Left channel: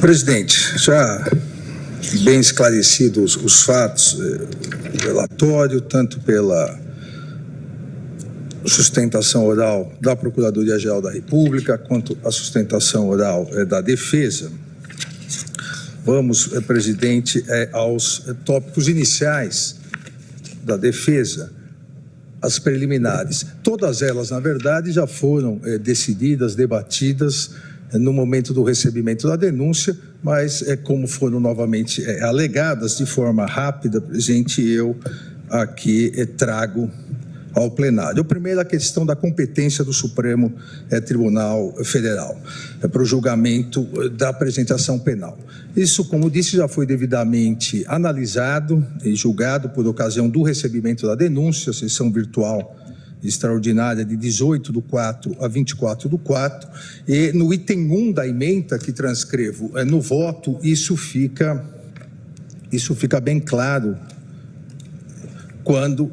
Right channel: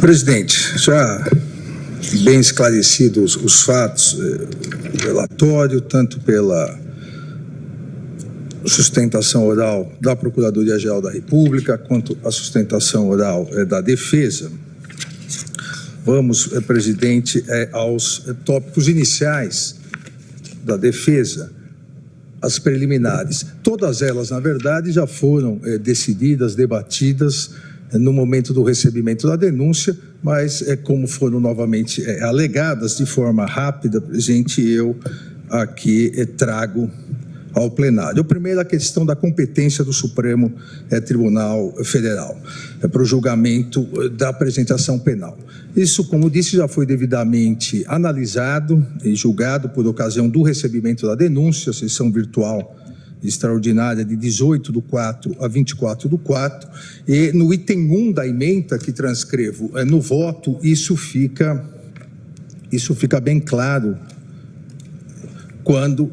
Presidente, já bem esclarecidos os fatos, o relatório, tanto pela sustentação oral da Procuradoria-Geral da República, quanto a sustentação oral da Defesa, vamos, presidente, aos tópicos iniciais da Defesa, as preliminares. Todas elas, na verdade, já foram decididas, debatidas no momento do recebimento da denúncia, mas como foram novamente alegadas de forma rápida, presidente, eu aqui trago ao plenário. O primeiro, a questão da competência do Supremo Tribunal Federal para o julgamento da apresentação penal. Isso, como disse, já foi devidamente analisado e julgado por ocasião do recebimento da denúncia, sessão virtual extraordinária de 18/4 a 24/4, e no item 1 da ementa que transcrevo no voto, isso fica bem claro quando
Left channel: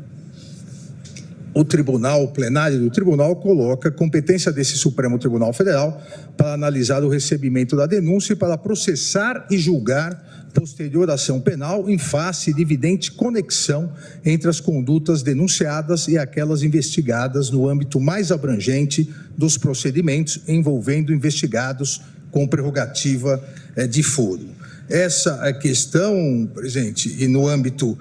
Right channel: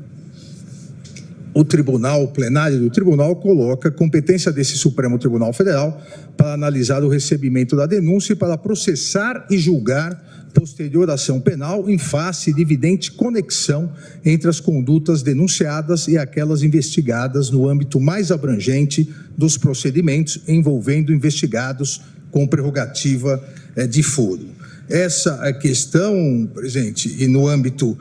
o tribunal, o plenário do tribunal, coloca competência desse Supremo Tribunal Federal para analisar o recebimento da denúncia e para processar e julgar posterior ação penal em face de evidente conexão entre as condutas denunciadas e aquelas investigadas no âmbito mais abrangente dos procedimentos envolvendo investigados com prerrogativa de foro. Essa questão, presidente, e no âmbito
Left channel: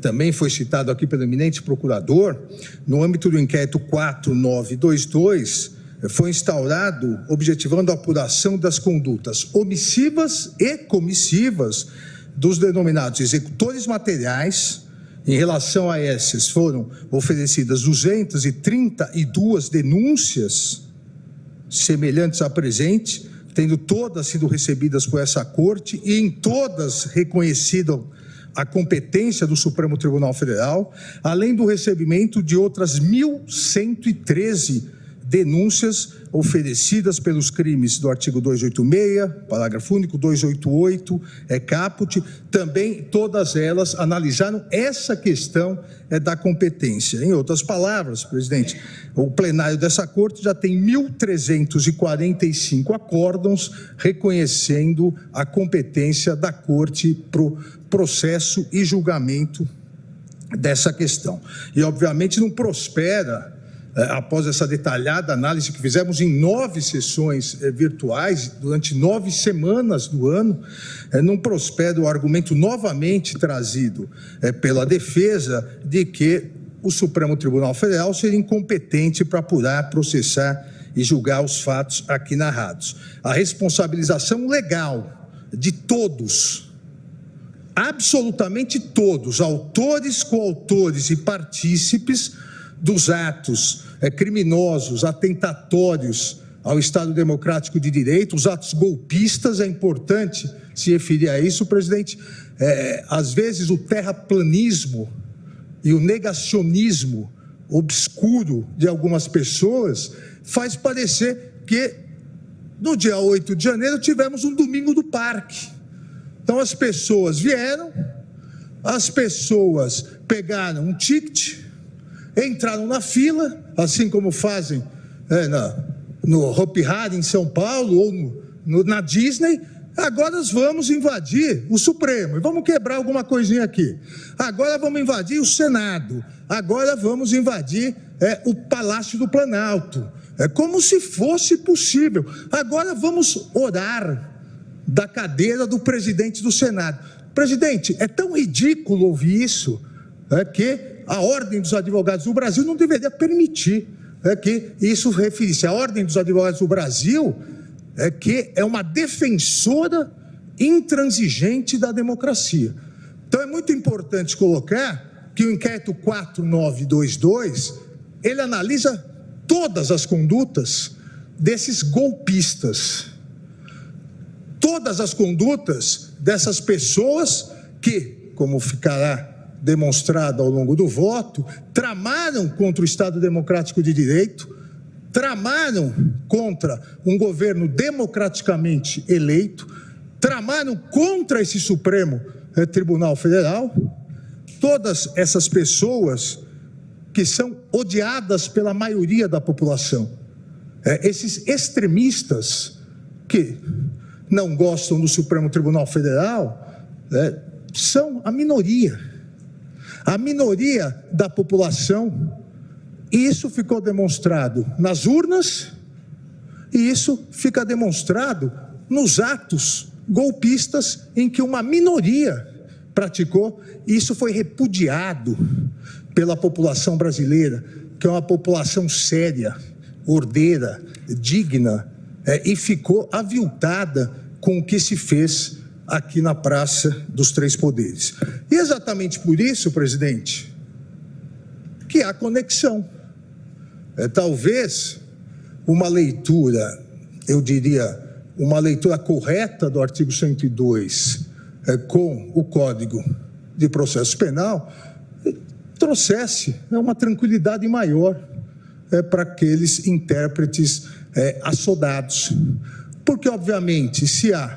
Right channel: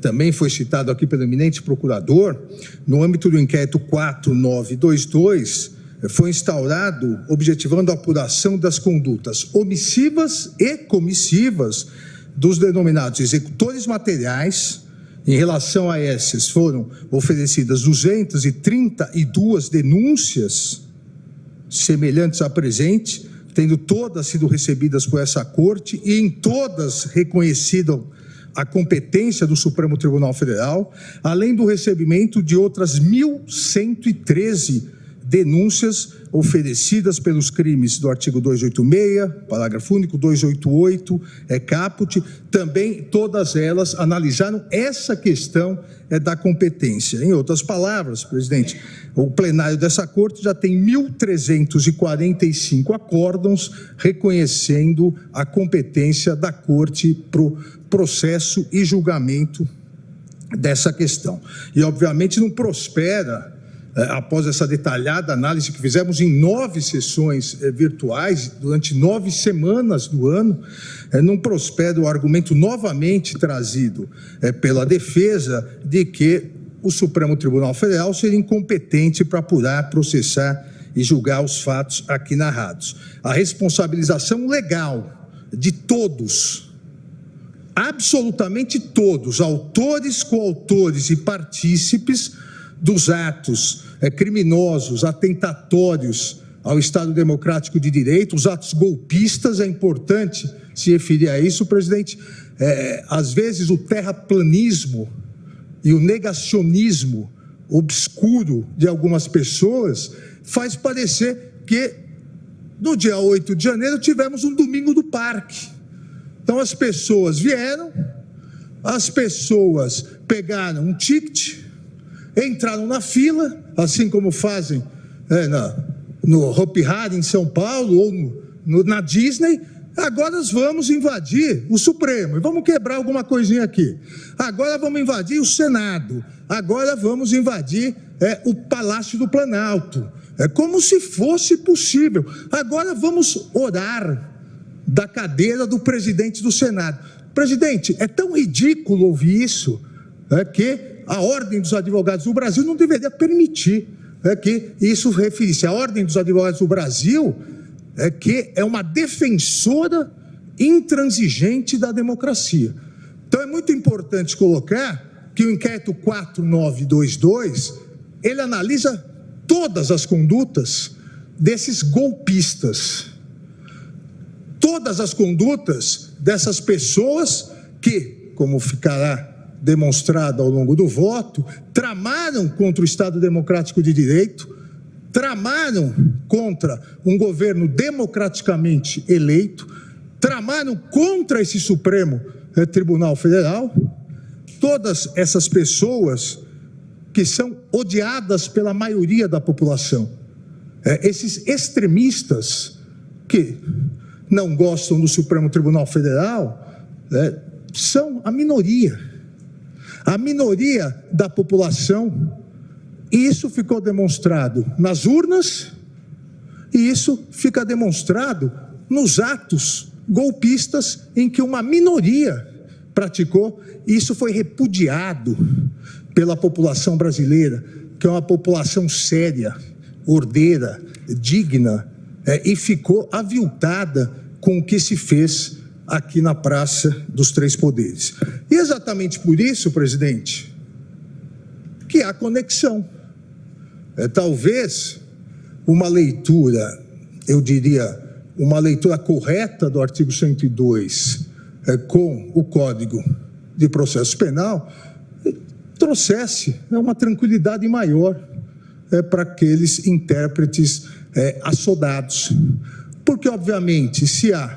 também foi citado aqui pelo eminente procurador, no âmbito do inquérito 4922, foi instaurado objetivando a apuração das condutas omissivas e comissivas dos denominados executores materiais. Em relação a esses, foram oferecidas 232 denúncias semelhantes à presente, tendo todas sido recebidas por essa corte e em todas reconhecido a competência do Supremo Tribunal Federal, além do recebimento de outras 1.113 denúncias oferecidas pelos crimes do artigo 286, parágrafo único, 288, caput, também todas elas analisaram essa questão da competência. Em outras palavras, presidente, o plenário dessa corte já tem 1.345 acórdãos reconhecendo a competência da corte para o processo e julgamento dessa questão. E, obviamente, não prospera, após essa detalhada análise que fizemos em 9 sessões virtuais, durante 9 semanas do ano, não prospera o argumento novamente trazido pela defesa de que o Supremo Tribunal Federal seria incompetente para apurar, processar e julgar os fatos aqui narrados. A responsabilização legal de todos, absolutamente todos, autores, coautores e partícipes dos atos criminosos, atentatórios ao Estado Democrático de Direito, os atos golpistas, é importante se referir a isso, presidente. Às vezes o terraplanismo e o negacionismo obscuro de algumas pessoas faz parecer que no dia 8 de janeiro tivemos um domingo do parque. Então as pessoas vieram, as pessoas pegaram um ticket, entraram na fila, assim como fazem no Hopi Hari em São Paulo ou na Disney. Agora nós vamos invadir o Supremo e vamos quebrar alguma coisinha aqui. Agora vamos invadir o Senado. Agora vamos invadir o Palácio do Planalto. É como se fosse possível. Agora vamos orar da cadeira do presidente do Senado. Presidente, é tão ridículo ouvir isso, que a Ordem dos Advogados do Brasil não deveria permitir que isso referisse. A Ordem dos Advogados do Brasil que é uma defensora intransigente da democracia. Então é muito importante colocar que o inquérito 4922, ele analisa todas as condutas desses golpistas, todas as condutas dessas pessoas que, como ficará demonstrado ao longo do voto, tramaram contra o Estado Democrático de Direito, tramaram contra um governo democraticamente eleito, tramaram contra esse Supremo Tribunal Federal. Todas essas pessoas que são odiadas pela maioria da população, esses extremistas que não gostam do Supremo Tribunal Federal são a minoria da população. E isso ficou demonstrado nas urnas e isso fica demonstrado nos atos golpistas em que uma minoria praticou. E isso foi repudiado pela população brasileira, que é uma população séria, ordeira, digna, e ficou aviltada com o que se fez aqui na Praça dos Três Poderes. E exatamente por isso, presidente, que há conexão. Talvez uma leitura, eu diria, uma leitura correta do artigo 102 com o Código de Processo Penal trouxesse uma tranquilidade maior para aqueles intérpretes assodados. Porque, obviamente, se há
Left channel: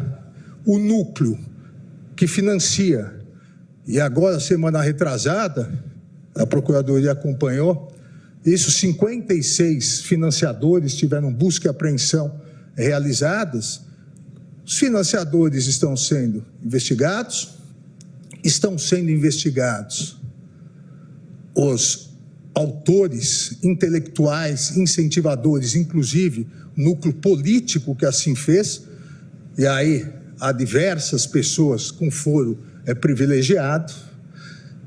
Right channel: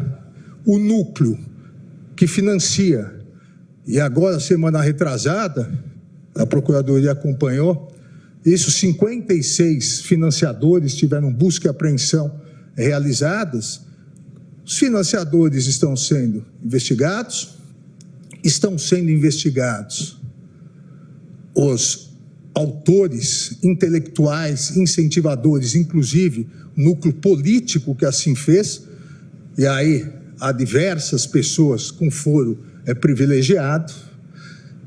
o núcleo que financia, e agora, semana retrasada, a Procuradoria acompanhou, isso, 56 financiadores tiveram busca e apreensão realizadas. Os financiadores estão sendo investigados os autores intelectuais, incentivadores, inclusive o núcleo político que assim fez, e aí há diversas pessoas com foro privilegiado.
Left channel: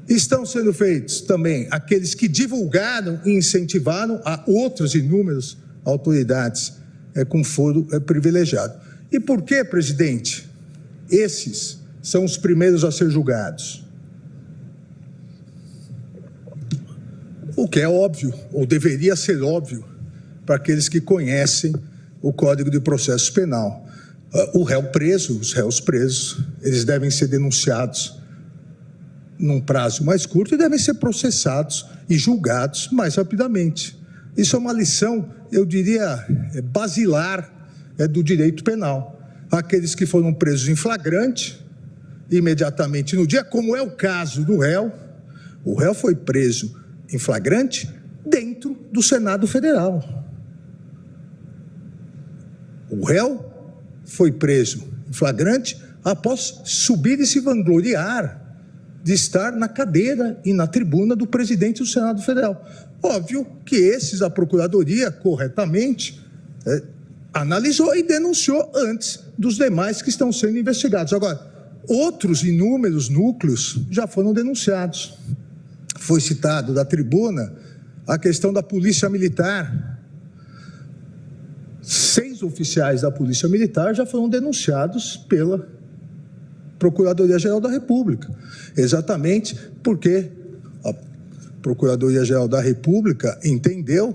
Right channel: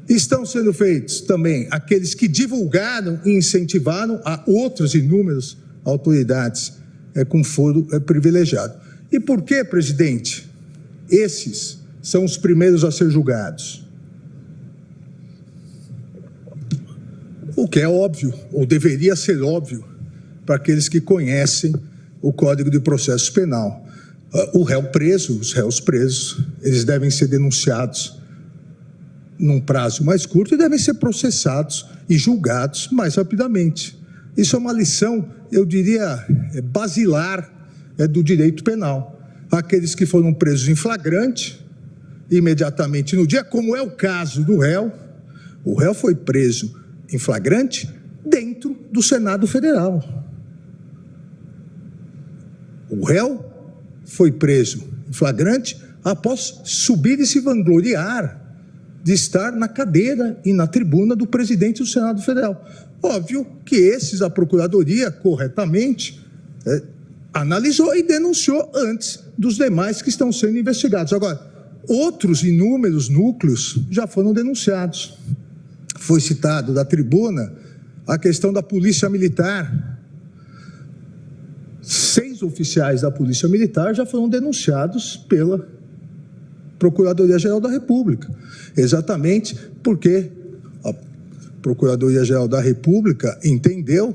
Estão sendo feitos também aqueles que divulgaram e incentivaram a outras inúmeras autoridades com foro privilegiado. E por que, presidente, esses são os primeiros a ser julgados? O que é óbvio, ou deveria ser óbvio, para aqueles que conhecem o Código de Processo Penal. Os réus presos, eles devem ser denunciados num prazo mais curto e devem ser processados e julgados mais rapidamente. Isso é uma lição, eu diria, basilar do direito penal. Aqueles que foram presos em flagrante, imediatamente no dia, como é o caso do réu, o réu foi preso em flagrante dentro do Senado Federal. O réu foi preso em flagrante após subir e se vangloriar de estar na cadeira e na tribuna do presidente do Senado Federal. Óbvio que esses a Procuradoria, corretamente, analisou e denunciou antes dos demais que estão sendo investigados. Agora, outros inúmeros núcleos já foram denunciados. Foi citado da tribuna a questão da Polícia Militar. 6 oficiais da Polícia Militar já foram denunciados pela Procuradoria-Geral da República, exatamente porque a Procuradoria-Geral da República entendeu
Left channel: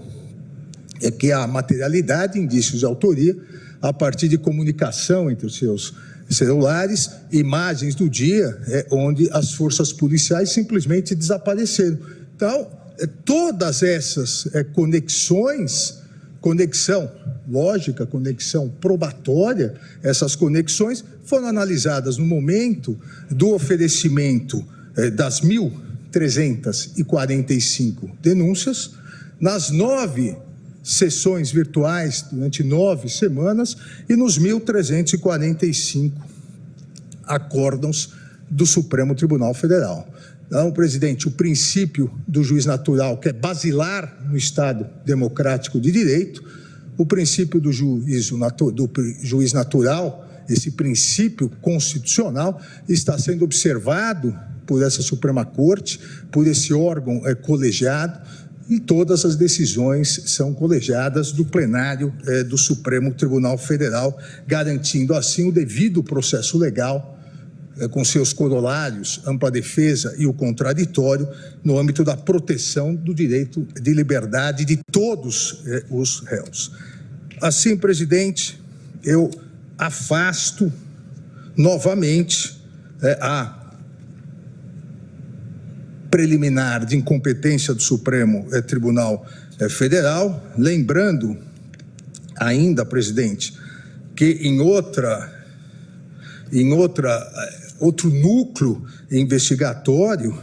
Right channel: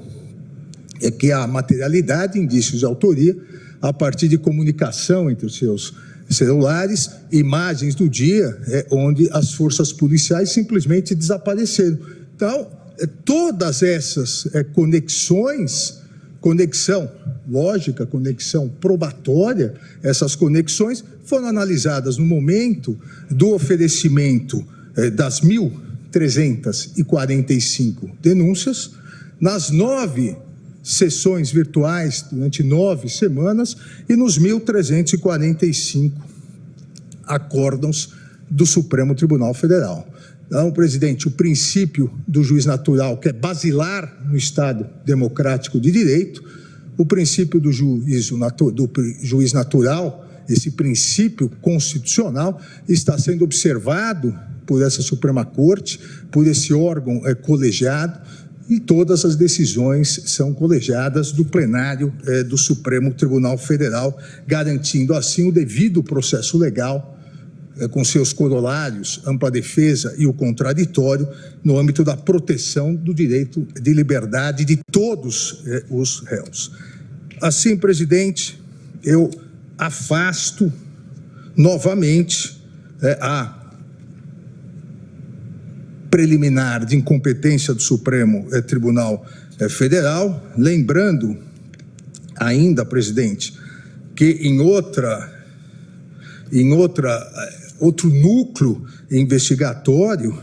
que há materialidade, indícios de autoria, a partir de comunicação entre os seus celulares, imagens do dia onde as forças policiais simplesmente desapareceram. Então, todas essas conexão lógica, conexão probatória, essas conexões foram analisadas no momento do oferecimento das 1.345 denúncias, nas 9 sessões virtuais durante 9 semanas e nos 1.345 acórdãos do Supremo Tribunal Federal. Então, presidente, o princípio do juiz natural, que é basilar no Estado democrático de direito, o princípio do juiz natural, esse princípio constitucional, está sendo observado por essa Suprema Corte, por esse órgão colegiado, e todas as decisões são colegiadas do plenário do Supremo Tribunal Federal, garantindo assim o devido processo legal, com seus corolários, ampla defesa e o contraditório, no âmbito da proteção do direito de liberdade de todos os réus. Assim, presidente, eu afasto novamente a preliminar de incompetência do Supremo Tribunal Federal, lembrando ainda, presidente, que em outro núcleo investigatório,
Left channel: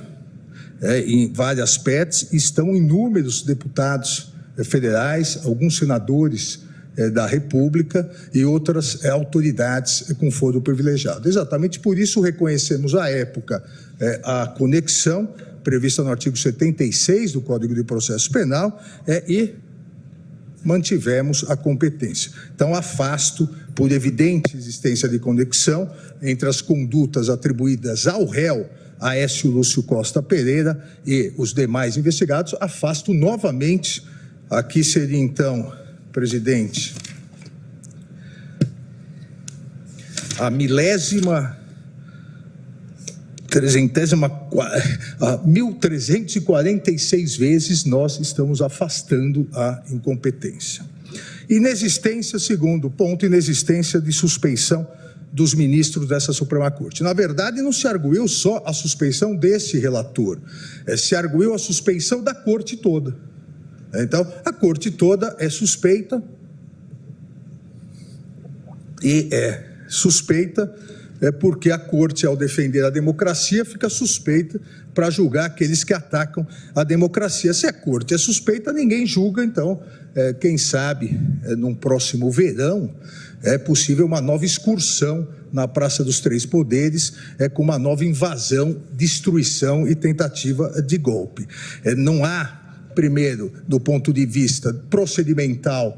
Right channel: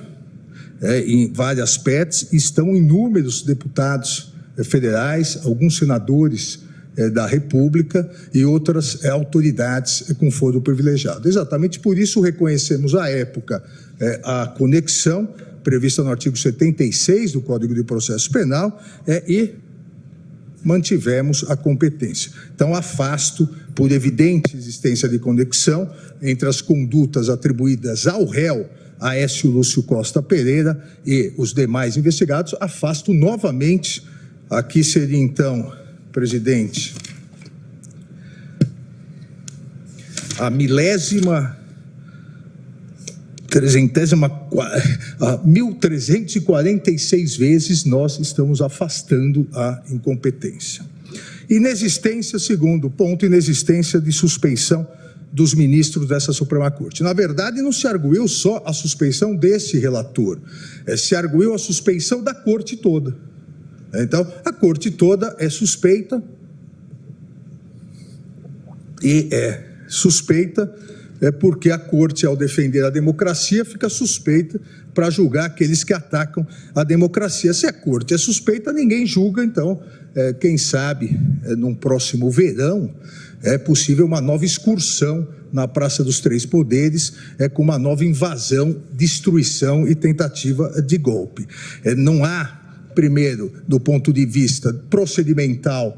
em várias PETs, estão inúmeros deputados federais, alguns senadores da República e outras autoridades com foro privilegiado. Exatamente por isso reconhecemos à época a conexão prevista no artigo 76 do Código de Processo Penal e mantivemos a competência. Então, afasto, por evidente existência de conexão entre as condutas atribuídas ao réu Aécio Lúcio Costa Pereira e os demais investigados, afasto novamente. Aqui seria, então, presidente, a 1346 vezes nós estamos afastando a incompetência. Inexistência, segundo ponto, inexistência de suspeição dos ministros dessa Suprema Corte. Na verdade, não se arguiu só a suspeição desse relator, se arguiu a suspeição da Corte toda. Então, a Corte toda é suspeita e suspeita porque a Corte, ao defender a democracia, fica suspeita para julgar aqueles que atacam a democracia. Se a Corte é suspeita, ninguém julga, então, quem sabe, num próximo verão, é possível uma nova excursão na Praça dos Três Poderes, com uma nova invasão, destruição e tentativa de golpe. Não há, primeiro, do ponto de vista procedimental,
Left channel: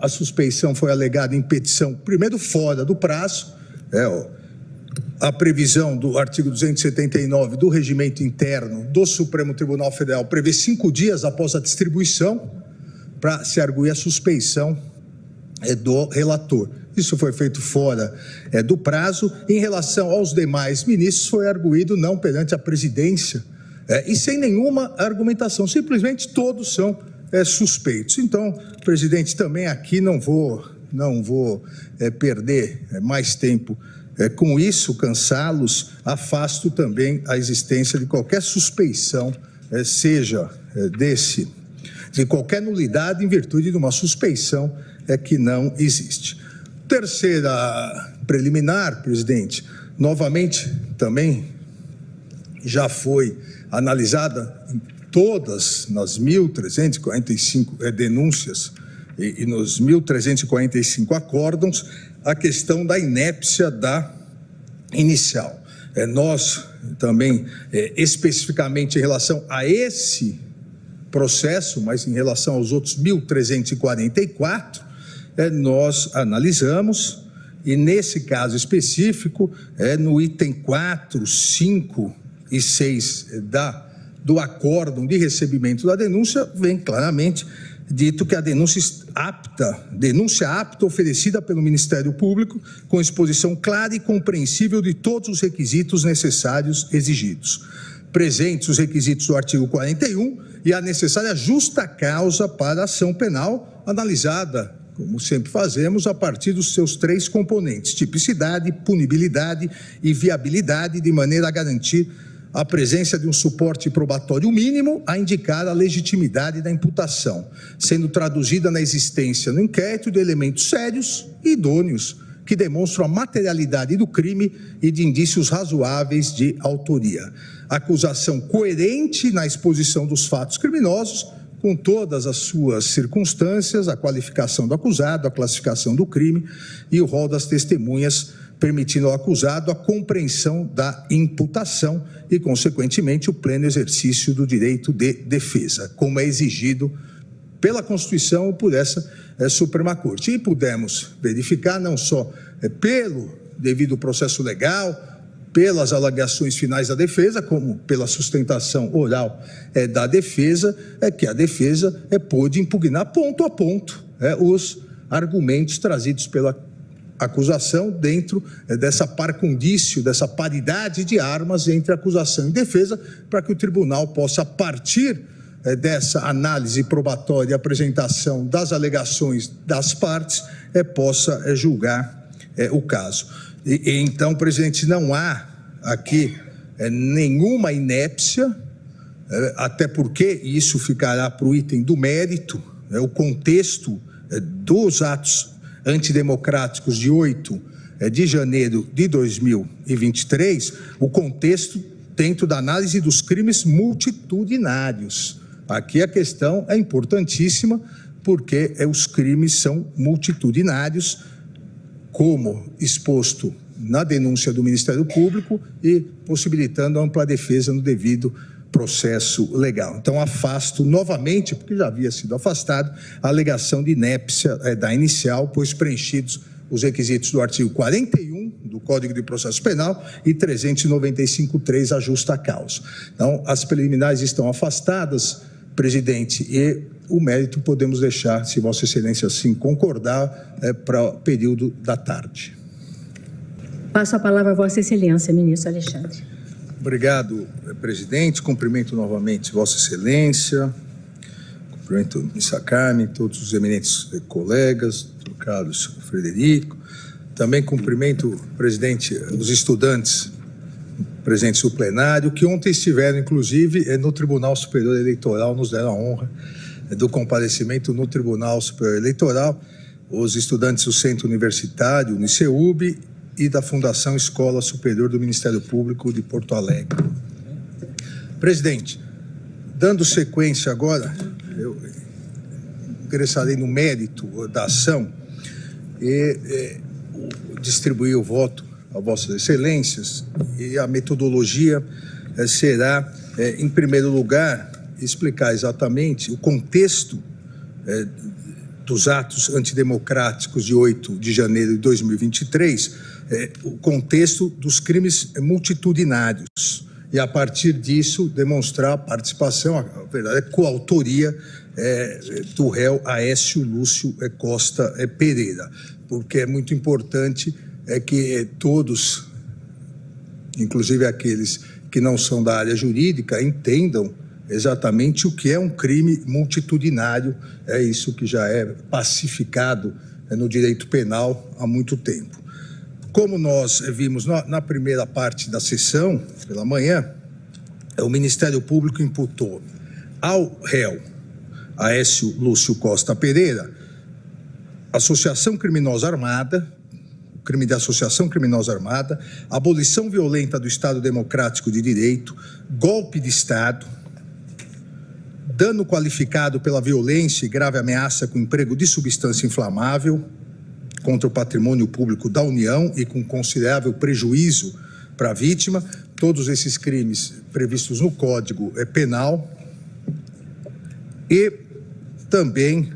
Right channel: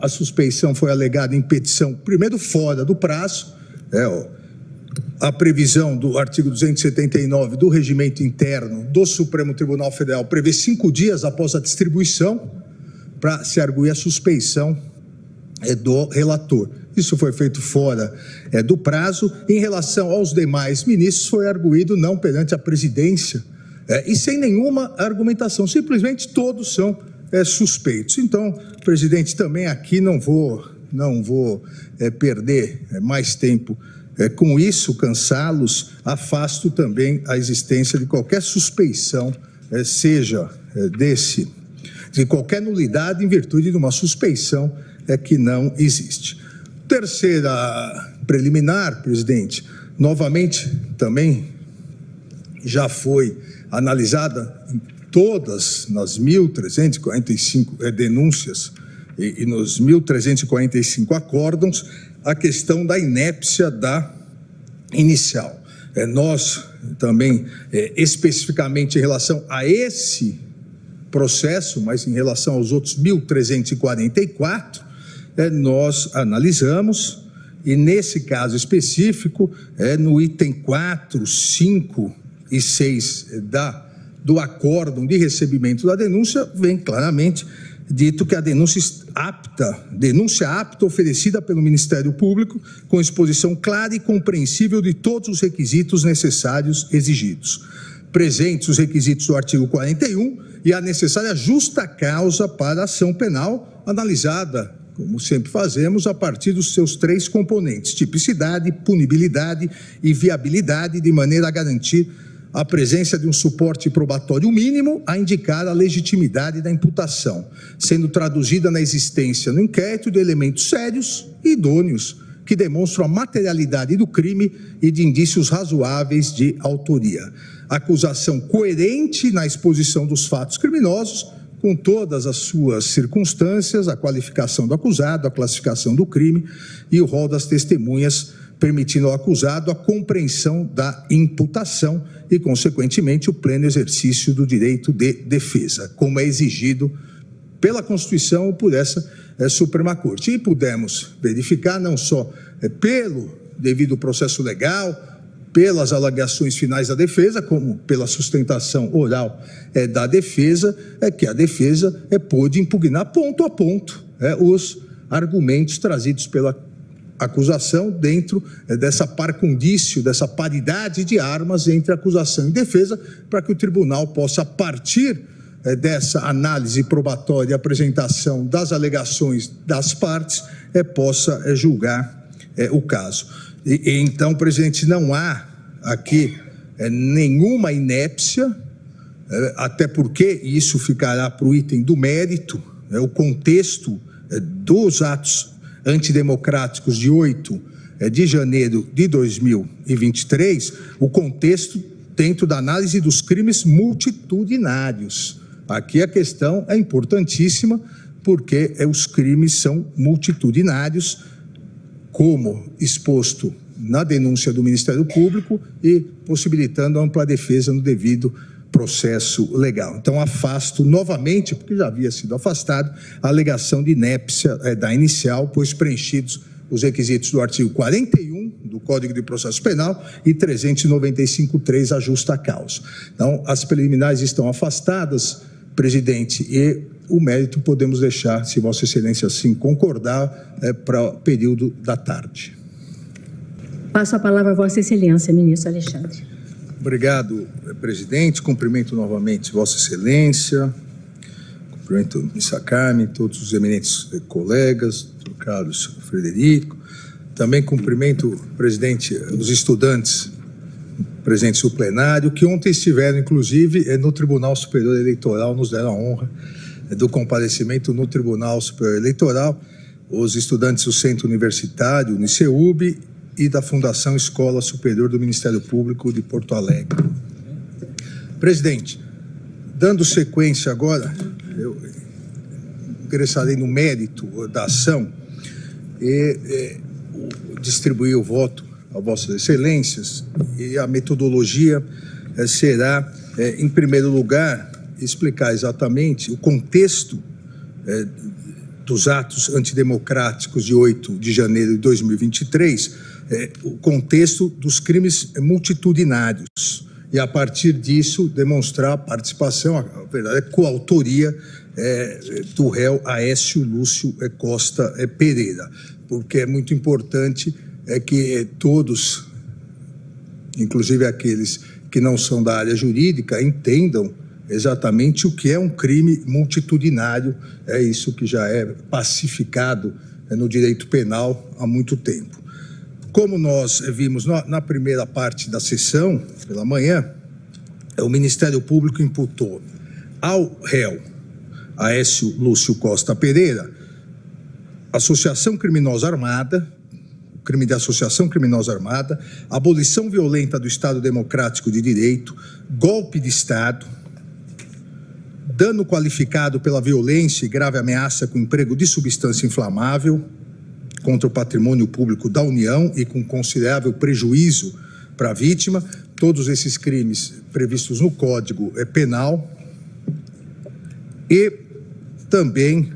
a suspeição foi alegada em petição, primeiro, fora do prazo, a previsão do artigo 279 do Regimento Interno do Supremo Tribunal Federal prevê 5 dias após a distribuição para se arguir a suspeição do relator. Isso foi feito fora do prazo. Em relação aos demais ministros, foi arguído não perante a presidência e sem nenhuma argumentação, simplesmente todos são suspeitos. Então, presidente, também aqui não vou perder mais tempo com isso, cansá-los, afasto também a existência de qualquer suspeição, seja de qualquer nulidade em virtude de uma suspeição que não existe. Terceira preliminar, presidente, novamente também já foi analisada em todas nas 1.345 denúncias e nos 1.345 acórdãos, a questão da inépcia da inicial. Nós também, especificamente em relação a esse processo, mas em relação aos outros 1.344, nós analisamos, e nesse caso específico, no item 4, 5 e 6 do acórdão de recebimento da denúncia, vem claramente dito que a denúncia apta oferecida pelo Ministério Público com exposição clara e compreensível de todos os requisitos necessários exigidos. Presentes os requisitos do artigo 41 e a necessária justa causa para a ação penal, analisada, como sempre fazemos, a partir dos seus 3 componentes: tipicidade, punibilidade e viabilidade, de maneira a garantir a presença de um suporte probatório mínimo a indicar a legitimidade da imputação, sendo traduzida na existência no inquérito de elementos sérios e idôneos que demonstram a materialidade do crime e de indícios razoáveis de autoria. Acusação coerente na exposição dos fatos criminosos, com todas as suas circunstâncias, a qualificação do acusado, a classificação do crime e o rol das testemunhas, permitindo ao acusado a compreensão da imputação e, consequentemente, o pleno exercício do direito de defesa, como é exigido pela Constituição e por essa Suprema Corte. E pudemos verificar não só pelo devido processo legal, pelas alegações finais da defesa, como pela sustentação oral da defesa, que a defesa pôde impugnar ponto a ponto os argumentos trazidos pela acusação dentro dessa par condício, dessa paridade de armas entre acusação e defesa, para que o tribunal possa, a partir dessa análise probatória e apresentação das alegações das partes, possa julgar o caso. Então, presidente, não há aqui nenhuma inépcia, até porque isso ficará para o item do mérito, o contexto dos atos antidemocráticos de 8 de janeiro de 2023, o contexto dentro da análise dos crimes multitudinários. Aqui a questão é importantíssima, porque os crimes são multitudinários, como exposto na denúncia do Ministério Público e possibilitando ampla defesa no devido processo legal. Então, afasto novamente, porque já havia sido afastado, a alegação de inépcia da inicial, pois preenchidos os requisitos do artigo 41 do Código de Processo Penal e 395.3, a justa causa. Então, as preliminares estão afastadas, presidente, e o mérito podemos deixar, se Vossa Excelência assim concordar, para o período da tarde. Passo a palavra a Vossa Excelência, ministro Alexandre. Obrigado, presidente. Cumprimento novamente Vossa Excelência, cumprimento a ministra Carmen, todos os eminentes colegas, Dr. Carlos Frederico. Também cumprimento, presidente, os estudantes presentes no plenário, que ontem estiveram, inclusive, no Tribunal Superior Eleitoral, nos deram a honra do comparecimento no Tribunal Superior Eleitoral, os estudantes do Centro Universitário, Uniceub, e da Fundação Escola Superior do Ministério Público de Porto Alegre. Presidente, dando sequência agora, eu ingressarei no mérito da ação e distribuir o voto a Vossas Excelências, e a metodologia será, em primeiro lugar, explicar exatamente o contexto dos atos antidemocráticos de 8 de janeiro de 2023, o contexto dos crimes multitudinários, e a partir disso demonstrar a participação, a verdade, coautoria do réu Aécio Lúcio Costa Pereira, porque é muito importante que todos, inclusive aqueles que não são da área jurídica, entendam exatamente o que é um crime multitudinário. É isso que já é pacificado no direito penal há muito tempo. Como nós vimos na primeira parte da sessão, pela manhã, o Ministério Público imputou ao réu Aécio Lúcio Costa Pereira associação criminosa armada, crime de associação criminosa armada, abolição violenta do Estado Democrático de Direito, golpe de Estado, dano qualificado pela violência e grave ameaça com emprego de substância inflamável contra o patrimônio público da União e com considerável prejuízo para a vítima, todos esses crimes previstos no Código Penal, e também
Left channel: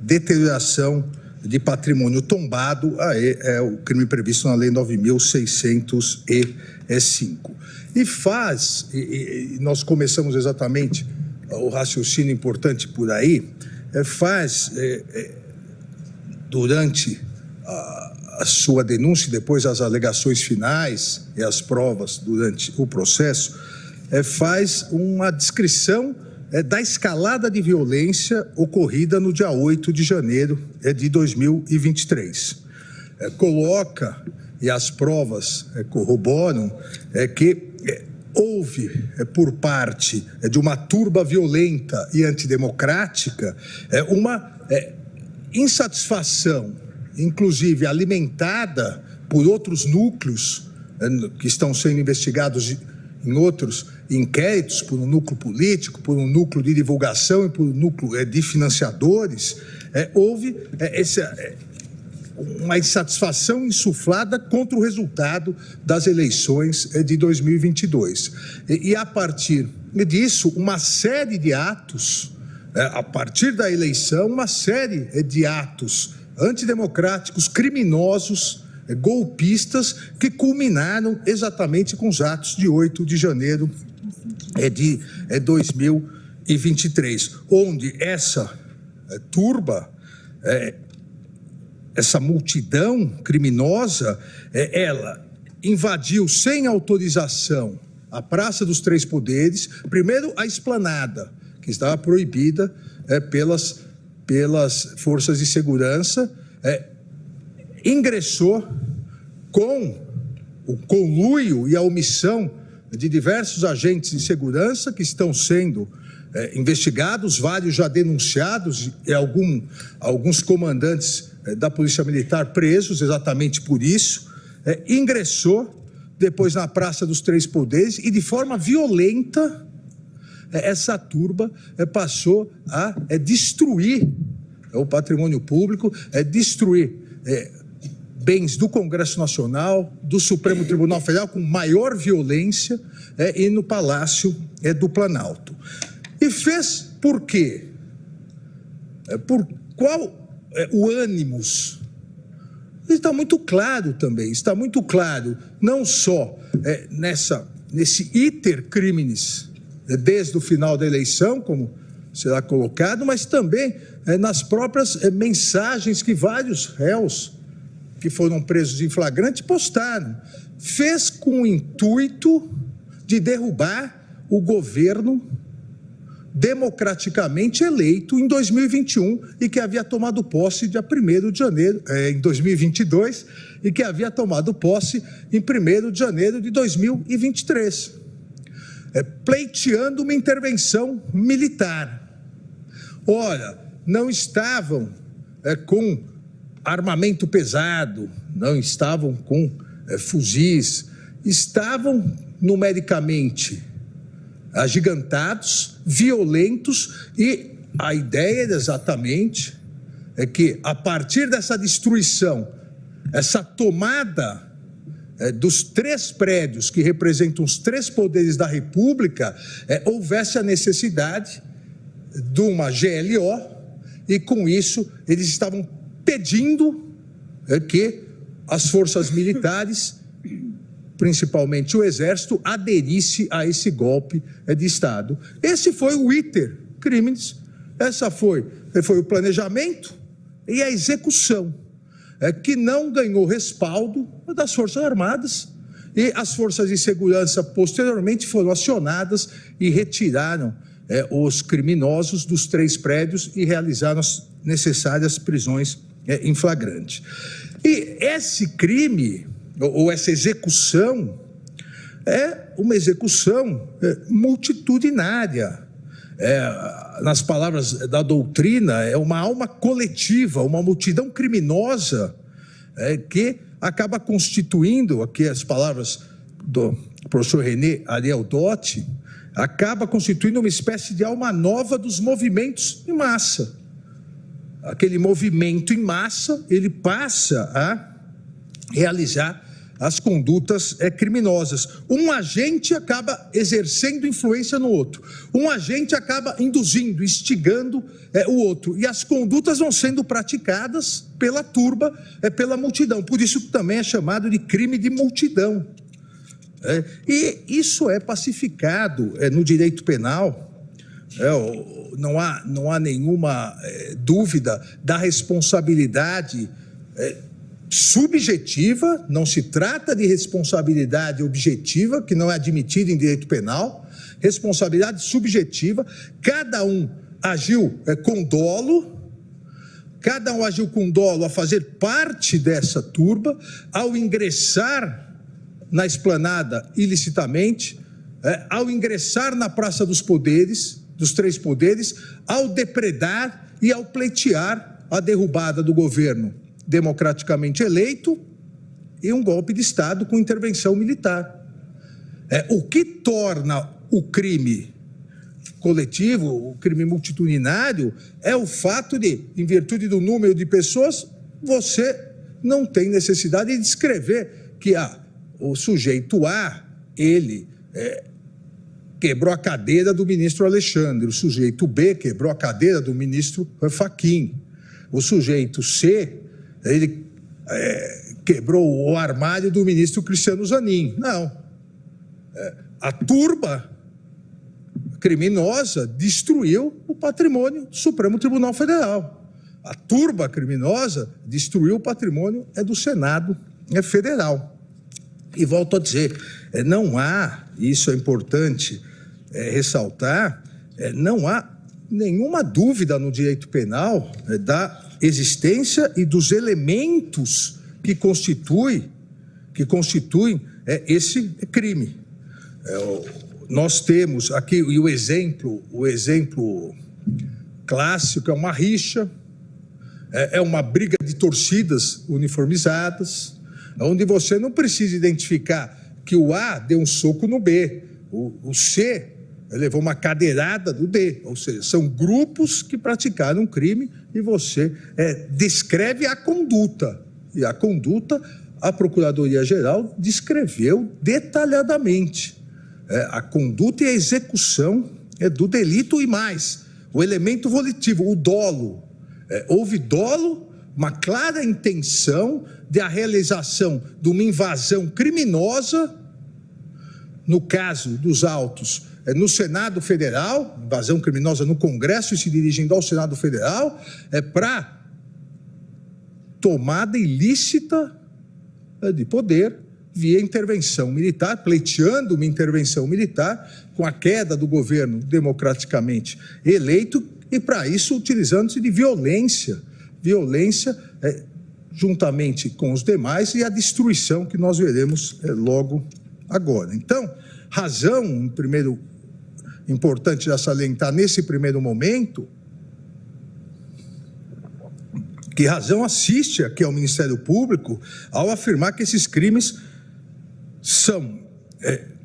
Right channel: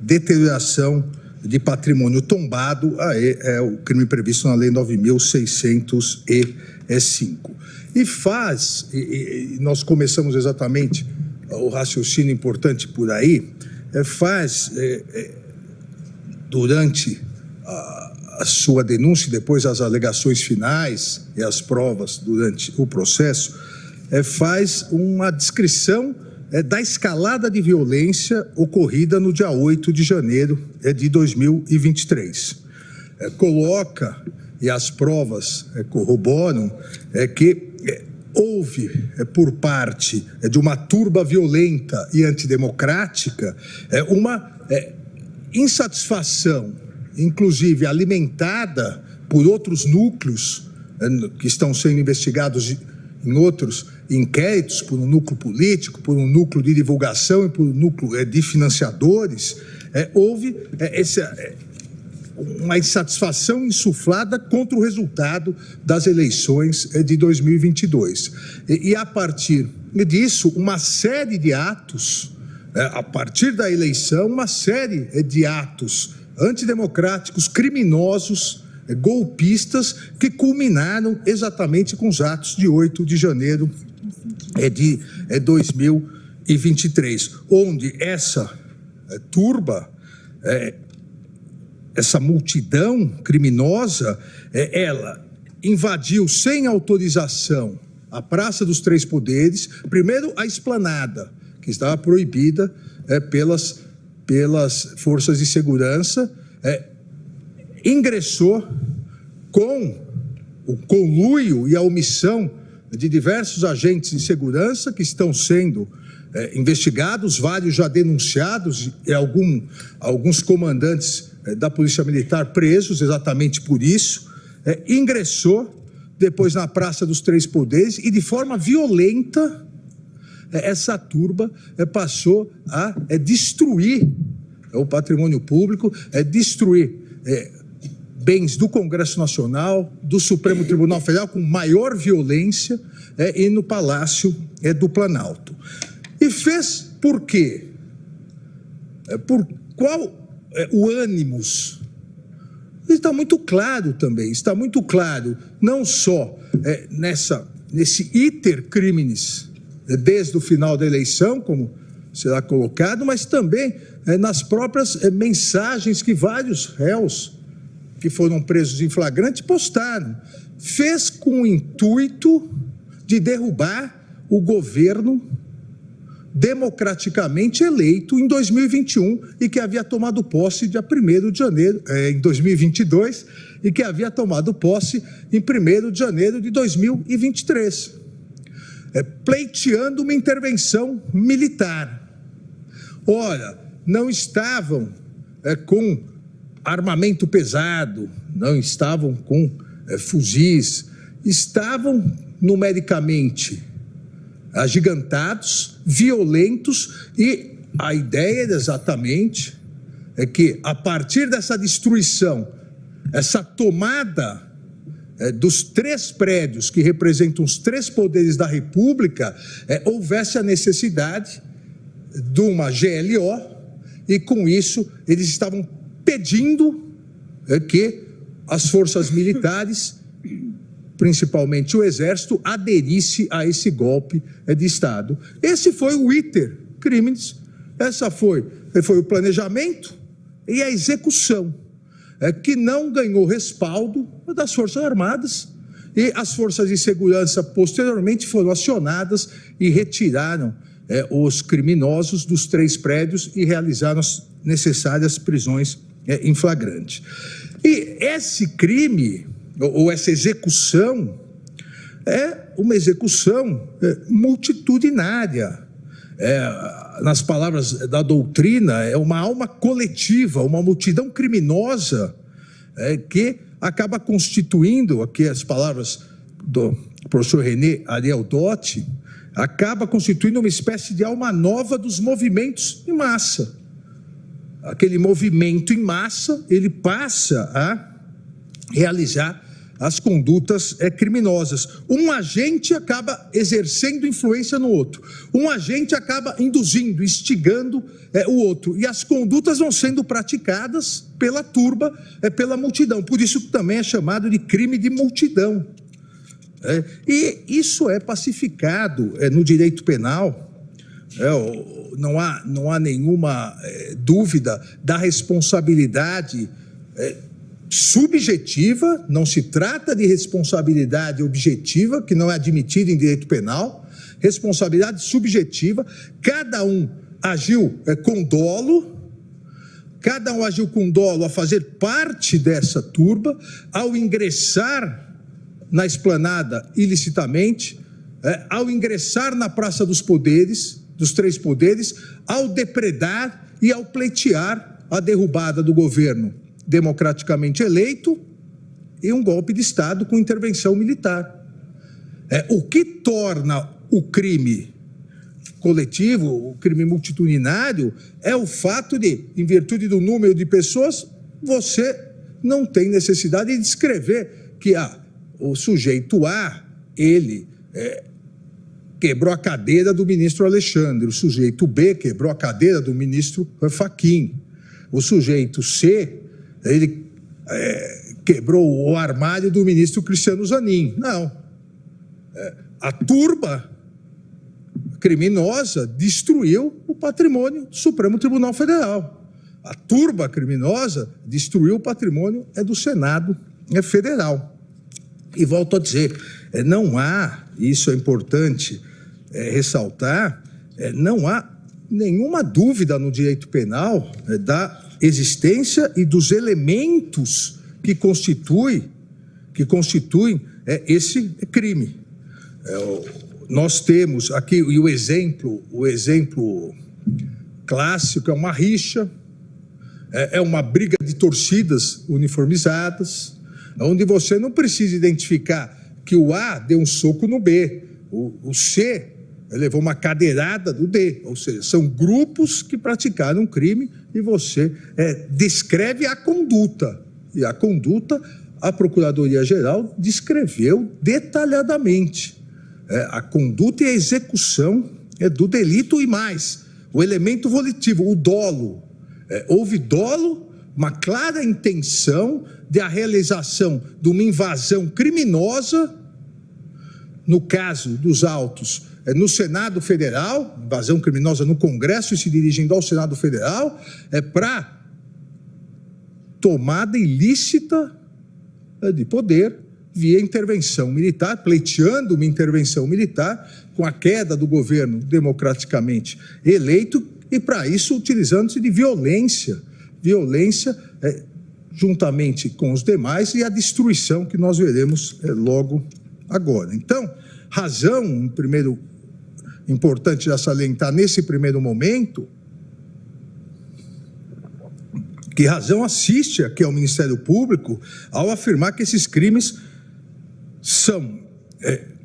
deterioração de patrimônio tombado, é o crime previsto na Lei 9.605. E nós começamos exatamente o raciocínio importante por aí, durante a sua denúncia e depois as alegações finais e as provas durante o processo, faz uma descrição da escalada de violência ocorrida no dia 8 de janeiro de 2023. Coloca, e as provas corroboram, que houve, por parte de uma turba violenta e antidemocrática, uma insatisfação, inclusive alimentada por outros núcleos que estão sendo investigados em outros inquéritos, por um núcleo político, por um núcleo de divulgação e por um núcleo de financiadores. Houve uma insatisfação insuflada contra o resultado das eleições de 2022. E a partir disso, uma série de atos, a partir da eleição, uma série de atos antidemocráticos, criminosos, golpistas, que culminaram exatamente com os atos de 8 de janeiro de 2023, onde essa turba, essa multidão criminosa, ela invadiu sem autorização a Praça dos Três Poderes, primeiro a esplanada, que estava proibida pelas forças de segurança, ingressou com o conluio e a omissão de diversos agentes de segurança que estão sendo investigados, vários já denunciados e alguns comandantes da Polícia Militar presos exatamente por isso, ingressou depois na Praça dos Três Poderes e de forma violenta essa turba passou a destruir o patrimônio público, destruir bens do Congresso Nacional, do Supremo Tribunal Federal com maior violência e no Palácio do Planalto. E fez por quê? Por qual o ânimos? Está muito claro também, está muito claro, não só nesse iter criminis, desde o final da eleição, como será colocado, mas também nas próprias mensagens que vários réus que foram presos em flagrante postaram. Fez com o intuito de derrubar o governo democraticamente eleito em 2021 e que havia tomado posse dia 1º de janeiro, em 2022, e que havia tomado posse em 1º de janeiro de 2023, pleiteando uma intervenção militar. Ora, não estavam com armamento pesado, não estavam com fuzis, estavam numericamente agigantados, violentos, e a ideia exatamente é que, a partir dessa destruição, essa tomada dos 3 prédios que representam os 3 poderes da República, houvesse a necessidade de uma GLO, e com isso eles estavam pedindo que as forças militares, principalmente o Exército, aderisse a esse golpe de Estado. Esse foi o iter criminis, essa foi o planejamento e a execução, que não ganhou respaldo das Forças Armadas, e as forças de segurança posteriormente foram acionadas e retiraram os criminosos dos 3 prédios e realizaram as necessárias prisões em flagrante. E esse crime, ou essa execução, é uma execução multitudinária. Nas palavras da doutrina, é uma alma coletiva, uma multidão criminosa que acaba constituindo, aqui as palavras do professor René Ariel Dotti, acaba constituindo uma espécie de alma nova dos movimentos em massa. Aquele movimento em massa, ele passa a realizar as condutas criminosas. Um agente acaba exercendo influência no outro. Um agente acaba induzindo, instigando o outro. E as condutas vão sendo praticadas pela turba, pela multidão. Por isso também é chamado de crime de multidão. E isso é pacificado no direito penal. Não há nenhuma dúvida da responsabilidade subjetiva, não se trata de responsabilidade objetiva, que não é admitida em direito penal, responsabilidade subjetiva, cada um agiu com dolo, a fazer parte dessa turba, ao ingressar na esplanada ilicitamente, ao ingressar na Praça dos Poderes, dos 3 poderes, ao depredar e ao pleitear a derrubada do governo democraticamente eleito e um golpe de Estado com intervenção militar. O que torna o crime coletivo, o crime multitudinário, é o fato de, em virtude do número de pessoas, você não tem necessidade de descrever que o sujeito A, ele quebrou a cadeira do ministro Alexandre, o sujeito B quebrou a cadeira do ministro Fachin, o sujeito C, ele quebrou o armário do ministro Cristiano Zanin. Não. A turba criminosa destruiu o patrimônio do Supremo Tribunal Federal. A turba criminosa destruiu o patrimônio do Senado Federal. E volto a dizer, não há, isso é importante ressaltar, não há nenhuma dúvida no direito penal da existência e dos elementos que constituem esse crime. Nós temos aqui e o exemplo clássico é uma rixa, é uma briga de torcidas uniformizadas, onde você não precisa identificar que o A deu um soco no B, o C levou uma cadeirada do D, ou seja, são grupos que praticaram um crime e você descreve a conduta. E a conduta, a Procuradoria-Geral descreveu detalhadamente. A conduta e a execução do delito e mais. O elemento volitivo, o dolo. Houve dolo, uma clara intenção de a realização de uma invasão criminosa, no caso dos autos, no Senado Federal, invasão criminosa no Congresso e se dirigindo ao Senado Federal, para tomada ilícita de poder via intervenção militar, pleiteando uma intervenção militar com a queda do governo democraticamente eleito e, para isso, utilizando-se de violência juntamente com os demais e a destruição que nós veremos logo agora. Então, razão, primeiro, importante já salientar nesse primeiro momento, que razão assiste aqui ao Ministério Público ao afirmar que esses crimes são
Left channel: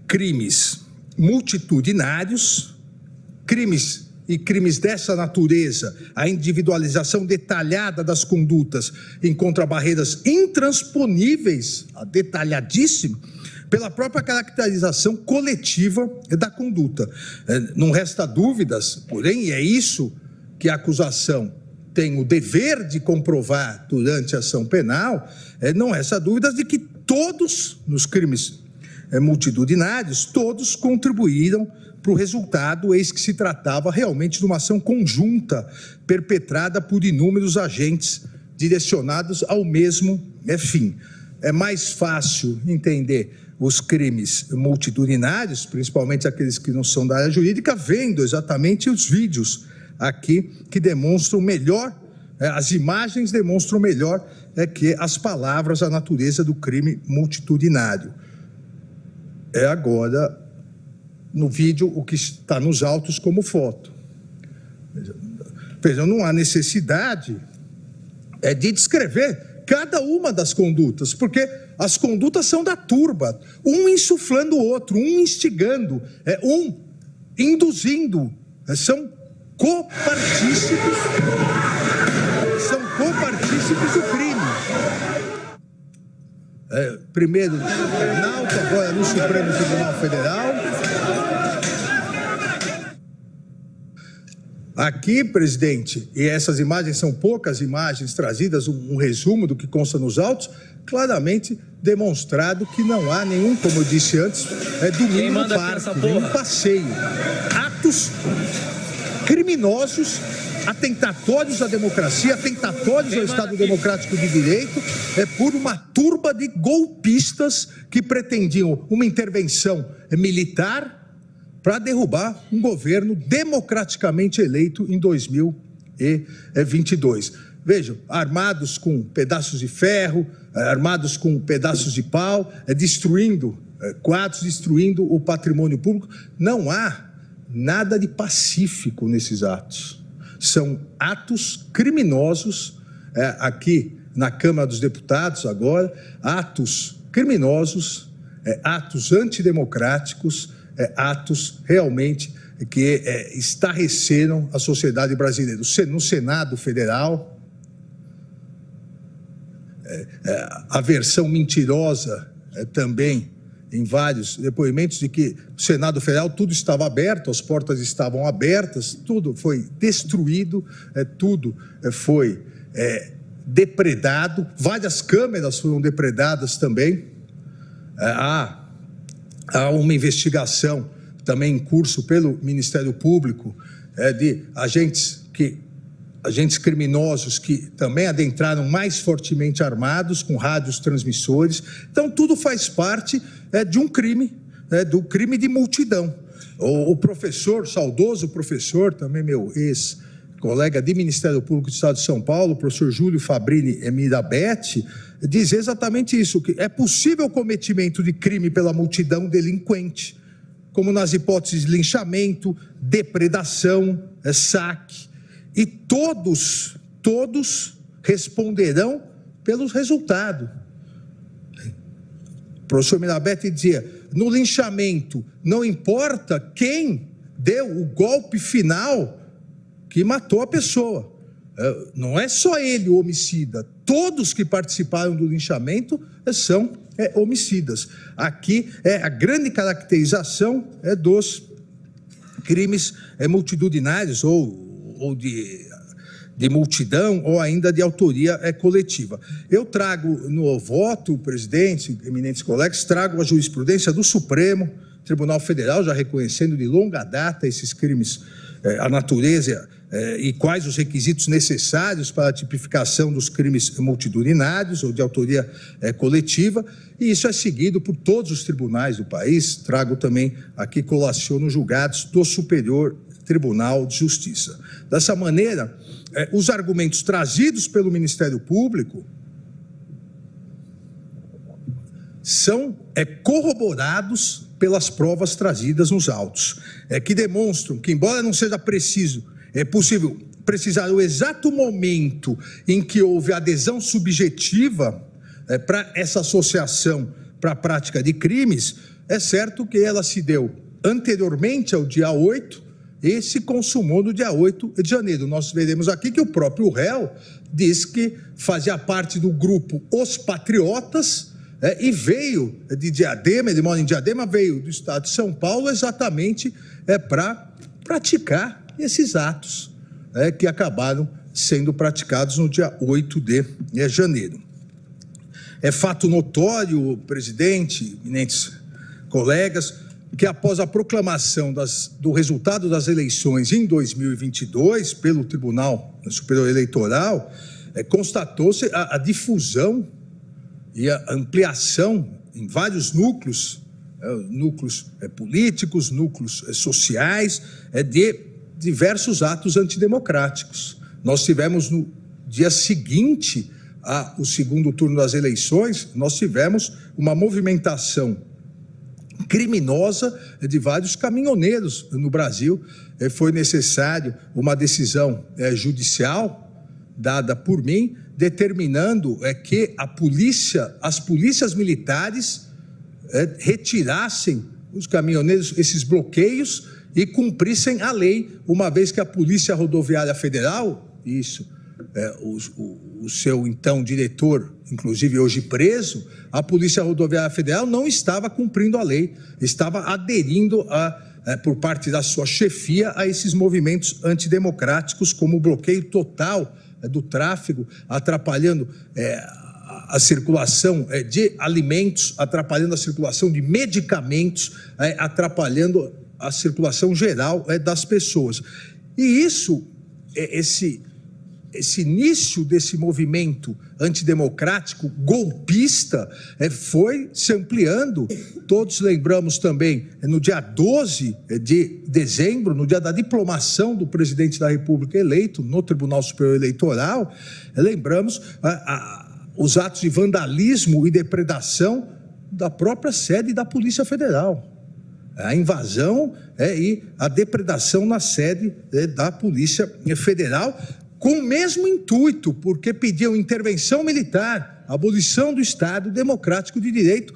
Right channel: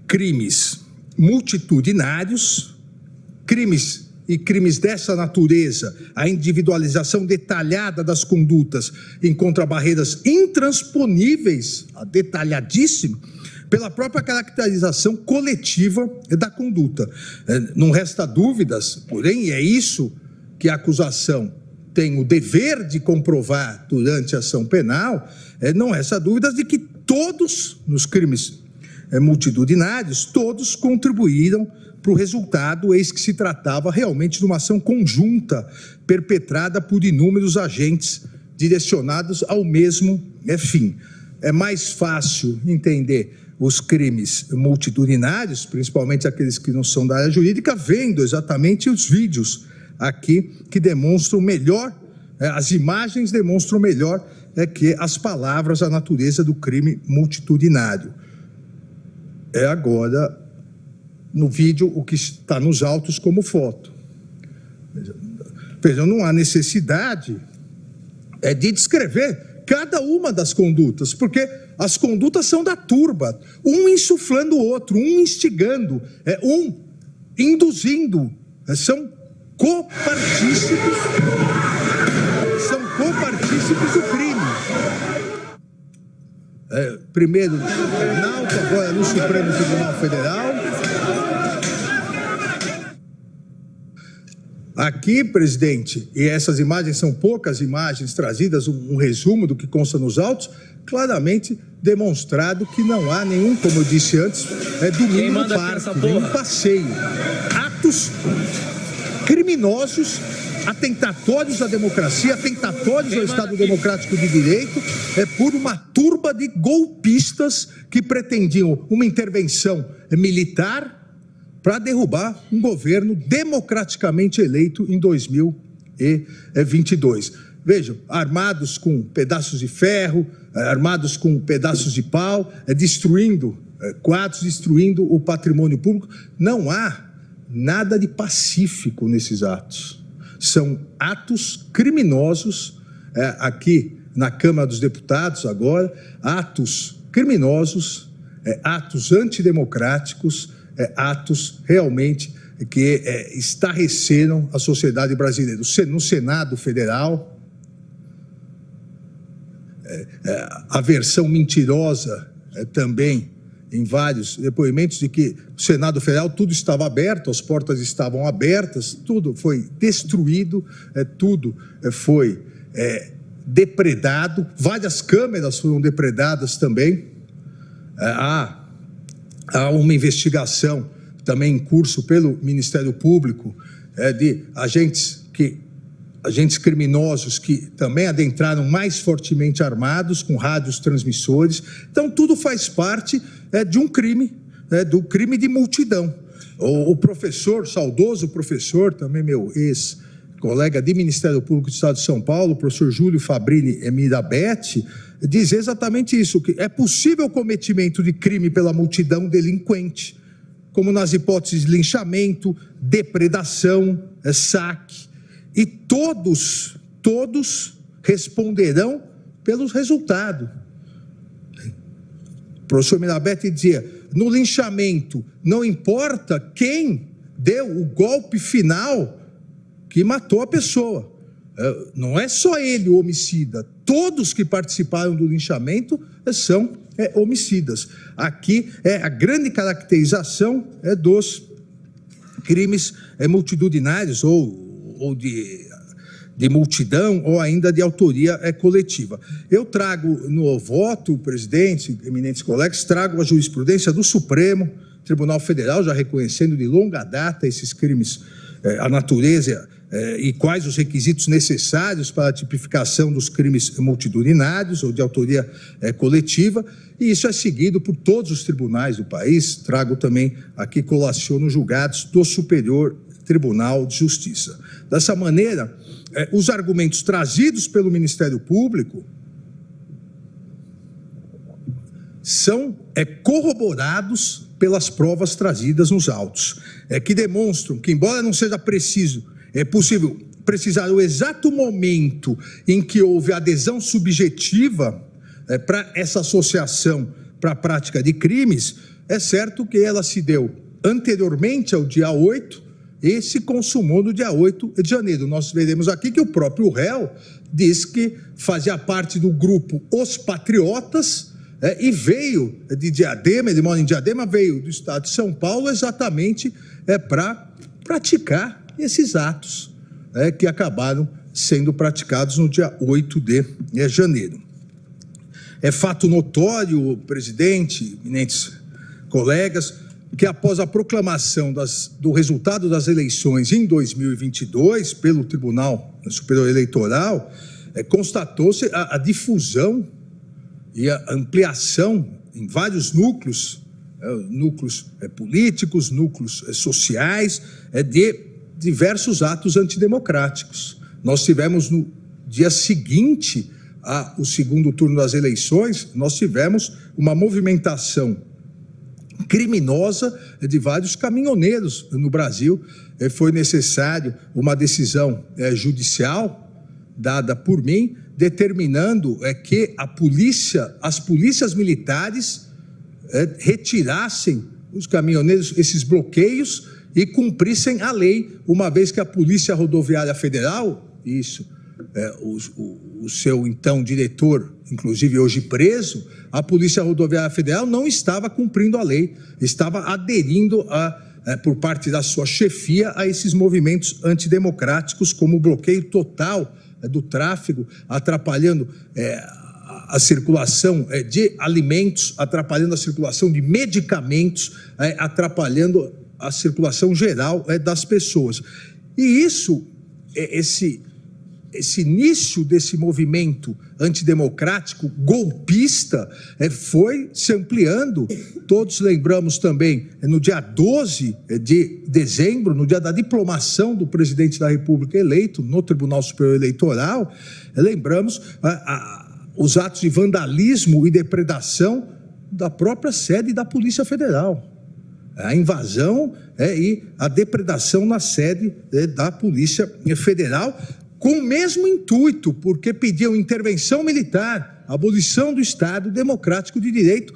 crimes multitudinários, crimes dessa natureza, a individualização detalhada das condutas encontra barreiras intransponíveis, detalhadíssimo, pela própria caracterização coletiva da conduta. Não resta dúvidas, porém, é isso que a acusação tem o dever de comprovar durante a ação penal, não resta dúvidas de que todos, nos crimes multitudinários, todos contribuíram para o resultado, eis que se tratava realmente de uma ação conjunta, perpetrada por inúmeros agentes direcionados ao mesmo fim. É mais fácil entender os crimes multitudinários, principalmente aqueles que não são da área jurídica, vendo exatamente os vídeos aqui que demonstram melhor, as imagens demonstram melhor que as palavras, a natureza do crime multitudinário. Agora, no vídeo, o que está nos autos como foto. Vejam, não há necessidade de descrever cada uma das condutas, porque as condutas são da turba, um insuflando o outro, um instigando, um induzindo, são copartícipes do crime. Primeiro no Tribunal, agora no Supremo Tribunal Federal. Aqui, presidente, e essas imagens são poucas imagens trazidas, um resumo do que consta nos autos, claramente demonstrado que não há nenhum, como eu disse antes, domingo no parque, nenhum passeio. Atos criminosos, atentatórios à democracia, atentatórios ao Estado Democrático de Direito, por uma turba de golpistas que pretendiam uma intervenção militar para derrubar um governo democraticamente eleito em 2022. Vejam, armados com pedaços de ferro, armados com pedaços de pau, destruindo quadros, destruindo o patrimônio público. Não há nada de pacífico nesses atos. São atos criminosos, aqui na Câmara dos Deputados agora, atos criminosos, atos antidemocráticos, atos realmente que estarreceram a sociedade brasileira. No Senado Federal, a versão mentirosa também em vários depoimentos de que o Senado Federal tudo estava aberto, as portas estavam abertas, tudo foi destruído, tudo foi depredado, várias câmeras foram depredadas também. Há uma investigação também em curso pelo Ministério Público de agentes criminosos que também adentraram mais fortemente armados, com rádios transmissores. Então, tudo faz parte de um crime, do crime de multidão. O professor, saudoso professor, também meu ex-colega de Ministério Público do Estado de São Paulo, o professor Júlio Fabrini Mirabete, diz exatamente isso, que é possível o cometimento de crime pela multidão delinquente, como nas hipóteses de linchamento, depredação, saque, e todos responderão pelos resultados. O professor Mirabete dizia, no linchamento, não importa quem deu o golpe final que matou a pessoa. Não é só ele o homicida, todos que participaram do linchamento são homicidas. Aqui a grande caracterização dos crimes multitudinários ou de multidão ou ainda de autoria coletiva. Eu trago no voto, presidente, eminentes colegas, trago a jurisprudência do Supremo Tribunal Federal, já reconhecendo de longa data esses crimes, a natureza e quais os requisitos necessários para a tipificação dos crimes multitudinários ou de autoria coletiva, e isso é seguido por todos os tribunais do país. Trago também aqui, colaciono julgados do Superior Tribunal de Justiça. Dessa maneira, os argumentos trazidos pelo Ministério Público são corroborados pelas provas trazidas nos autos, que demonstram que, embora não seja possível precisar o exato momento em que houve adesão subjetiva para essa associação para a prática de crimes, é certo que ela se deu anteriormente ao dia 8 e se consumou no dia 8 de janeiro. Nós veremos aqui que o próprio réu diz que fazia parte do grupo Os Patriotas, e veio de Diadema, ele mora em Diadema, veio do estado de São Paulo exatamente para praticar esses atos que acabaram sendo praticados no dia 8 de janeiro. É fato notório, presidente, eminentes colegas, que após a proclamação do resultado das eleições em 2022 pelo Tribunal Superior Eleitoral, constatou-se a difusão e a ampliação em vários núcleos políticos, núcleos sociais, de diversos atos antidemocráticos. Nós tivemos no dia seguinte ao segundo turno das eleições, nós tivemos uma movimentação criminosa de vários caminhoneiros no Brasil. Foi necessário uma decisão judicial dada por mim, determinando que as polícias militares retirassem os caminhoneiros, esses bloqueios, e cumprissem a lei, uma vez que a Polícia Rodoviária Federal, o seu então diretor, inclusive hoje preso, a Polícia Rodoviária Federal não estava cumprindo a lei, estava aderindo por parte da sua chefia a esses movimentos antidemocráticos, como o bloqueio total do tráfego, atrapalhando a circulação de alimentos, atrapalhando a circulação de medicamentos, atrapalhando a circulação geral das pessoas. E esse início desse movimento antidemocrático, golpista, foi se ampliando. Todos lembramos também, no dia 12 de dezembro, no dia da diplomação do presidente da República eleito no Tribunal Superior Eleitoral, lembramos os atos de vandalismo e depredação da própria sede da Polícia Federal. A invasão e a depredação na sede da Polícia Federal, com o mesmo intuito, porque pediam intervenção militar, abolição do Estado Democrático de Direito,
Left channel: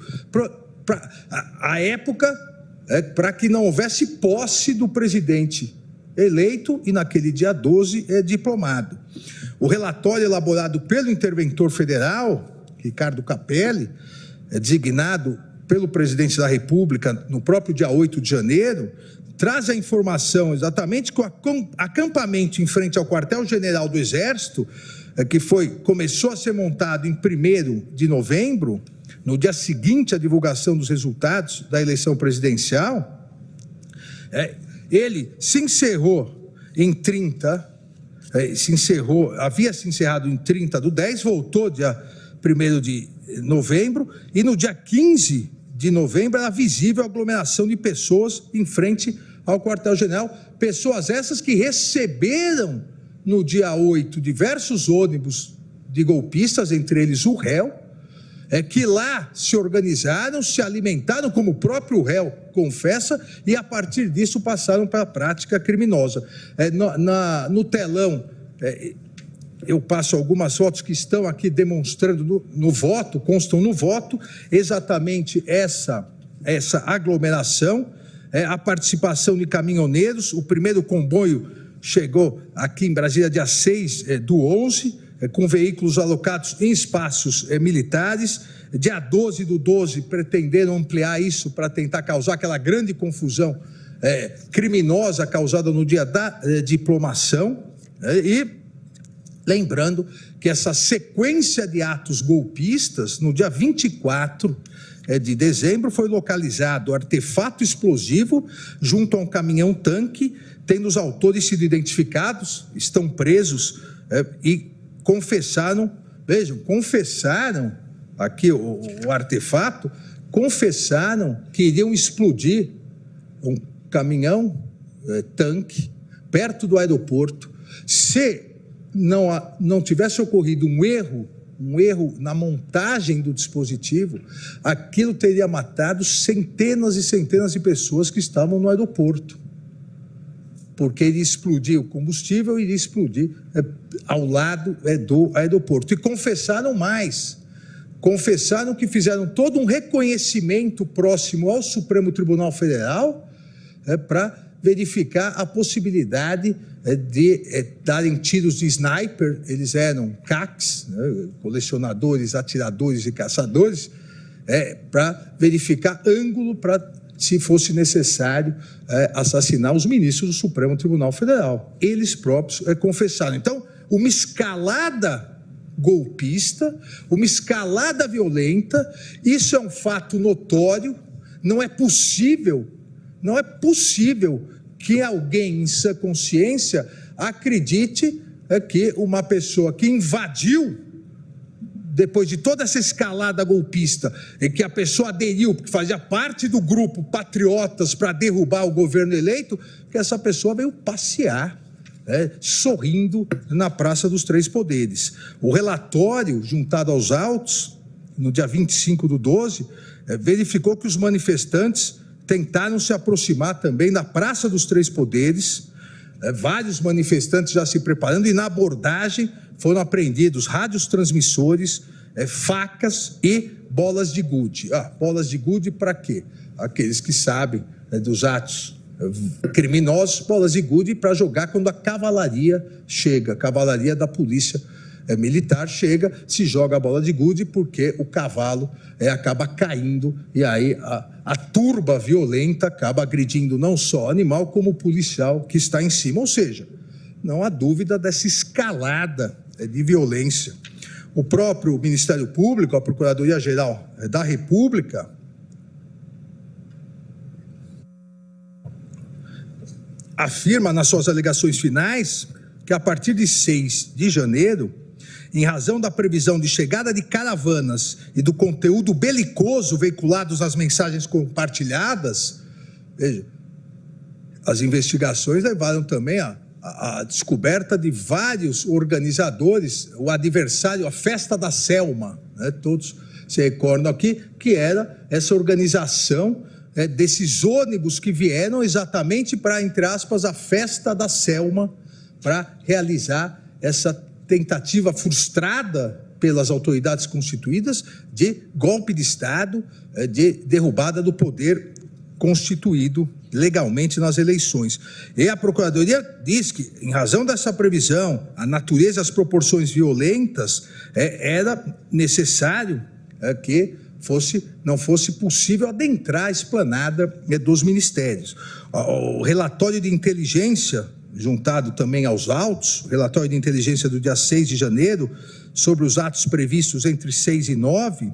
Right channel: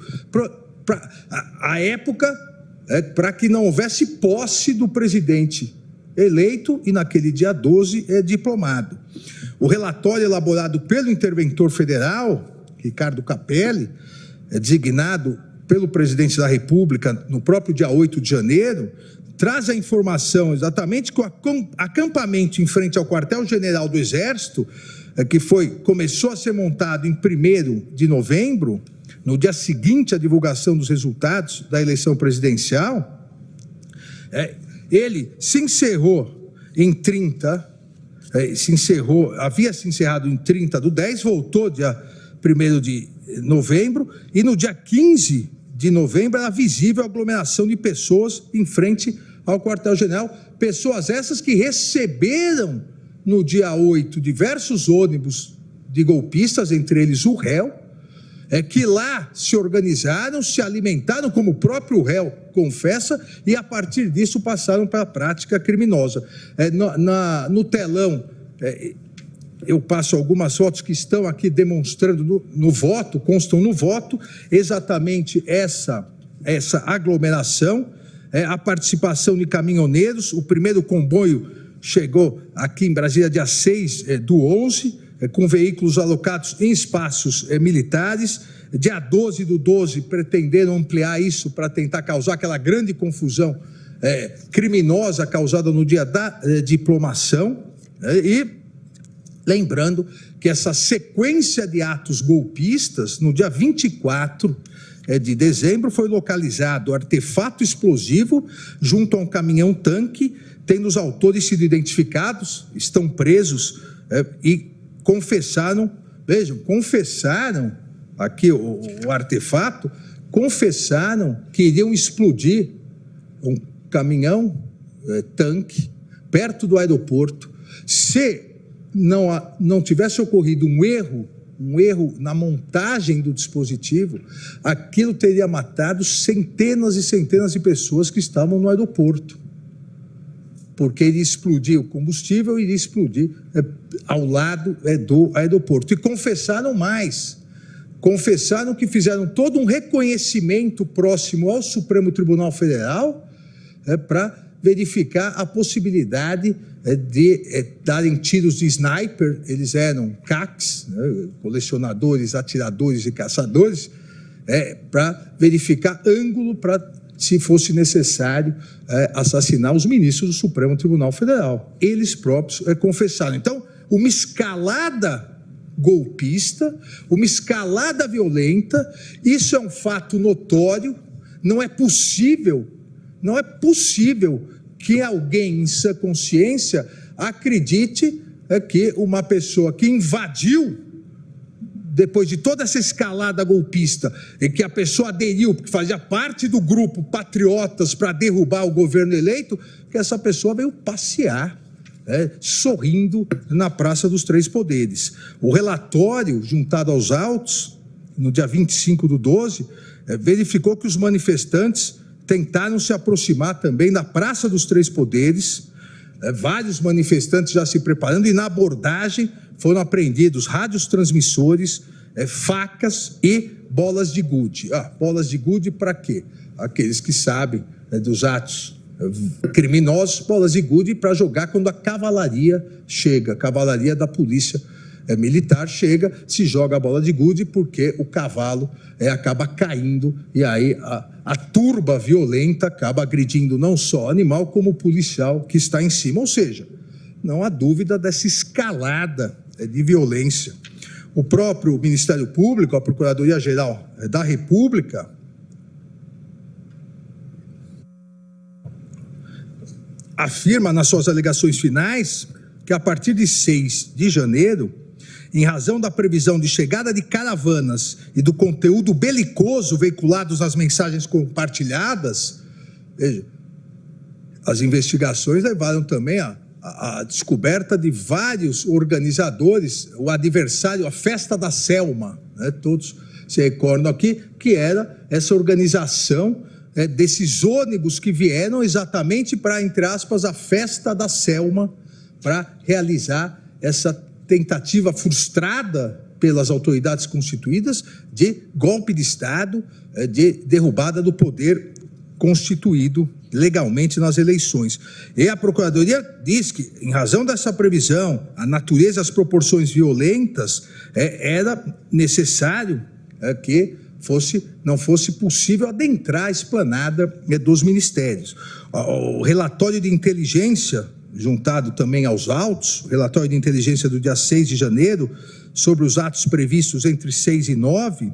à época, para que não houvesse posse do presidente eleito e, naquele dia 12, diplomado. O relatório elaborado pelo interventor federal, Ricardo Capelli, designado pelo presidente da República no próprio dia 8 de janeiro, traz a informação exatamente que o acampamento em frente ao quartel-general do Exército, que começou a ser montado em 1º de novembro, no dia seguinte à divulgação dos resultados da eleição presidencial, ele se encerrou em 30, havia se encerrado em 30/10, voltou dia 1º de novembro, e no dia 15 de novembro era visível a aglomeração de pessoas em frente ao quartel-general, pessoas essas que receberam no dia 8 diversos ônibus de golpistas, entre eles o réu, que lá se organizaram, se alimentaram, como o próprio réu confessa, e a partir disso passaram para a prática criminosa. No telão, eu passo algumas fotos que estão aqui demonstrando no voto, constam no voto, exatamente essa aglomeração, a participação de caminhoneiros. O primeiro comboio chegou aqui em Brasília dia 6/11, com veículos alocados em espaços militares. Dia 12/12, pretenderam ampliar isso para tentar causar aquela grande confusão criminosa causada no dia da diplomação. E lembrando que essa sequência de atos golpistas, no dia 24 de dezembro, foi localizado artefato explosivo junto a um caminhão-tanque, tendo os autores sido identificados, estão presos e confessaram, vejam, confessaram aqui o artefato, confessaram que iriam explodir um caminhão-tanque perto do aeroporto. Se não tivesse ocorrido um erro na montagem do dispositivo, aquilo teria matado centenas e centenas de pessoas que estavam no aeroporto, porque iria explodir o combustível, iria explodir ao lado do aeroporto. E confessaram mais, confessaram que fizeram todo um reconhecimento próximo ao Supremo Tribunal Federal para verificar a possibilidade de darem tiros de sniper. Eles eram CACs, colecionadores, atiradores e caçadores, para verificar ângulo para, se fosse necessário, assassinar os ministros do Supremo Tribunal Federal. Eles próprios confessaram. Então, uma escalada golpista, uma escalada violenta, isso é um fato notório. Não é possível que alguém em sã consciência acredite que uma pessoa que invadiu, depois de toda essa escalada golpista, e que a pessoa aderiu, porque fazia parte do grupo Patriotas para derrubar o governo eleito, que essa pessoa veio passear, sorrindo na Praça dos Três Poderes. O relatório juntado aos autos, no dia 25/12, verificou que os manifestantes tentaram se aproximar também da Praça dos Três Poderes, vários manifestantes já se preparando, e na abordagem foram apreendidos rádios transmissores, facas e bolas de gude. Bolas de gude para quê? Aqueles que sabem dos atos criminosos, bolas de gude para jogar quando a cavalaria chega, a cavalaria da polícia militar chega, se joga a bola de gude porque o cavalo acaba caindo, e aí a turba violenta acaba agredindo não só o animal, como o policial que está em cima. Ou seja, não há dúvida dessa escalada de violência. O próprio Ministério Público, a Procuradoria-Geral da República, afirma nas suas alegações finais que a partir de 6 de janeiro, em razão da previsão de chegada de caravanas e do conteúdo belicoso veiculados nas mensagens compartilhadas, veja, as investigações levaram também a descoberta de vários organizadores, o adversário, a Festa da Selma, todos se recordam aqui, que era essa organização desses ônibus que vieram exatamente para, entre aspas, a Festa da Selma, para realizar essa tentativa frustrada pelas autoridades constituídas de golpe de Estado, de derrubada do poder constituído legalmente nas eleições. E a Procuradoria diz que, em razão dessa previsão, a natureza e as proporções violentas, era necessário que não fosse possível adentrar a esplanada dos ministérios. O relatório de inteligência, juntado também aos autos, relatório de inteligência do dia 6 de janeiro, sobre os atos previstos entre 6 e 9,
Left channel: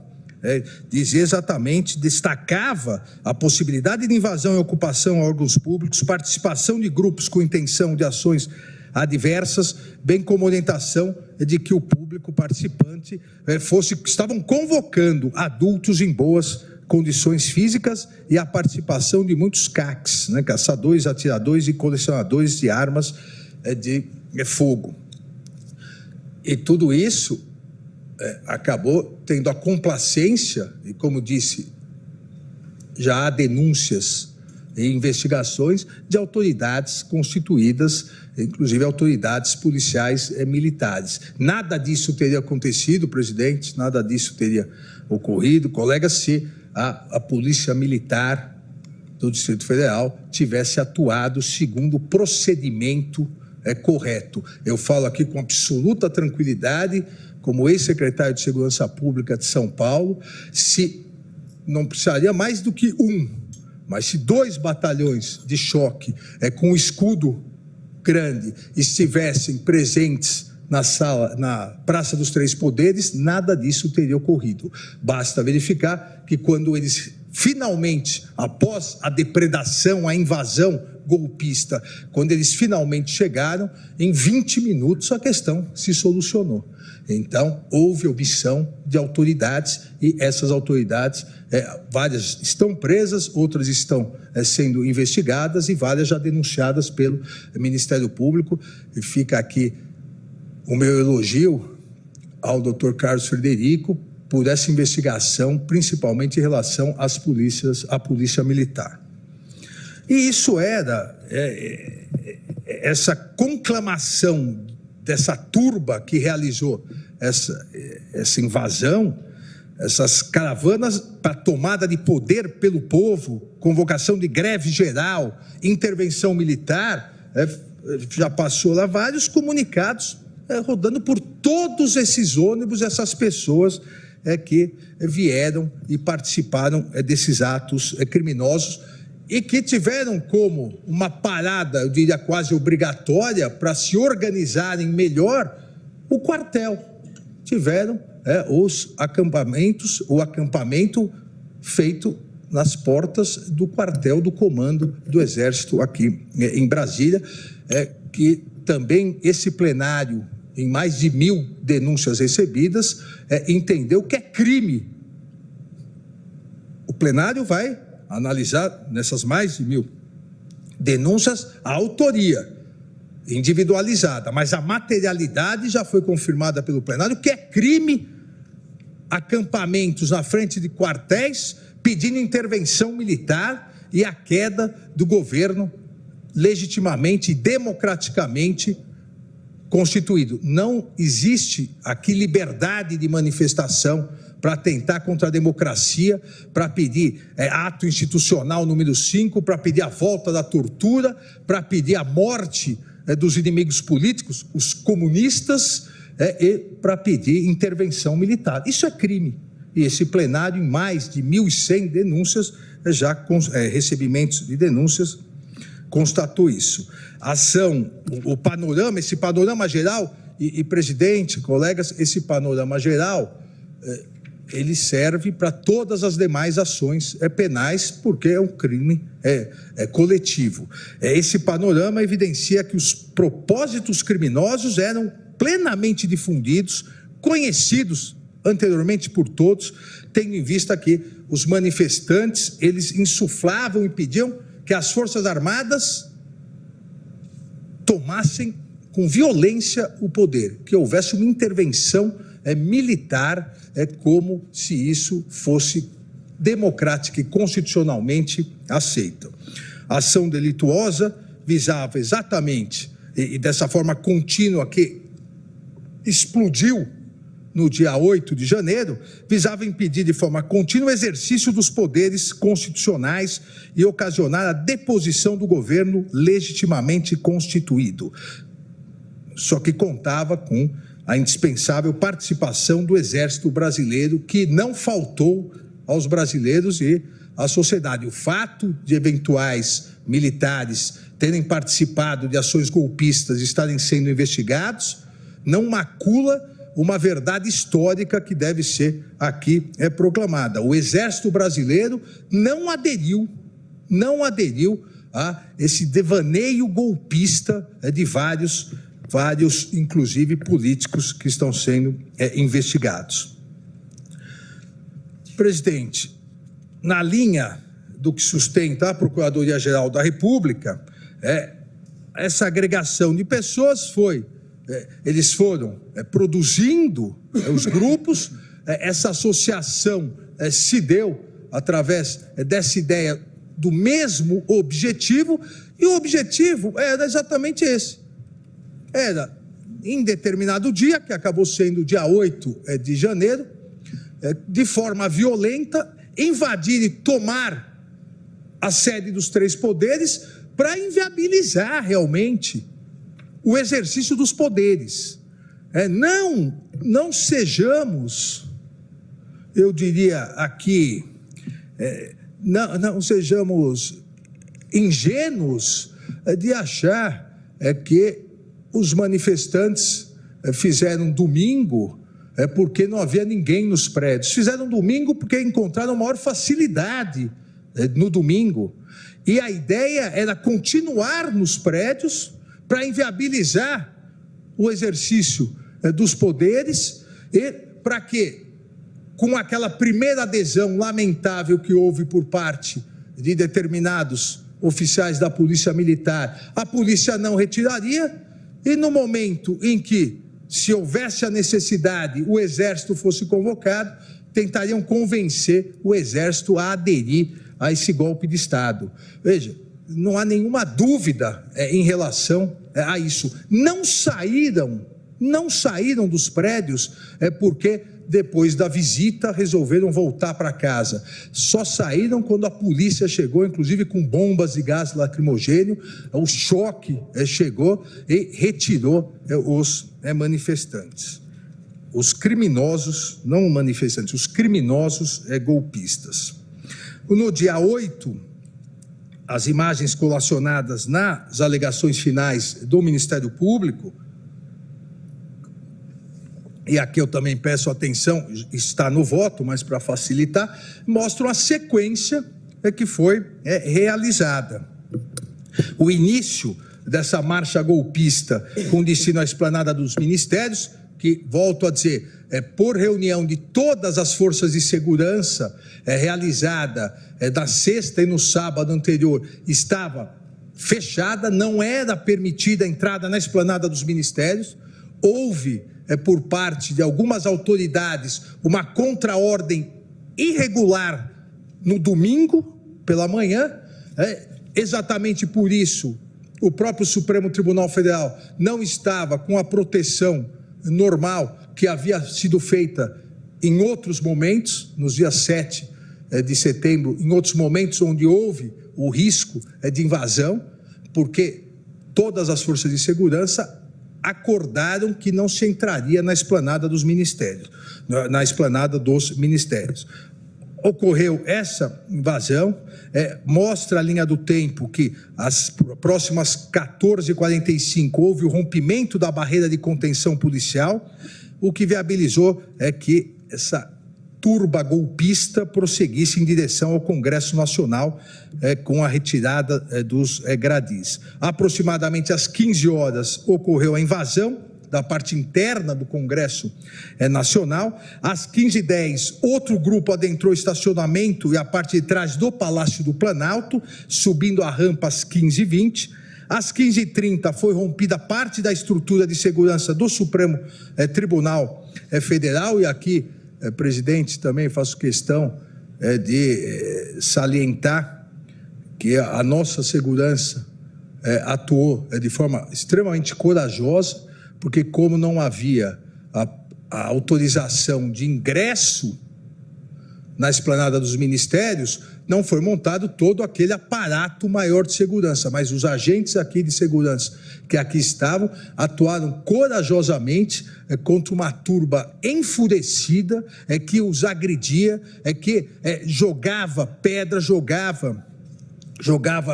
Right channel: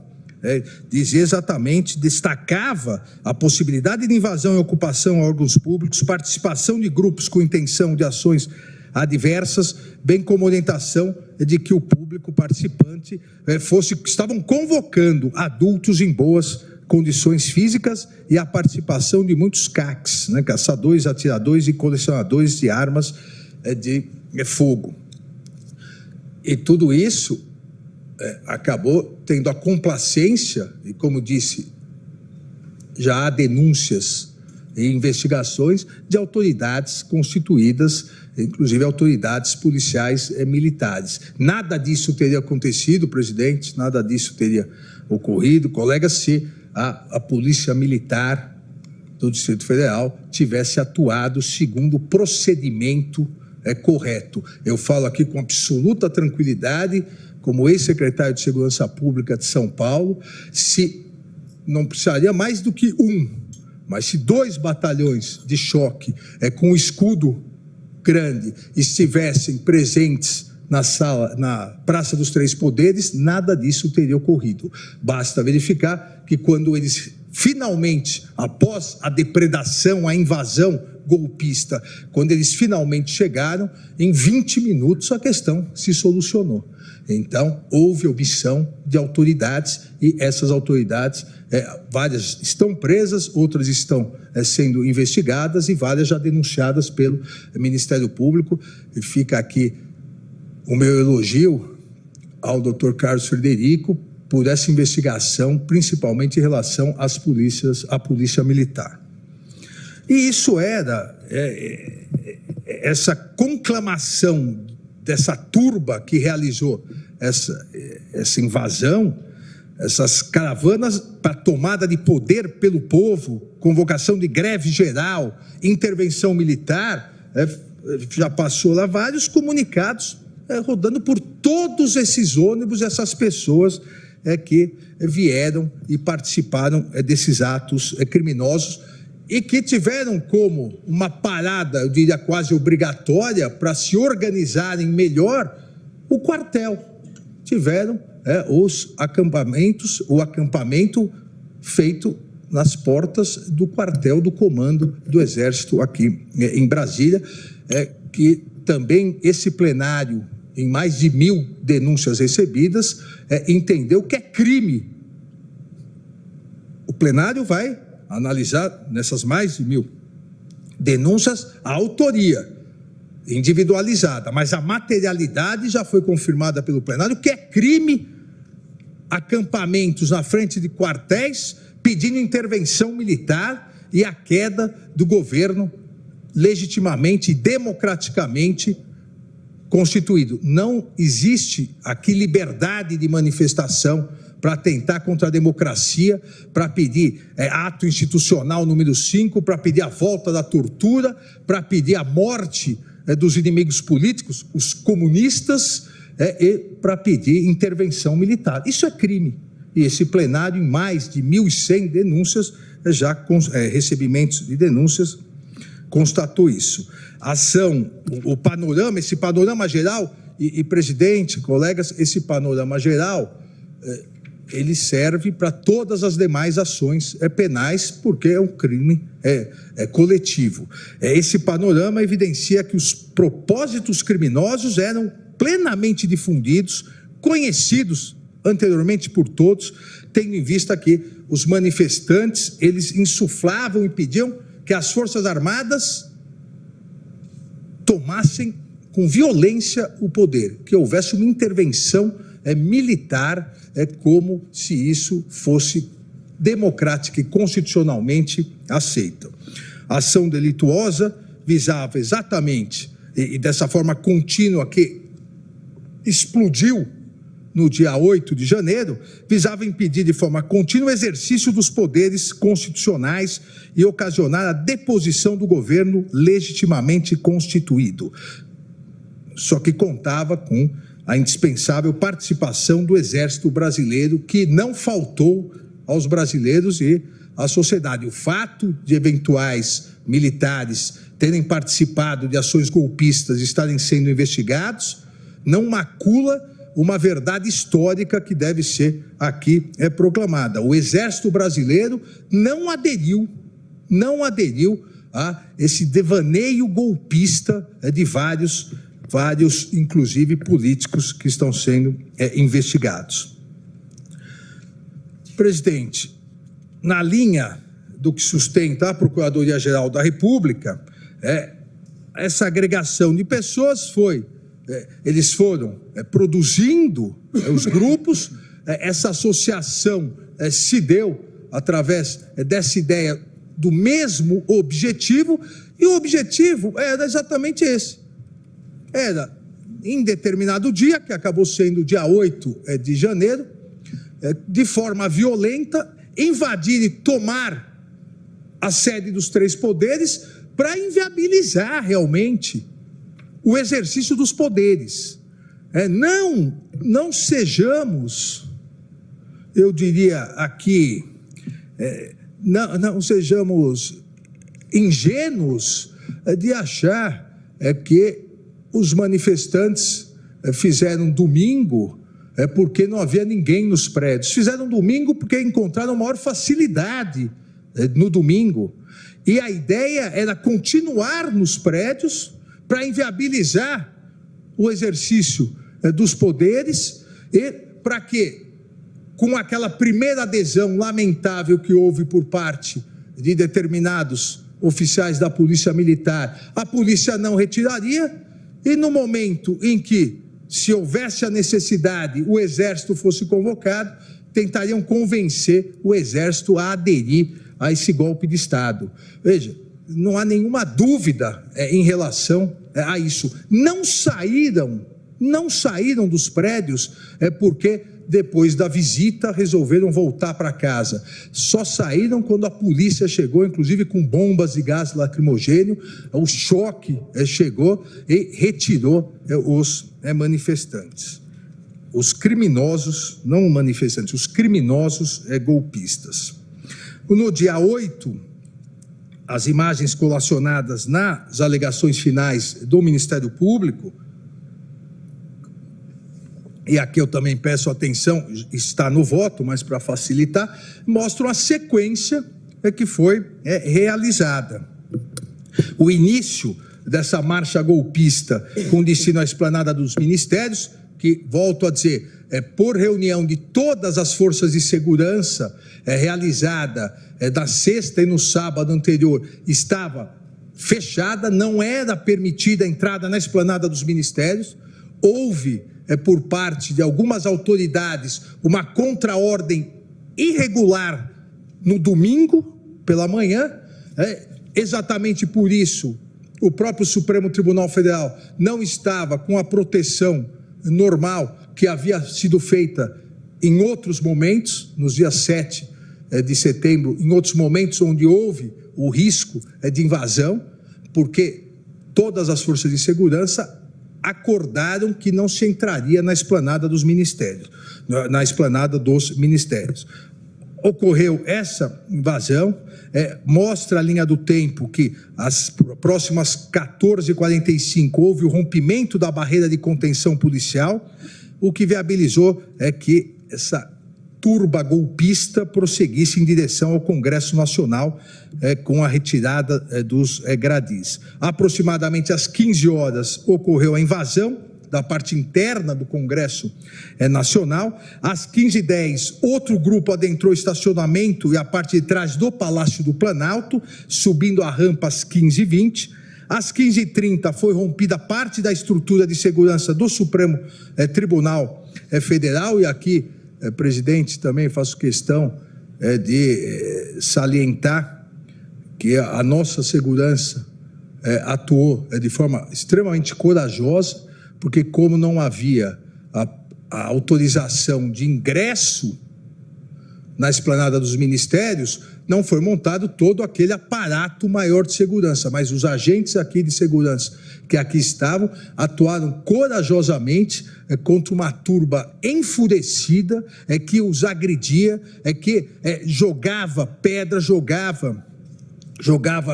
dizia exatamente, destacava a possibilidade de invasão e ocupação a órgãos públicos, participação de grupos com intenção de ações adversas, bem como orientação de que o público participante estavam convocando adultos em boas condições físicas, e a participação de muitos CACs, caçadores, atiradores e colecionadores de armas de fogo. E tudo isso acabou tendo a complacência, e como disse, já há denúncias e investigações de autoridades constituídas, inclusive autoridades policiais militares. Nada disso teria acontecido, presidente, nada disso teria ocorrido, colega, se a polícia militar do Distrito Federal tivesse atuado segundo o procedimento correto. Eu falo aqui com absoluta tranquilidade, como ex-secretário de Segurança Pública de São Paulo, se não precisaria mais do que mas se 2 batalhões de choque com escudo grande estivessem presentes na Praça dos Três Poderes, nada disso teria ocorrido. Basta verificar que quando eles finalmente, após a depredação, a invasão golpista, quando eles finalmente chegaram, em 20 minutos a questão se solucionou. Então, houve omissão de autoridades e essas autoridades, várias estão presas, outras estão sendo investigadas e várias já denunciadas pelo Ministério Público. E fica aqui o meu elogio ao Dr. Carlos Frederico por essa investigação, principalmente em relação à Polícia Militar. E isso era essa conclamação dessa turba que realizou essa invasão, essas caravanas para tomada de poder pelo povo, convocação de greve geral, intervenção militar, já passou lá vários comunicados rodando por todos esses ônibus, essas pessoas que vieram e participaram desses atos criminosos e que tiveram como uma parada, eu diria quase obrigatória, para se organizarem melhor, o quartel. Tiveram os acampamentos, o acampamento feito nas portas do quartel do Comando do Exército aqui em Brasília, que também esse plenário, em mais de 1.000 denúncias recebidas, entendeu que é crime. O plenário vai analisar nessas mais de 1.000 denúncias a autoria individualizada, mas a materialidade já foi confirmada pelo plenário que é crime acampamentos na frente de quartéis pedindo intervenção militar e a queda do governo legitimamente e democraticamente constituído. Não existe aqui liberdade de manifestação para atentar contra a democracia, para pedir ato institucional número 5, para pedir a volta da tortura, para pedir a morte dos inimigos políticos, os comunistas, e para pedir intervenção militar. Isso é crime. E esse plenário, em mais de 1.100 denúncias, recebimentos de denúncias, constatou isso. Ação, esse panorama geral, e presidente, colegas, esse panorama geral, ele serve para todas as demais ações penais, porque é um crime coletivo. Esse panorama evidencia que os propósitos criminosos eram plenamente difundidos, conhecidos anteriormente por todos, tendo em vista que os manifestantes, eles insuflavam e pediam que as Forças Armadas tomassem com violência o poder, que houvesse uma intervenção militar, como se isso fosse democrática e constitucionalmente aceita. A ação delituosa visava exatamente, e dessa forma contínua que explodiu no dia 8 de janeiro, visava impedir de forma contínua o exercício dos poderes constitucionais e ocasionar a deposição do governo legitimamente constituído. Só que contava com a indispensável participação do Exército Brasileiro, que não faltou aos brasileiros e à sociedade. O fato de eventuais militares terem participado de ações golpistas e estarem sendo investigados não macula uma verdade histórica que deve ser aqui proclamada. O Exército Brasileiro não aderiu a esse devaneio golpista de vários, inclusive políticos, que estão sendo investigados. Presidente, na linha do que sustenta a Procuradoria-Geral da República, essa agregação de pessoas eles foram produzindo os grupos, essa associação se deu através dessa ideia do mesmo objetivo, e o objetivo era exatamente esse. Era, em determinado dia, que acabou sendo o dia 8 de janeiro, de forma violenta, invadir e tomar a sede dos três poderes para inviabilizar realmente o exercício dos poderes. Não sejamos, eu diria aqui, não sejamos ingênuos de achar que os manifestantes fizeram domingo porque não havia ninguém nos prédios. Fizeram domingo porque encontraram maior facilidade no domingo. E a ideia era continuar nos prédios para inviabilizar o exercício dos poderes e para que, com aquela primeira adesão lamentável que houve por parte de determinados oficiais da Polícia Militar, a polícia não retiraria, e no momento em que, se houvesse a necessidade, o Exército fosse convocado, tentariam convencer o Exército a aderir a esse golpe de Estado. Veja, não há nenhuma dúvida em relação a isso. Não saíram dos prédios porque depois da visita resolveram voltar para casa. Só saíram quando a polícia chegou, inclusive com bombas e gás lacrimogêneo. O choque chegou e retirou os manifestantes. Os criminosos, não manifestantes, os criminosos golpistas. No dia 8, as imagens colacionadas nas alegações finais do Ministério Público, e aqui eu também peço atenção, está no voto, mas para facilitar, mostram a sequência que foi realizada. O início dessa marcha golpista com destino à esplanada dos ministérios, que, volto a dizer, por reunião de todas as forças de segurança, realizada da sexta e no sábado anterior, estava fechada, não era permitida a entrada na esplanada dos ministérios. Houve, por parte de algumas autoridades, uma contraordem irregular no domingo pela manhã. Exatamente por isso, o próprio Supremo Tribunal Federal não estava com a proteção normal que havia sido feita em outros momentos, nos dias 7 de setembro, em outros momentos onde houve o risco de invasão, porque todas as forças de segurança acordaram que não se entraria na esplanada dos ministérios, Ocorreu essa invasão, mostra a linha do tempo que às próximas 14h45 houve o rompimento da barreira de contenção policial, o que viabilizou que essa turba golpista prosseguisse em direção ao Congresso Nacional com a retirada dos gradis. Aproximadamente às 15 horas ocorreu a invasão da parte interna do Congresso Nacional. Às 15h10, outro grupo adentrou o estacionamento e a parte de trás do Palácio do Planalto, subindo a rampa às 15h20. Às 15h30 foi rompida parte da estrutura de segurança do Supremo Tribunal Federal, e aqui, presidente, também faço questão de salientar que a nossa segurança atuou de forma extremamente corajosa, porque como não havia a autorização de ingresso na esplanada dos ministérios, não foi montado todo aquele aparato maior de segurança, mas os agentes aqui de segurança que aqui estavam atuaram corajosamente contra uma turba enfurecida que os agredia, que jogava pedra, jogava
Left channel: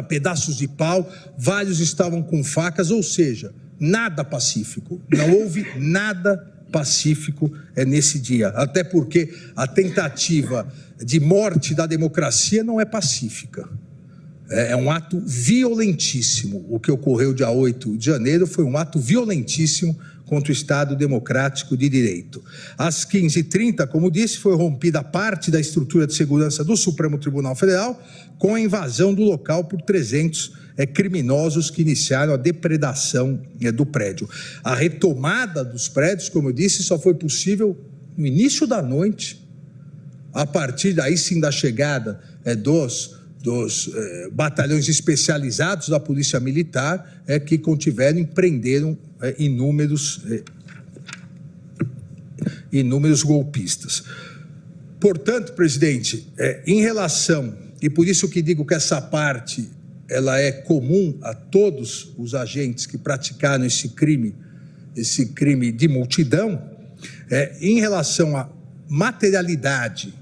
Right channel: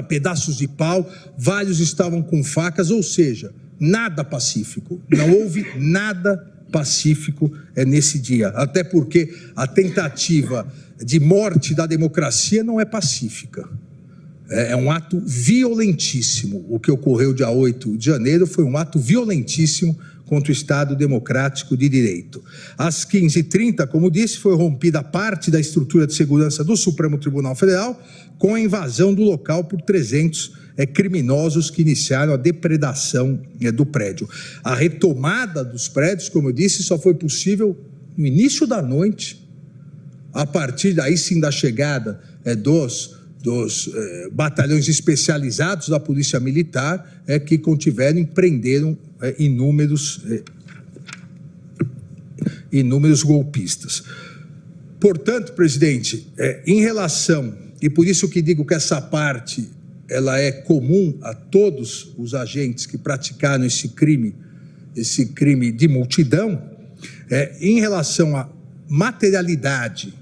pedaços de pau, vários estavam com facas, ou seja, nada pacífico, não houve nada pacífico nesse dia, até porque a tentativa de morte da democracia não é pacífica, é um ato violentíssimo. O que ocorreu dia 8 de janeiro foi um ato violentíssimo contra o Estado Democrático de Direito. Às 15h30, como disse, foi rompida parte da estrutura de segurança do Supremo Tribunal Federal com a invasão do local por 300 criminosos que iniciaram a depredação do prédio. A retomada dos prédios, como eu disse, só foi possível no início da noite, a partir daí sim da chegada dos batalhões especializados da Polícia Militar, que contiveram e prenderam inúmeros golpistas. Portanto, presidente, em relação e por isso que digo que essa parte ela é comum a todos os agentes que praticaram esse crime de multidão, em relação à materialidade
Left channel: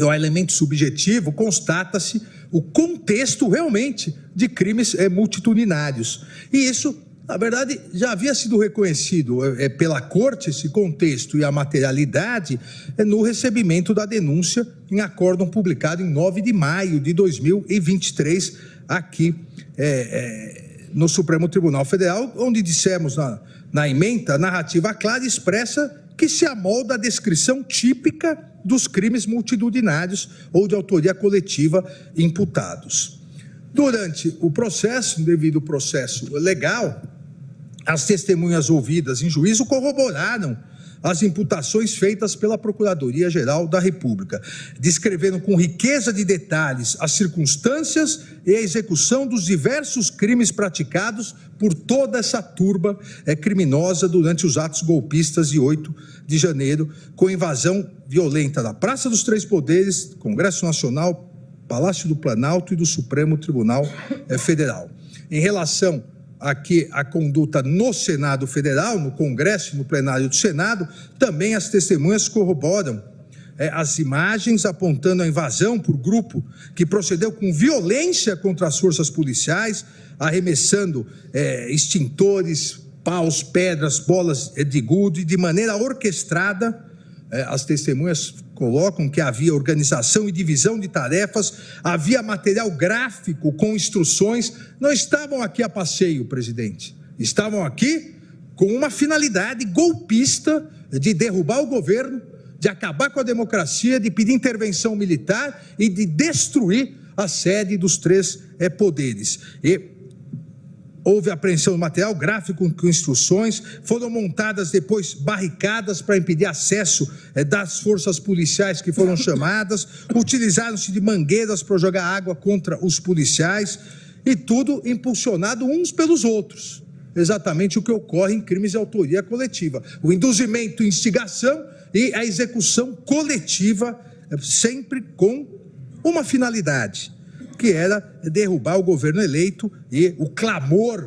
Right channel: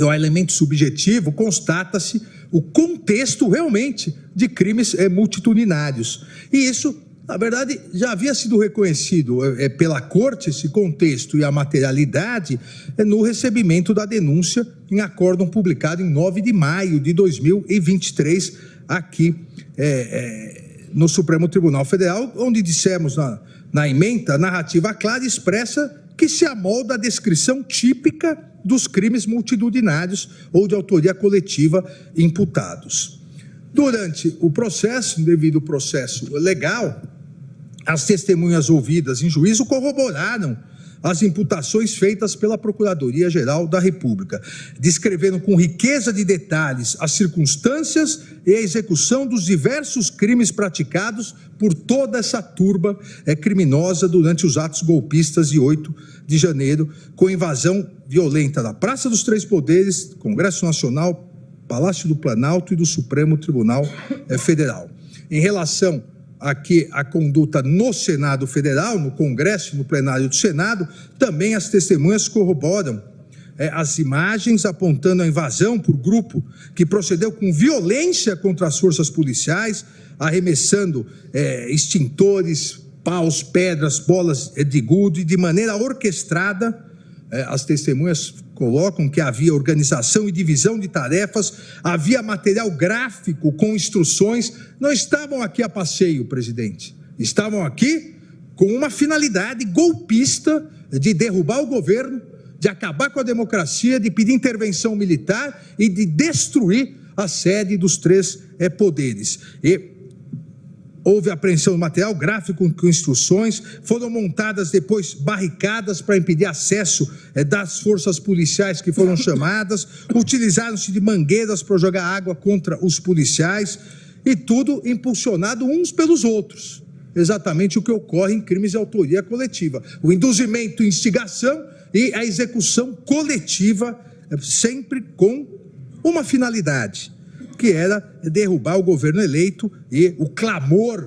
ao elemento subjetivo, constata-se o contexto realmente de crimes multitudinários. E isso, na verdade, já havia sido reconhecido pela Corte, esse contexto e a materialidade, no recebimento da denúncia em acórdão publicado em 9 de maio de 2023, aqui no Supremo Tribunal Federal, onde dissemos na ementa, narrativa clara e expressa que se amolda a descrição típica dos crimes multitudinários ou de autoria coletiva imputados. Durante o processo, devido ao processo legal, as testemunhas ouvidas em juízo corroboraram as imputações feitas pela Procuradoria-Geral da República, descrevendo com riqueza de detalhes as circunstâncias e a execução dos diversos crimes praticados por toda essa turba criminosa durante os atos golpistas de 8 de janeiro, com invasão violenta na Praça dos Três Poderes, Congresso Nacional, Palácio do Planalto e do Supremo Tribunal Federal. Em relação aqui a conduta no Senado Federal, no Congresso, no plenário do Senado, também as testemunhas corroboram as imagens apontando a invasão por grupo que procedeu com violência contra as forças policiais, arremessando extintores, paus, pedras, bolas de gude, de maneira orquestrada. As testemunhas colocam que havia organização e divisão de tarefas, havia material gráfico com instruções. Não estavam aqui a passeio, presidente. Estavam aqui com uma finalidade golpista de derrubar o governo, de acabar com a democracia, de pedir intervenção militar e de destruir a sede dos três poderes. E houve apreensão de material gráfico com instruções, foram montadas depois barricadas para impedir acesso das forças policiais que foram chamadas, utilizaram-se de mangueiras para jogar água contra os policiais, e tudo impulsionado uns pelos outros. Exatamente o que ocorre em crimes de autoria coletiva. O induzimento, instigação e a execução coletiva, sempre com uma finalidade, que era derrubar o governo eleito e o clamor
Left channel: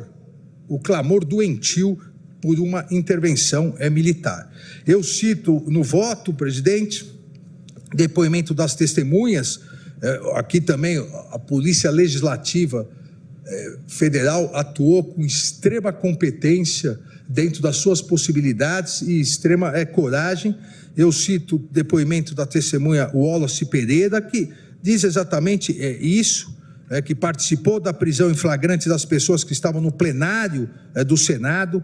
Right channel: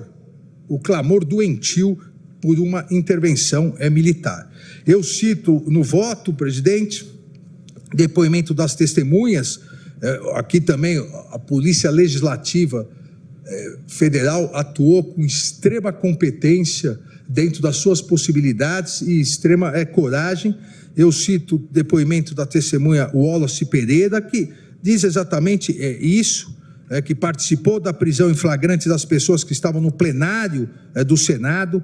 doentio por uma intervenção militar. Eu cito no voto, presidente, depoimento das testemunhas, aqui também a Polícia Legislativa Federal atuou com extrema competência dentro das suas possibilidades e extrema coragem. Eu cito o depoimento da testemunha Wallace Pereira, que diz exatamente isso, que participou da prisão em flagrante das pessoas que estavam no plenário do Senado,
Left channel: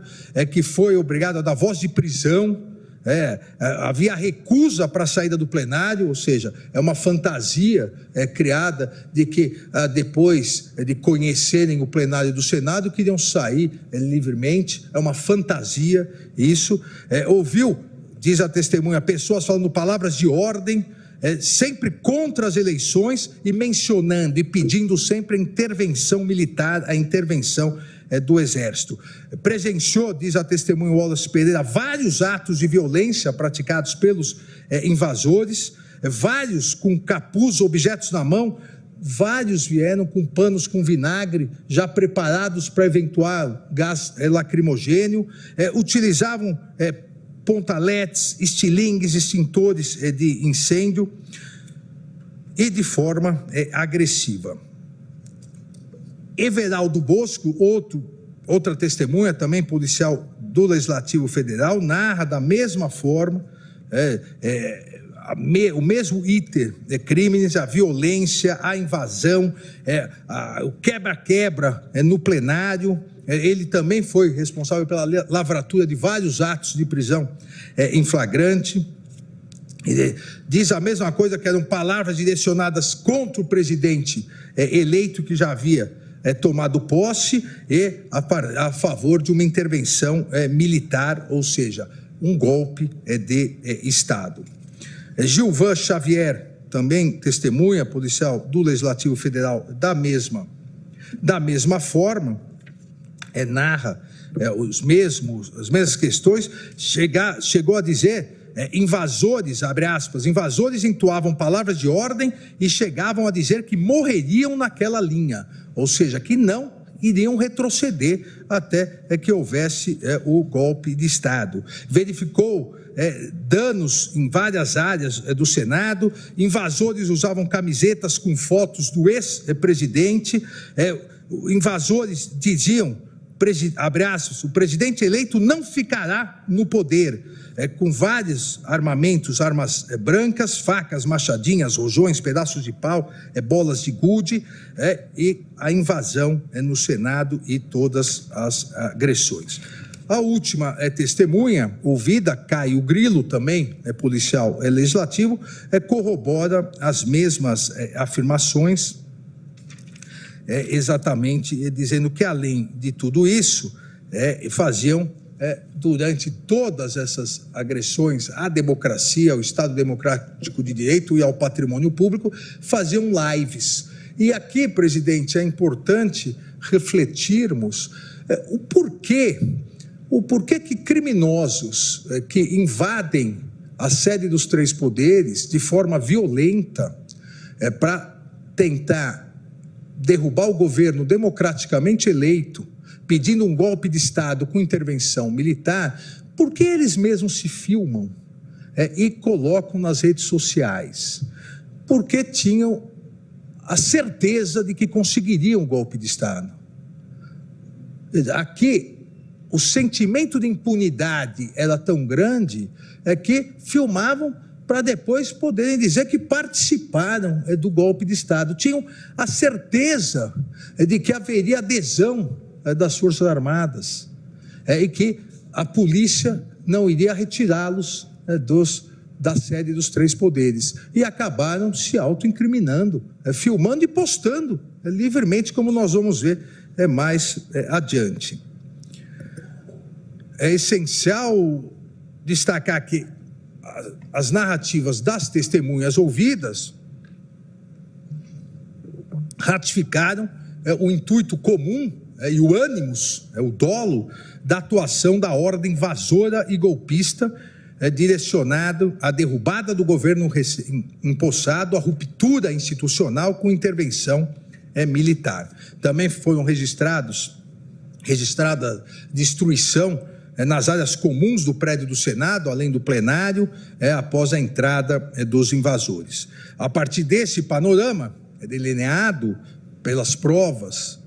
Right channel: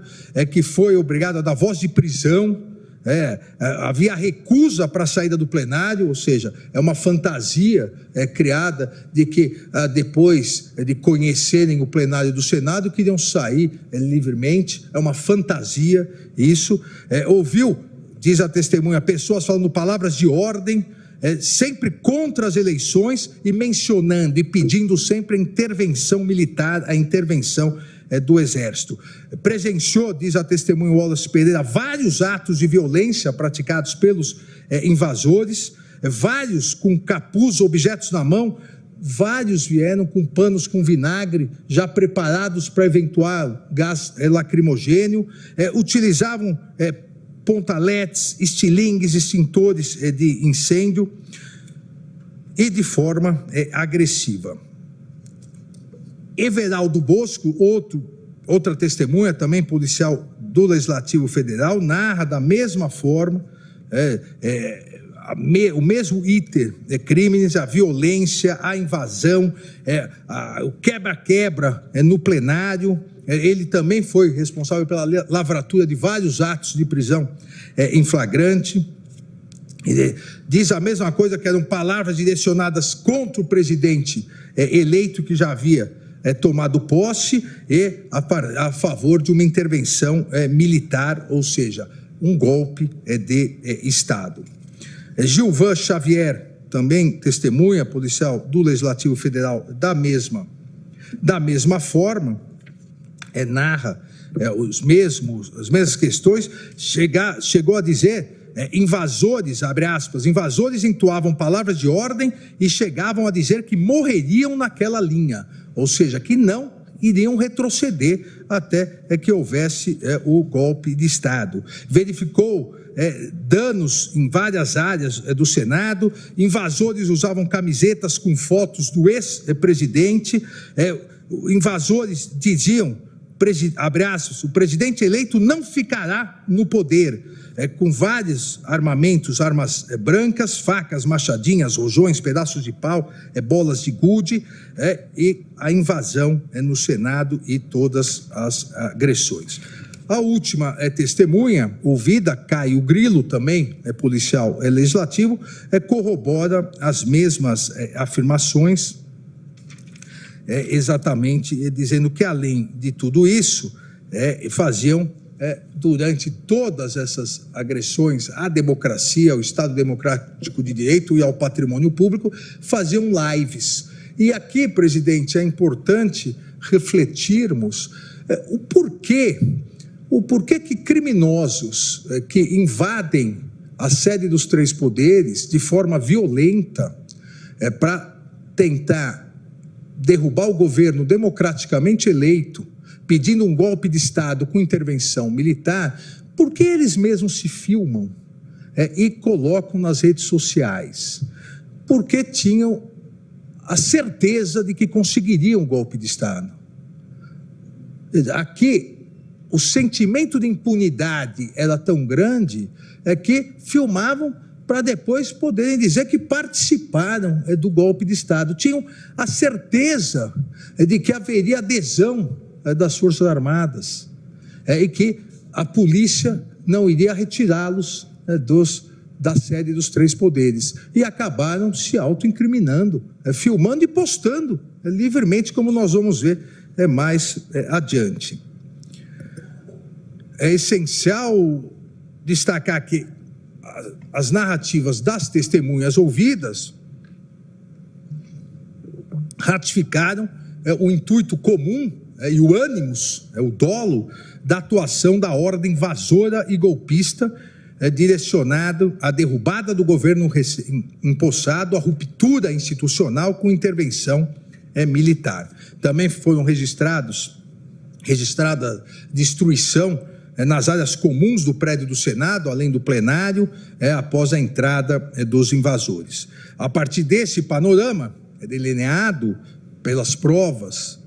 que foi obrigado a dar voz de prisão, havia recusa para a saída do plenário, ou seja, é uma fantasia criada de que depois de conhecerem o plenário do Senado, queriam sair livremente, é uma fantasia isso. Ouviu, diz a testemunha, pessoas falando palavras de ordem, sempre contra as eleições e mencionando e pedindo sempre a intervenção militar, a intervenção do Exército. Presenciou, diz a testemunha Wallace Pereira, vários atos de violência praticados pelos invasores, vários com capuz, objetos na mão, vários vieram com panos com vinagre, já preparados para eventual gás lacrimogênio, utilizavam pontaletes, estilingues, extintores de incêndio e de forma agressiva. Everaldo Bosco, outra testemunha, também policial do Legislativo Federal, narra da mesma forma o mesmo iter de crimes, a violência, a invasão, o quebra-quebra no plenário. Ele também foi responsável pela lavratura de vários atos de prisão em flagrante. Diz a mesma coisa, que eram palavras direcionadas contra o presidente eleito que já havia tomado posse e a favor de uma intervenção militar, ou seja, um golpe de Estado. Gilvan Xavier, também testemunha policial do Legislativo Federal, da mesma forma, narra as mesmas questões, chegou a dizer invasores, abre aspas, invasores entoavam palavras de ordem e chegavam a dizer que morreriam naquela linha, ou seja, que não iriam retroceder até que houvesse o golpe de Estado. Verificou danos em várias áreas do Senado, invasores usavam camisetas com fotos do ex-presidente, invasores diziam, abre aspas, o presidente eleito não ficará no poder, com vários armamentos, armas brancas, facas, machadinhas, rojões, pedaços de pau, bolas de gude, e a invasão no Senado e todas as agressões. A última testemunha, ouvida, Caio Grilo, também policial legislativo, corrobora as mesmas afirmações, exatamente dizendo que, além de tudo isso, faziam, durante todas essas agressões à democracia, ao Estado Democrático de Direito e ao patrimônio público, faziam lives. E aqui, presidente, é importante refletirmos o porquê que criminosos que invadem a sede dos três poderes de forma violenta para tentar derrubar o governo democraticamente eleito, pedindo um golpe de Estado com intervenção militar, por que eles mesmos se filmam e colocam nas redes sociais? Porque tinham a certeza de que conseguiriam um golpe de Estado. Aqui, o sentimento de impunidade era tão grande que filmavam para depois poderem dizer que participaram do golpe de Estado. Tinham a certeza de que haveria adesão das Forças Armadas e que a polícia não iria retirá-los da sede dos três poderes. E acabaram se autoincriminando, filmando e postando livremente, como nós vamos ver mais adiante. É essencial destacar que as narrativas das testemunhas ouvidas ratificaram o intuito comum e o ânimos, o dolo da atuação da ordem invasora e golpista direcionado à derrubada do governo empossado, à ruptura institucional com intervenção militar. Também foram registrada destruição nas áreas comuns do prédio do Senado, além do plenário, após a entrada dos invasores. A partir desse panorama, delineado pelas provas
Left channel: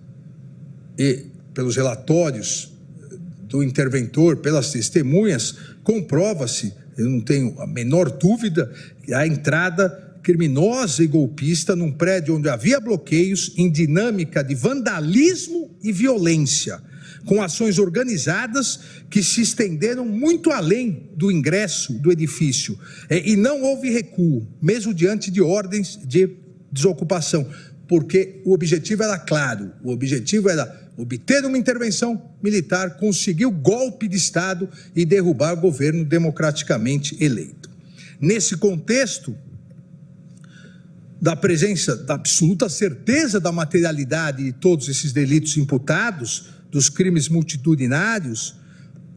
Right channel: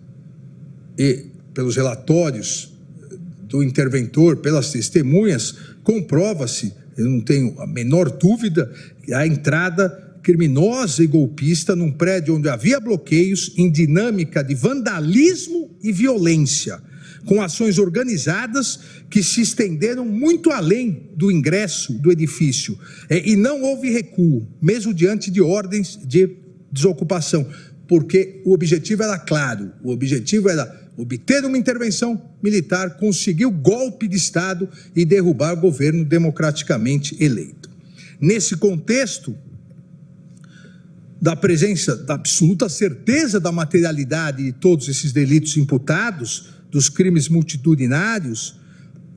e pelos relatórios do interventor, pelas testemunhas, comprova-se, eu não tenho a menor dúvida, a entrada criminosa e golpista num prédio onde havia bloqueios em dinâmica de vandalismo e violência, com ações organizadas que se estenderam muito além do ingresso do edifício, e não houve recuo, mesmo diante de ordens de desocupação, porque o objetivo era claro, o objetivo era obter uma intervenção militar, conseguir o golpe de Estado e derrubar o governo democraticamente eleito. Nesse contexto, da presença, da absoluta certeza da materialidade de todos esses delitos imputados, dos crimes multitudinários,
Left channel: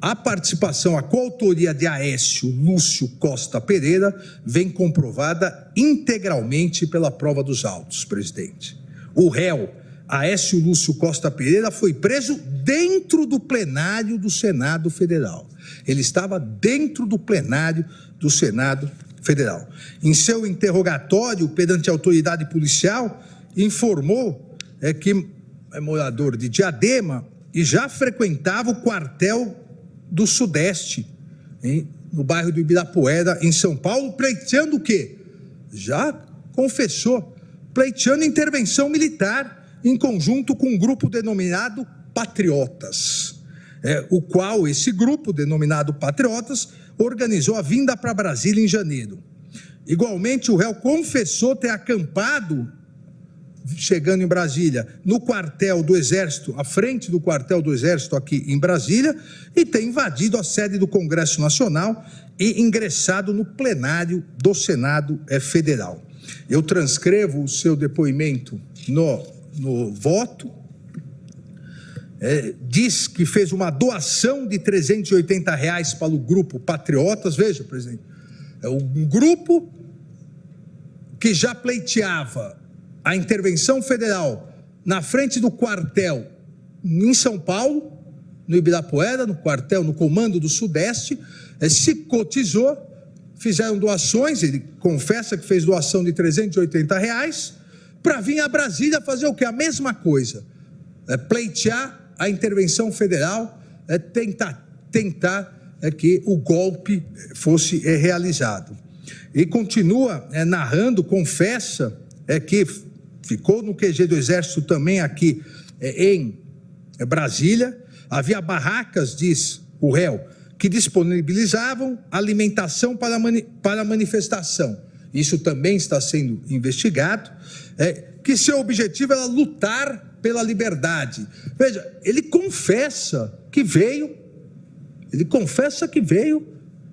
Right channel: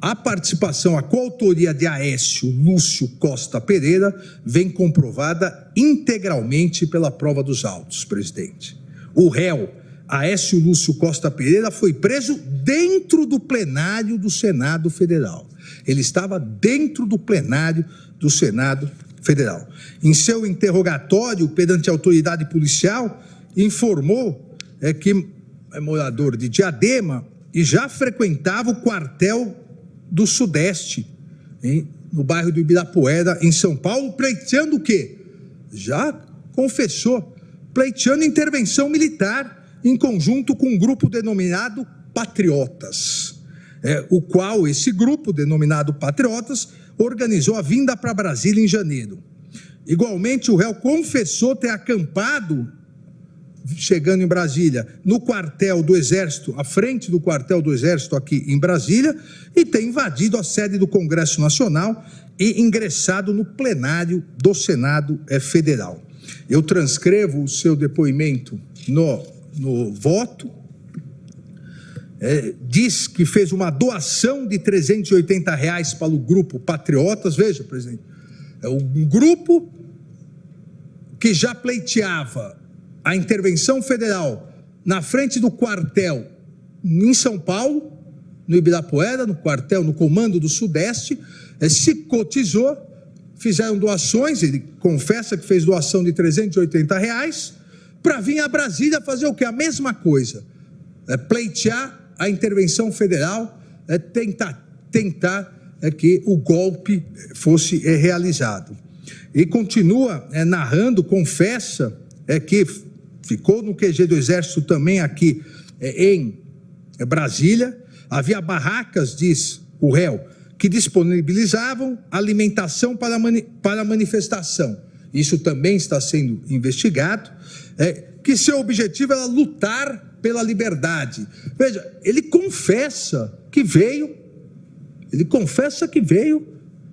a participação, a coautoria de Aécio Lúcio Costa Pereira vem comprovada integralmente pela prova dos autos, presidente. O réu, Aécio Lúcio Costa Pereira, foi preso dentro do plenário do Senado Federal. Ele estava dentro do plenário do Senado Federal. Em seu interrogatório perante a autoridade policial, informou que é morador de Diadema e já frequentava o quartel do Sudeste, no bairro do Ibirapuera, em São Paulo, pleiteando o quê? Já confessou, pleiteando intervenção militar em conjunto com um grupo denominado Patriotas, o qual esse grupo denominado Patriotas organizou a vinda para Brasília em janeiro. Igualmente, o réu confessou ter acampado, chegando em Brasília, no quartel do Exército, à frente do quartel do Exército aqui em Brasília, e ter invadido a sede do Congresso Nacional e ingressado no plenário do Senado Federal. Eu transcrevo o seu depoimento no voto. Diz que fez uma doação de R$380 para o grupo Patriotas. Veja, presidente, um grupo que já pleiteava a intervenção federal na frente do quartel em São Paulo, no Ibirapuera, no quartel, no comando do Sudeste, se cotizou, fizeram doações, ele confessa que fez doação de R$380, para vir a Brasília fazer o quê? A mesma coisa, pleitear a intervenção federal, tentar que o golpe fosse realizado. E continua narrando, confessa que ficou no QG do Exército também aqui em Brasília, havia barracas, diz o réu, que disponibilizavam alimentação para a manifestação. Isso também está sendo investigado, que seu objetivo era lutar pela liberdade. Veja, ele confessa que veio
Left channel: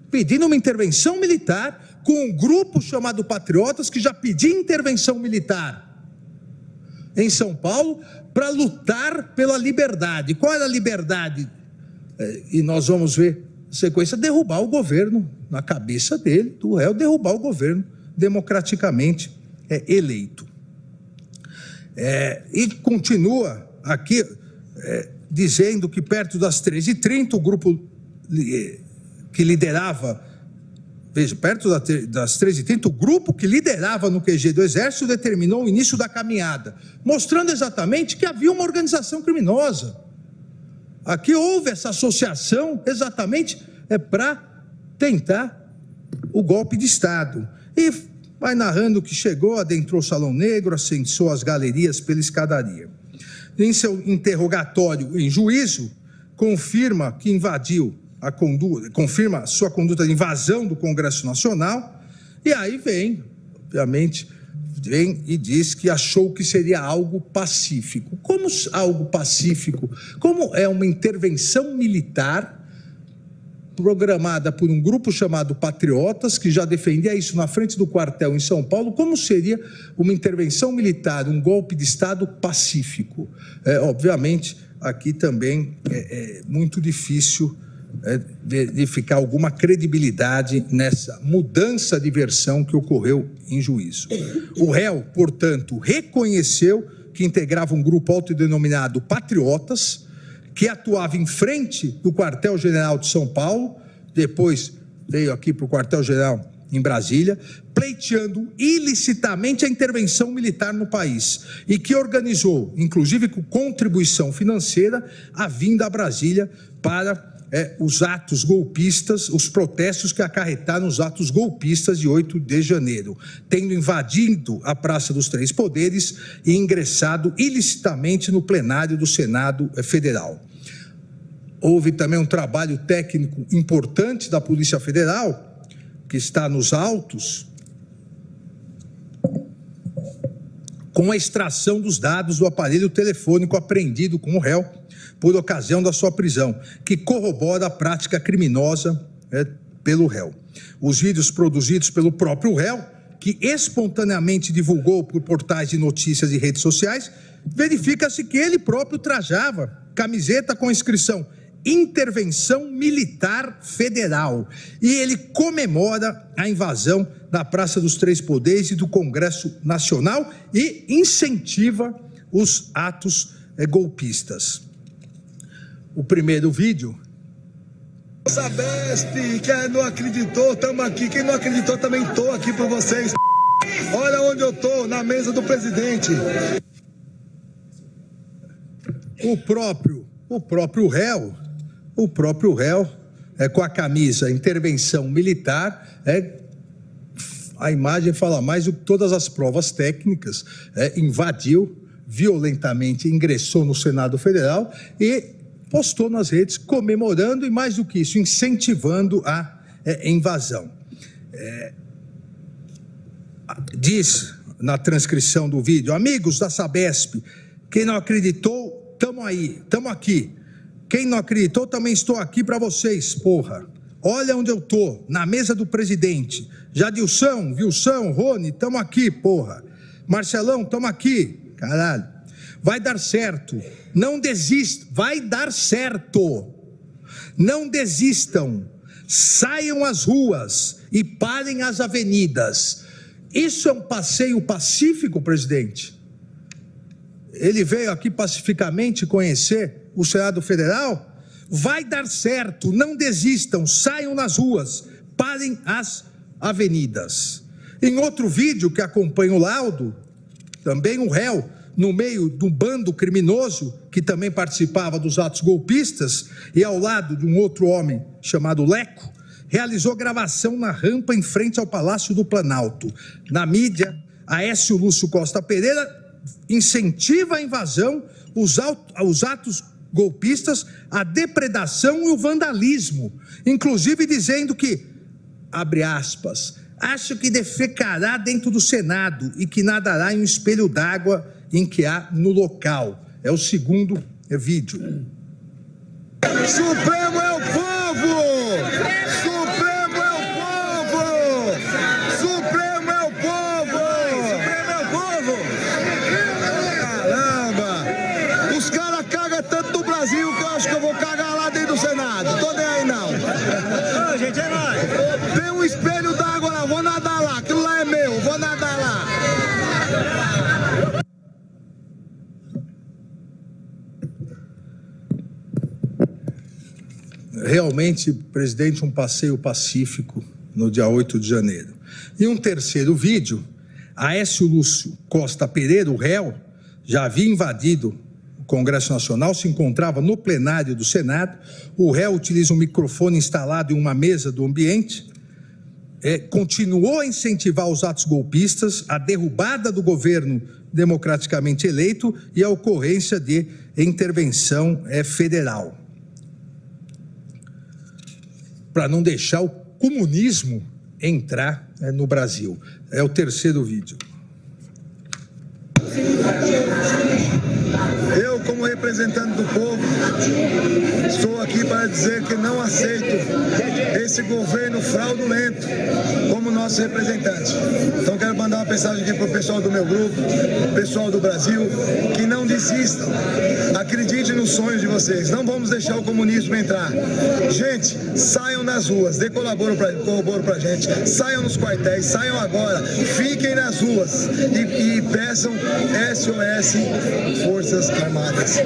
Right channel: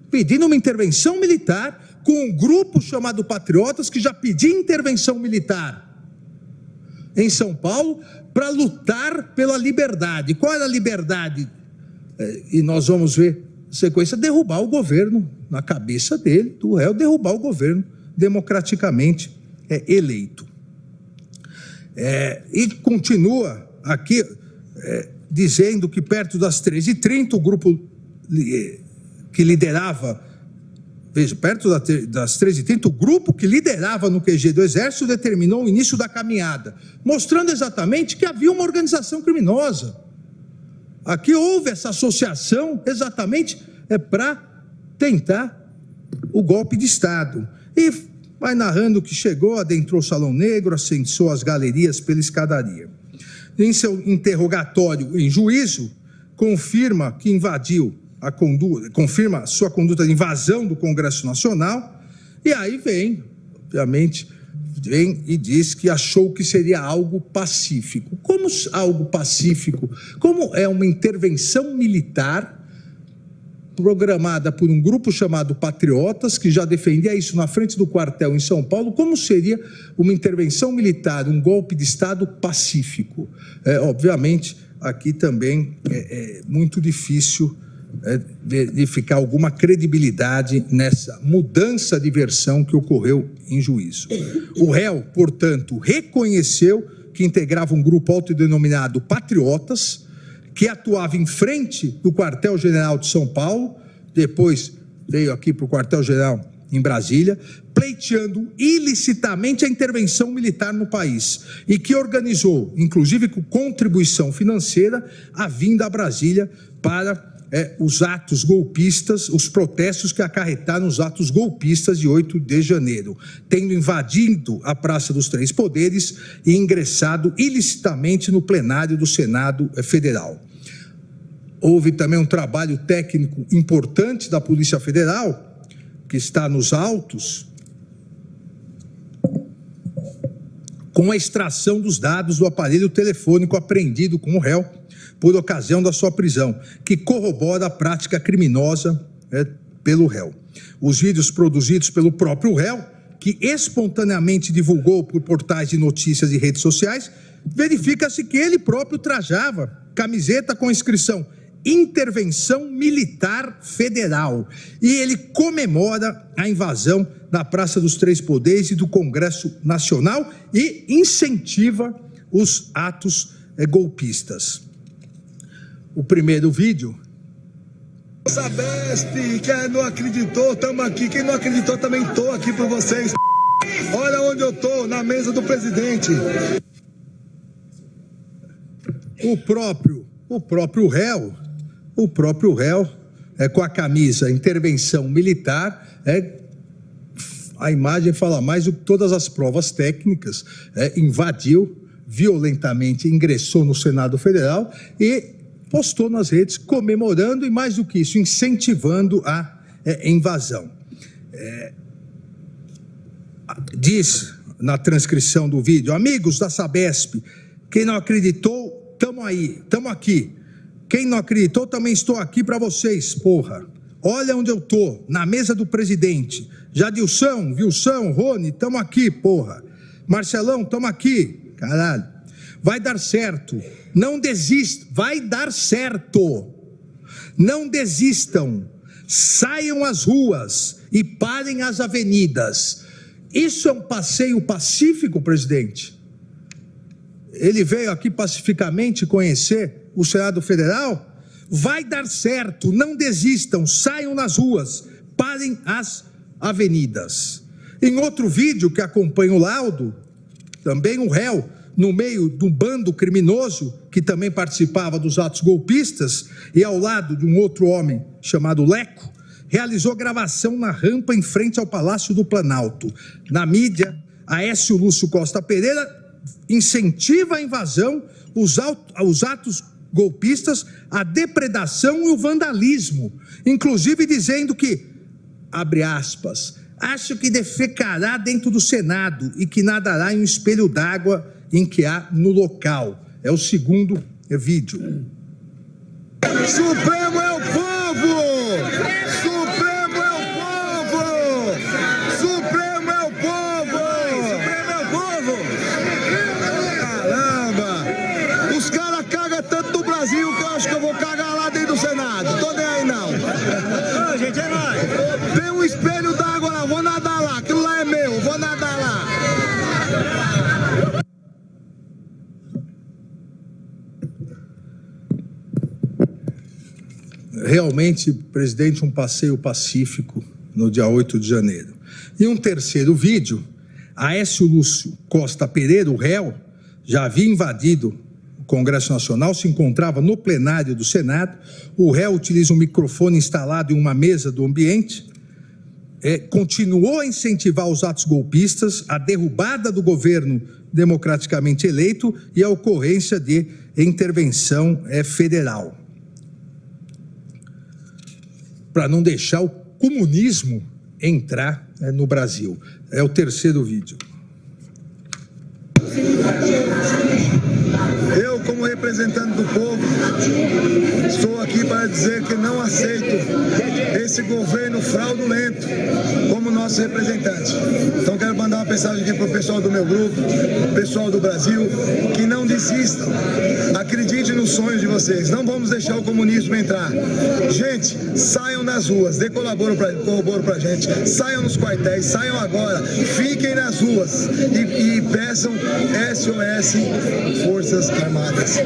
pedindo uma intervenção militar com um grupo chamado Patriotas que já pedia intervenção militar em São Paulo para lutar pela liberdade. Qual era a liberdade? E nós vamos ver a sequência: derrubar o governo, na cabeça dele, do réu, derrubar o governo democraticamente eleito. E continua aqui dizendo que perto das 13h30 o grupo que liderava, veja, perto das 13h30, o grupo que liderava no QG do Exército determinou o início da caminhada, mostrando exatamente que havia uma organização criminosa. Aqui houve essa associação exatamente para tentar o golpe de Estado. E vai narrando que chegou, adentrou o Salão Negro, ascensou as galerias pela escadaria. Em seu interrogatório em juízo, confirma que invadiu confirma sua conduta de invasão do Congresso Nacional, e aí vem, obviamente, e diz que achou que seria algo pacífico. Como algo pacífico? Como é uma intervenção militar programada por um grupo chamado Patriotas, que já defendia isso na frente do quartel em São Paulo, como seria uma intervenção militar, um golpe de Estado pacífico? Obviamente, aqui também é muito difícil verificar alguma credibilidade nessa mudança de versão que ocorreu em juízo. O réu, portanto, reconheceu que integrava um grupo autodenominado Patriotas, que atuava em frente do quartel-general de São Paulo, depois veio aqui para o quartel-general em Brasília, pleiteando ilicitamente a intervenção militar no país, e que organizou, inclusive com contribuição financeira, a vinda a Brasília para os atos golpistas, os protestos que acarretaram os atos golpistas de 8 de janeiro, tendo invadido a Praça dos Três Poderes e ingressado ilicitamente no plenário do Senado Federal. Houve também um trabalho técnico importante da Polícia Federal, que está nos autos, com a extração dos dados do aparelho telefônico apreendido com o réu por ocasião da sua prisão, que corrobora a prática criminosa pelo réu. Os vídeos produzidos pelo próprio réu, que espontaneamente divulgou por portais de notícias e redes sociais, verifica-se que ele próprio trajava camiseta com a inscrição Intervenção Militar Federal, e ele comemora a invasão na Praça dos Três Poderes e do Congresso Nacional e incentiva os atos golpistas. O primeiro vídeo. Sabesp, quem não acreditou, estamos aqui. Quem não acreditou, também estou aqui para vocês. Olha onde eu estou, na mesa do presidente. O próprio réu, com a camisa Intervenção Militar, a imagem fala mais do que todas as provas técnicas, invadiu violentamente, ingressou no Senado Federal e postou nas redes comemorando e, mais do que isso, incentivando a invasão. Diz na transcrição do vídeo: amigos da Sabesp, quem não acreditou, estamos aqui. Quem não acreditou, também estou aqui para vocês, porra. Olha onde eu tô, na mesa do presidente. Jadilson, Wilson, Rony, estamos aqui, porra. Marcelão, estamos aqui, caralho. Vai dar certo. Não desistam, vai dar certo. Não desistam. Saiam às ruas. e parem as avenidas. Isso é um passeio pacífico, presidente? Ele veio aqui pacificamente conhecer o Senado Federal? Vai dar certo, não desistam, saiam nas ruas, parem as avenidas. Em outro vídeo que acompanha o laudo, também um réu, no meio do bando criminoso, que também participava dos atos golpistas, e ao lado de um outro homem chamado Leco, realizou gravação na rampa em frente ao Palácio do Planalto. Na mídia, Aécio Lúcio Costa Pereira incentiva a invasão, os atos golpistas, a depredação e o vandalismo, inclusive dizendo que, abre aspas, acho que defecará dentro do Senado e que nadará em um espelho d'água em que há no local. É o segundo vídeo. Supremo é o povo! Supremo é o povo! Supremo é o povo! Supremo é o povo! Caramba! Os caras cagam tanto no Brasil que eu acho que eu vou cagar lá dentro do Senado. Tô nem aí, não. Não, gente, é nóis. Tem um espelho d'água lá, vou nadar lá. Aquilo lá é meu, vou nadar lá. Realmente, presidente, um passeio pacífico no dia 8 de janeiro. E um terceiro vídeo, Aécio Lúcio Costa Pereira, o réu, já havia invadido o Congresso Nacional, se encontrava no plenário do Senado. O réu utiliza um microfone instalado em uma mesa do ambiente, continuou a incentivar os atos golpistas, a derrubada do governo democraticamente eleito e a ocorrência de intervenção federal, para não deixar o comunismo entrar no Brasil. É o terceiro vídeo. Eu, como representante do povo, estou aqui para dizer que não aceito esse governo fraudulento como nosso representante. Então quero mandar uma mensagem aqui para o pessoal do meu grupo, pessoal do Brasil, que não desistam. Acreditem nos sonhos de vocês. Não vamos deixar o comunismo entrar. Gente, saiam nas ruas, dê corroboro pra gente, saiam nos quartéis, saiam agora, fiquem nas ruas e peçam SOS Forças Armadas.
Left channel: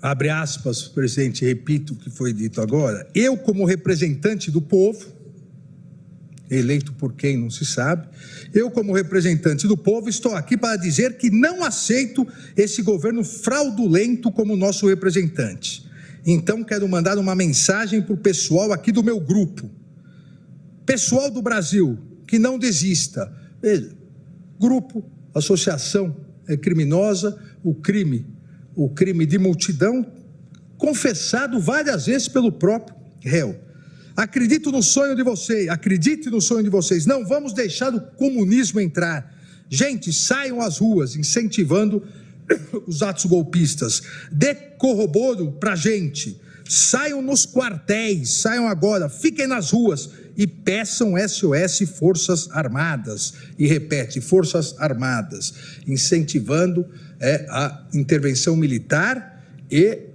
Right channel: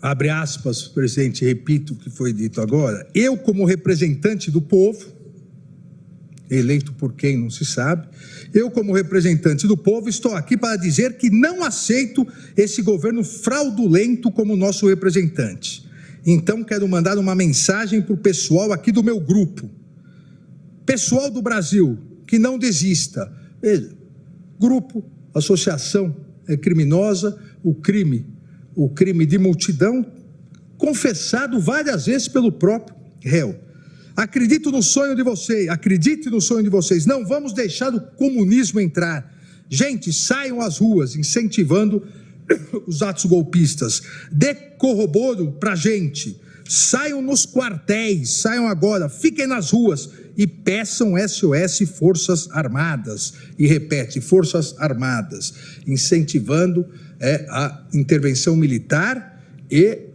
Abre aspas, presidente, repito o que foi dito agora. Eu, como representante do povo, eleito por quem não se sabe, eu, como representante do povo, estou aqui para dizer que não aceito esse governo fraudulento como nosso representante. Então, quero mandar uma mensagem para o pessoal aqui do meu grupo. Pessoal do Brasil, que não desista. Grupo, associação criminosa, o crime de multidão, confessado várias vezes pelo próprio réu. Acredite no sonho de vocês, não vamos deixar o comunismo entrar. Gente, saiam às ruas, incentivando os atos golpistas. Dê corroboro para a gente, saiam nos quartéis, saiam agora, fiquem nas ruas e peçam SOS Forças Armadas. E repete, Forças Armadas, incentivando a intervenção militar e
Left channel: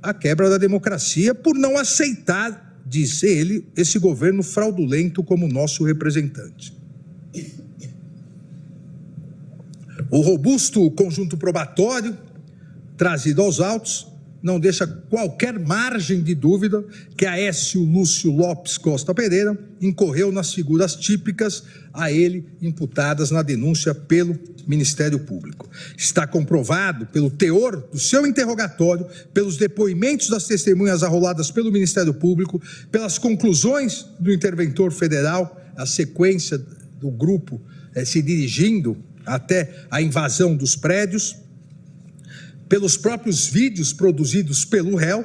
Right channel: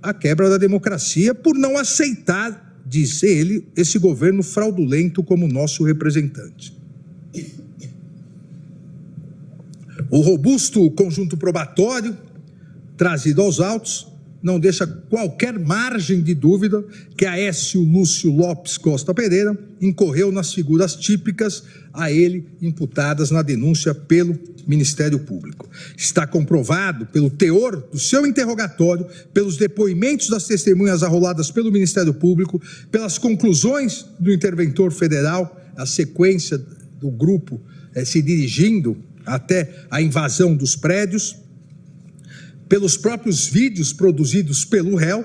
a quebra da democracia por não aceitar, disse ele, esse governo fraudulento como nosso representante. O robusto conjunto probatório trazido aos autos não deixa qualquer margem de dúvida que Aécio Lúcio Lopes Costa Pereira incorreu nas figuras típicas a ele imputadas na denúncia pelo Ministério Público. Está comprovado pelo teor do seu interrogatório, pelos depoimentos das testemunhas arroladas pelo Ministério Público, pelas conclusões do interventor federal, a sequência do grupo se dirigindo até a invasão dos prédios, pelos próprios vídeos produzidos pelo réu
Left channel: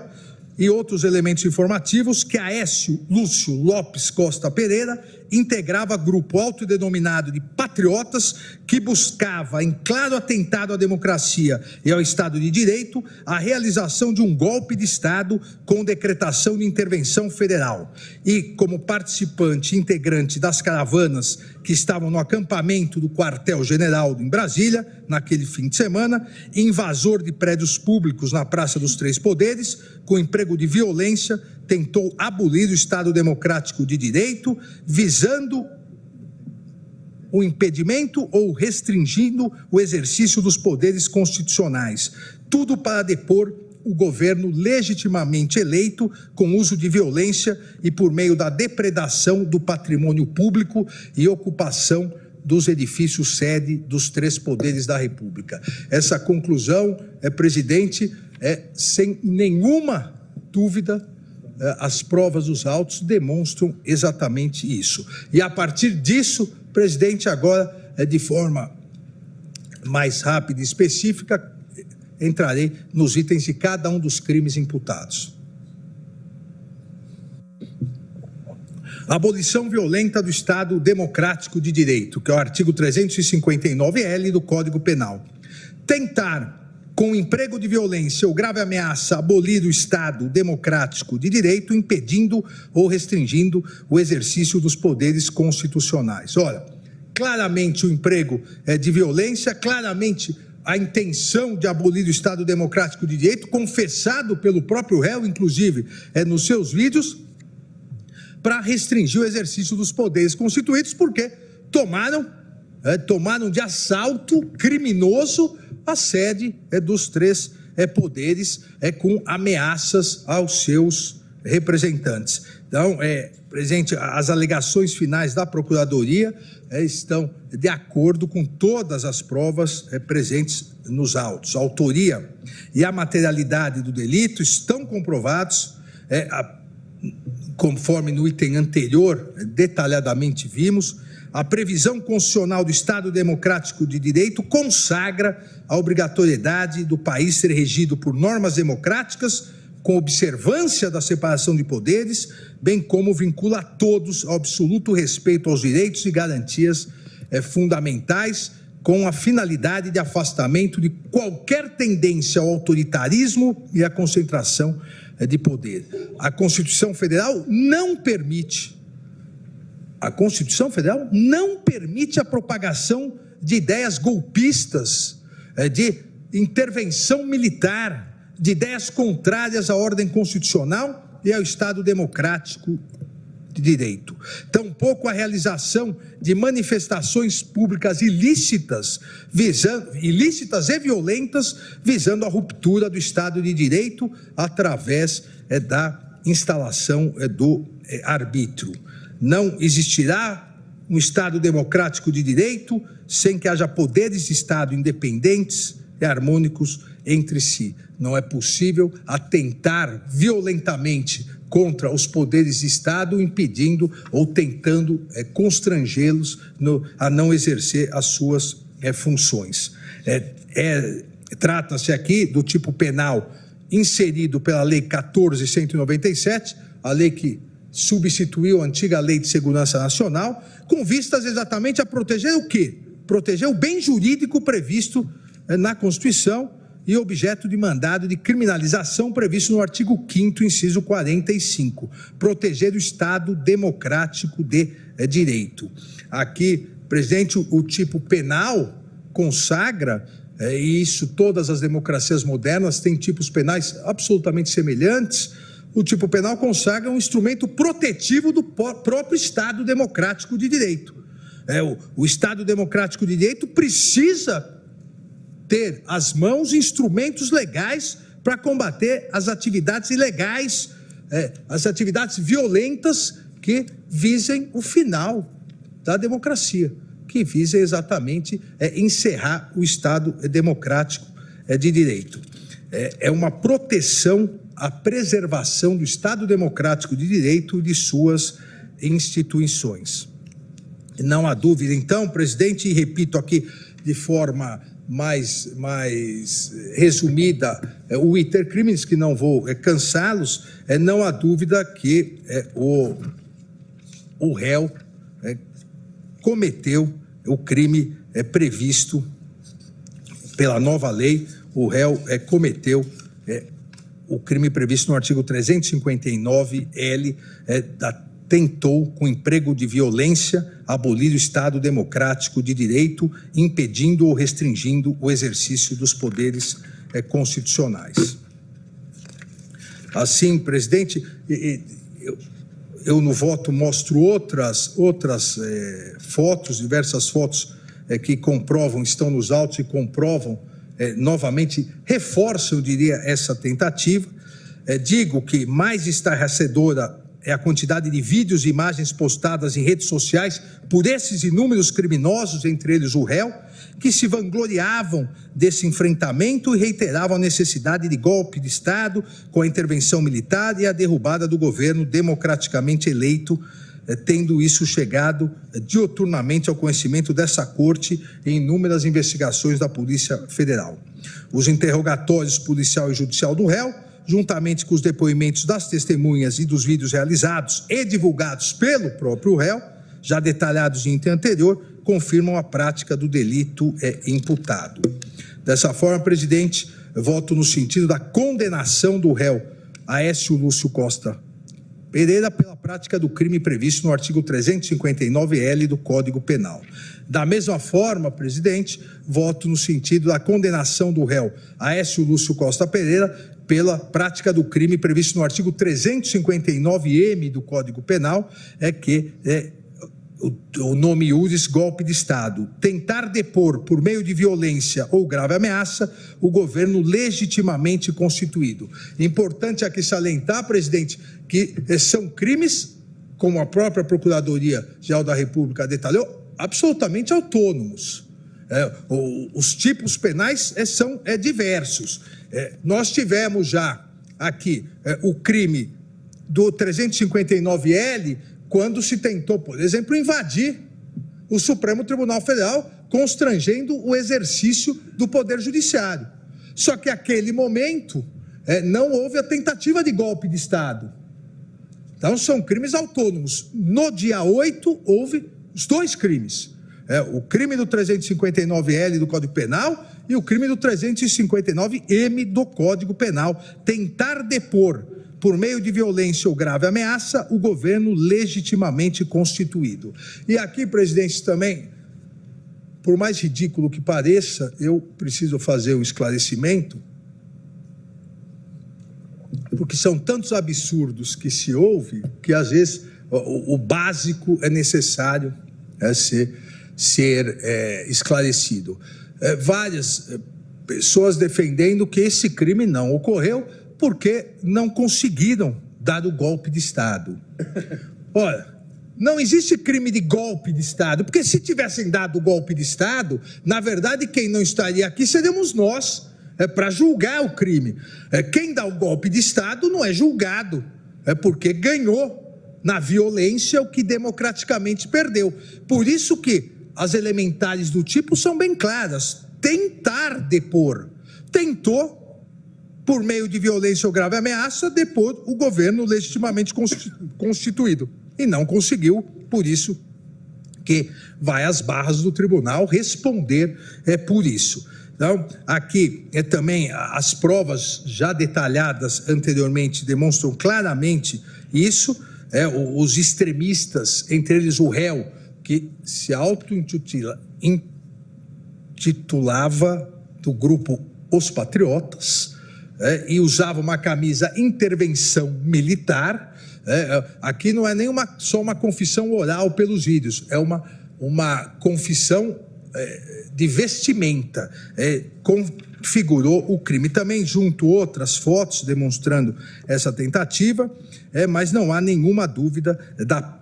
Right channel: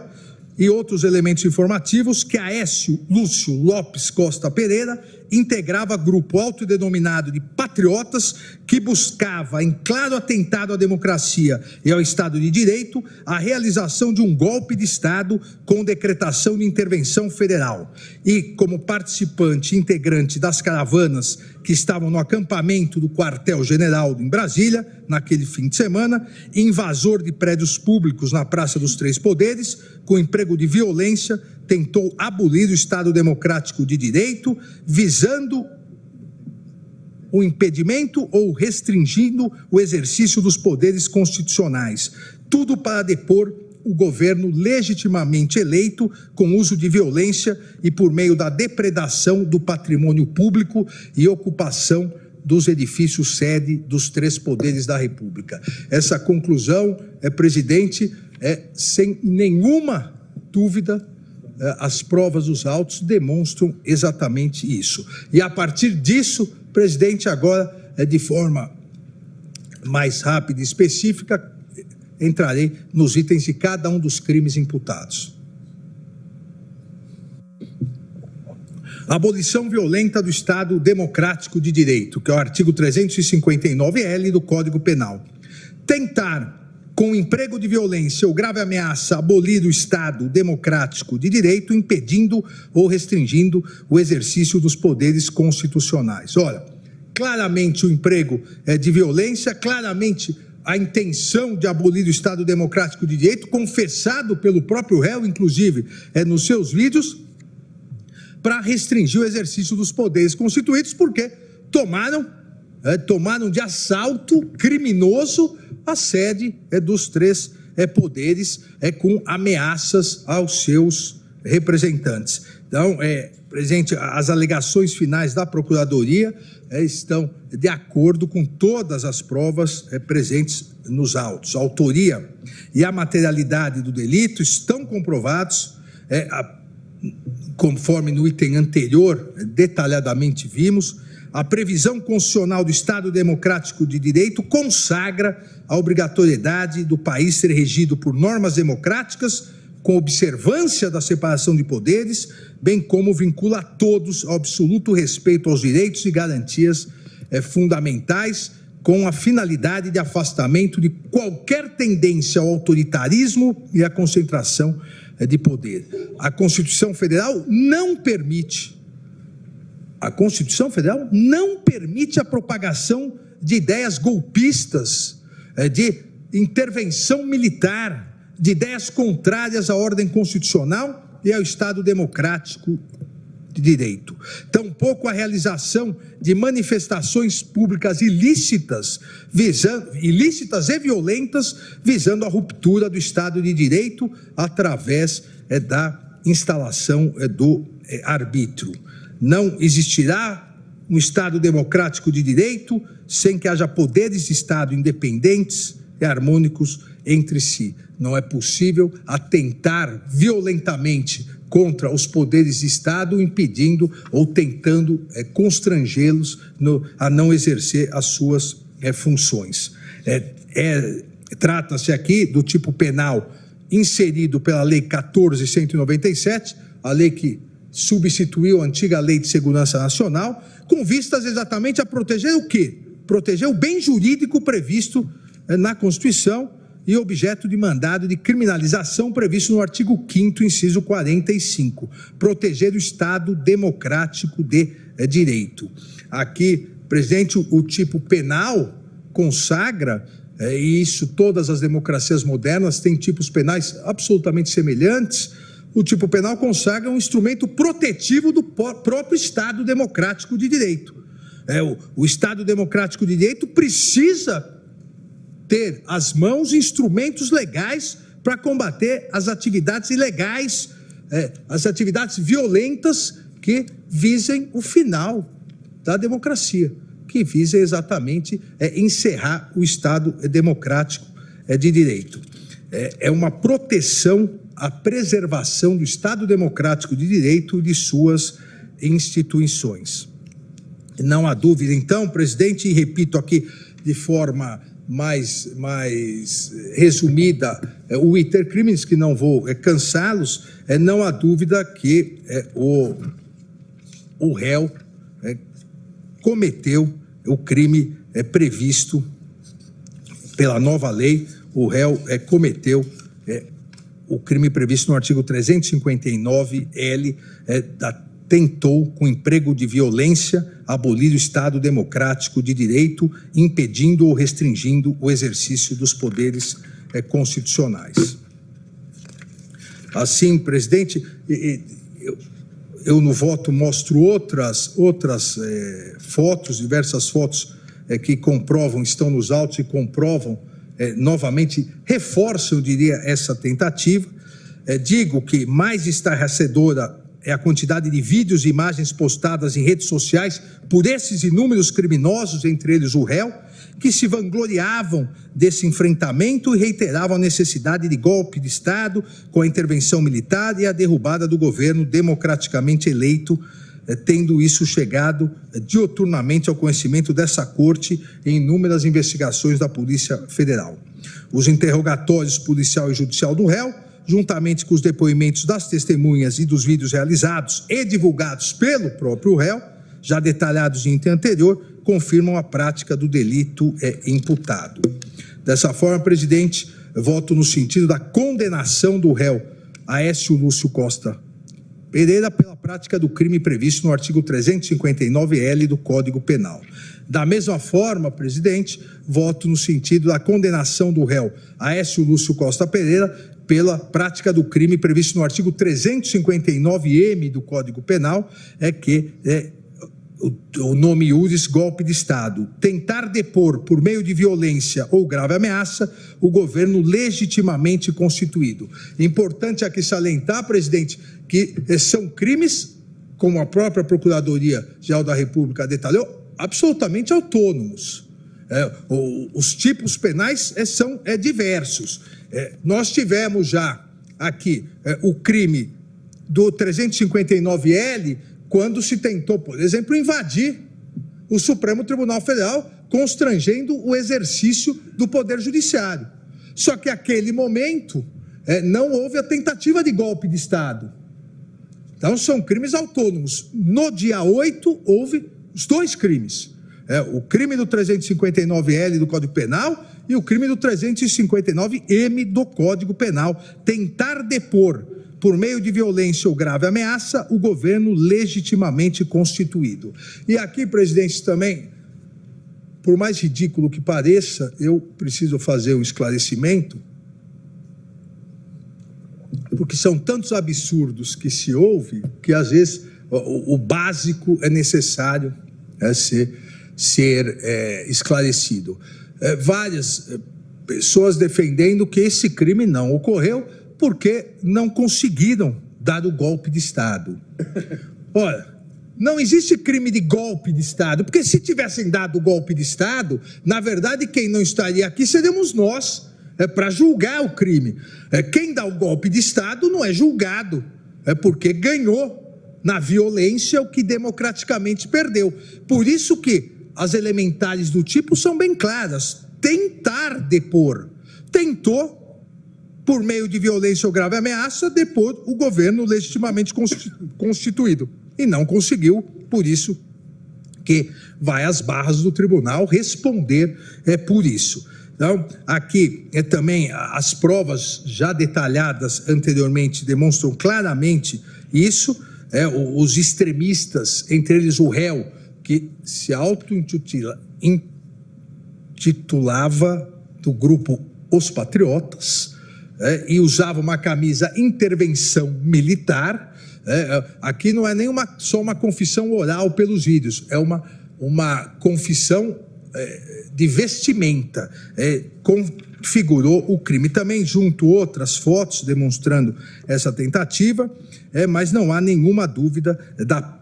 e outros elementos informativos que Aécio Lúcio Lopes Costa Pereira integrava grupo autodenominado de patriotas que buscava, em claro atentado à democracia e ao Estado de Direito, a realização de um golpe de Estado com decretação de intervenção federal. E, como participante integrante das caravanas que estavam no acampamento do quartel-general em Brasília, naquele fim de semana, invasor de prédios públicos na Praça dos Três Poderes, com emprego de violência, tentou abolir o Estado Democrático de Direito, visando o impedimento ou restringindo o exercício dos poderes constitucionais. Tudo para depor o governo legitimamente eleito com uso de violência e por meio da depredação do patrimônio público e ocupação dos edifícios sede dos 3 poderes da República. Essa conclusão, presidente, sem nenhuma dúvida, as provas dos autos demonstram exatamente isso. E a partir disso, presidente, agora, de forma mais rápida e específica, entrarei nos itens de cada um dos crimes imputados. Abolição violenta do Estado Democrático de Direito, que é o artigo 359-L do Código Penal. Tentar, com emprego de violência ou grave ameaça, abolir o Estado Democrático de Direito, impedindo ou restringindo o exercício dos poderes constitucionais. Olha, claramente o emprego de violência, claramente a intenção de abolir o Estado Democrático de Direito, confessado pelo próprio réu, inclusive, nos seus vídeos, para restringir o exercício dos poderes constituídos, porque tomaram de assalto criminoso a sede dos 3 poderes com ameaças aos seus representantes. Então, presidente, as alegações finais da Procuradoria estão de acordo com todas as provas presentes nos autos. A autoria e a materialidade do delito estão comprovados, conforme no item anterior detalhadamente vimos. A previsão constitucional do Estado Democrático de Direito consagra a obrigatoriedade do país ser regido por normas democráticas, com observância da separação de poderes, bem como vincula a todos ao absoluto respeito aos direitos e garantias fundamentais, com a finalidade de afastamento de qualquer tendência ao autoritarismo e à concentração de poder. A Constituição Federal não permite a propagação de ideias golpistas, de intervenção militar, de ideias contrárias à ordem constitucional e ao Estado Democrático de Direito. Tampouco a realização de manifestações públicas ilícitas e violentas, visando a ruptura do Estado de Direito através da instalação do arbítrio. Não existirá um Estado democrático de direito sem que haja poderes de Estado independentes e harmônicos entre si. Não é possível atentar violentamente contra os poderes de Estado, impedindo ou tentando constrangê-los a não exercer as suas funções. Trata-se aqui do tipo penal inserido pela Lei 14.197, a lei que substituiu a antiga Lei de Segurança Nacional, com vistas exatamente a proteger o quê? Proteger o bem jurídico previsto na Constituição e objeto de mandado de criminalização previsto no artigo 5º, inciso 45, proteger o Estado Democrático de Direito. Aqui, presidente, o tipo penal consagra, e isso todas as democracias modernas têm tipos penais absolutamente semelhantes. O tipo penal consagra um instrumento protetivo do próprio Estado Democrático de Direito. O Estado Democrático de Direito precisa ter às mãos instrumentos legais para combater as atividades ilegais, as atividades violentas que visem o final da democracia, que visem exatamente encerrar o Estado Democrático de Direito. É uma proteção à preservação do Estado Democrático de Direito e de suas instituições. Não há dúvida, então, presidente, e repito aqui de forma mais resumida o iter crimes, que não vou cansá-los, não há dúvida que o réu cometeu o crime previsto pela nova lei. O réu cometeu o crime previsto no artigo 359-L, tentou, com emprego de violência, abolir o Estado Democrático de Direito, impedindo ou restringindo o exercício dos poderes constitucionais. Assim, presidente, eu no voto mostro outras fotos, diversas fotos que comprovam, estão nos autos e comprovam, novamente, reforçam, eu diria, essa tentativa. Digo que mais estarrecedora é a quantidade de vídeos e imagens postadas em redes sociais por esses inúmeros criminosos, entre eles o réu, que se vangloriavam desse enfrentamento e reiteravam a necessidade de golpe de Estado com a intervenção militar e a derrubada do governo democraticamente eleito, tendo isso chegado diuturnamente ao conhecimento dessa corte em inúmeras investigações da Polícia Federal. Os interrogatórios policial e judicial do réu, juntamente com os depoimentos das testemunhas e dos vídeos realizados e divulgados pelo próprio réu, já detalhados em item anterior, confirmam a prática do delito imputado. Dessa forma, presidente, voto no sentido da condenação do réu Aécio Lúcio Costa Pereira pela prática do crime previsto no artigo 359-L do Código Penal. Da mesma forma, presidente, voto no sentido da condenação do réu Aécio Lúcio Costa Pereira pela prática do crime previsto no artigo 359-M do Código Penal, o nome iuris, golpe de Estado, tentar depor por meio de violência ou grave ameaça o governo legitimamente constituído. Importante aqui salientar, presidente, que são crimes, como a própria Procuradoria-Geral da República detalhou, absolutamente autônomos. Os tipos penais são diversos. Nós tivemos já aqui o crime do 359-L, quando se tentou, por exemplo, invadir o Supremo Tribunal Federal, constrangendo o exercício do Poder Judiciário. Só que naquele momento não houve a tentativa de golpe de Estado. Então, são crimes autônomos. No dia 8, houve os dois crimes. O crime do 359-L do Código Penal e o crime do 359-M do Código Penal. Tentar depor por meio de violência ou grave ameaça, o governo legitimamente constituído. E aqui, presidente, também, por mais ridículo que pareça, eu preciso fazer um esclarecimento, porque são tantos absurdos que se ouve, que às vezes o básico é necessário ser esclarecido. Várias pessoas defendendo que esse crime não ocorreu, porque não conseguiram dar o golpe de Estado. Ora, não existe crime de golpe de Estado, porque se tivessem dado o golpe de Estado, na verdade, quem não estaria aqui seríamos nós, para julgar o crime. Quem dá o golpe de Estado não é julgado, porque ganhou na violência o que democraticamente perdeu. Por isso que as elementares do tipo são bem claras. Tentar depor. Tentou, por meio de violência ou grave ameaça, depor o governo legitimamente constituído. E não conseguiu, por isso que vai às barras do tribunal responder por isso. Então, aqui também as provas já detalhadas anteriormente demonstram claramente isso. Os extremistas, entre eles o réu, que se auto-intitulava do grupo Os Patriotas, e usava uma camisa intervenção militar. Aqui não é nem só uma confissão oral pelos vídeos, é uma confissão de vestimenta, configurou o crime. Também junto outras fotos demonstrando essa tentativa, mas não há nenhuma dúvida da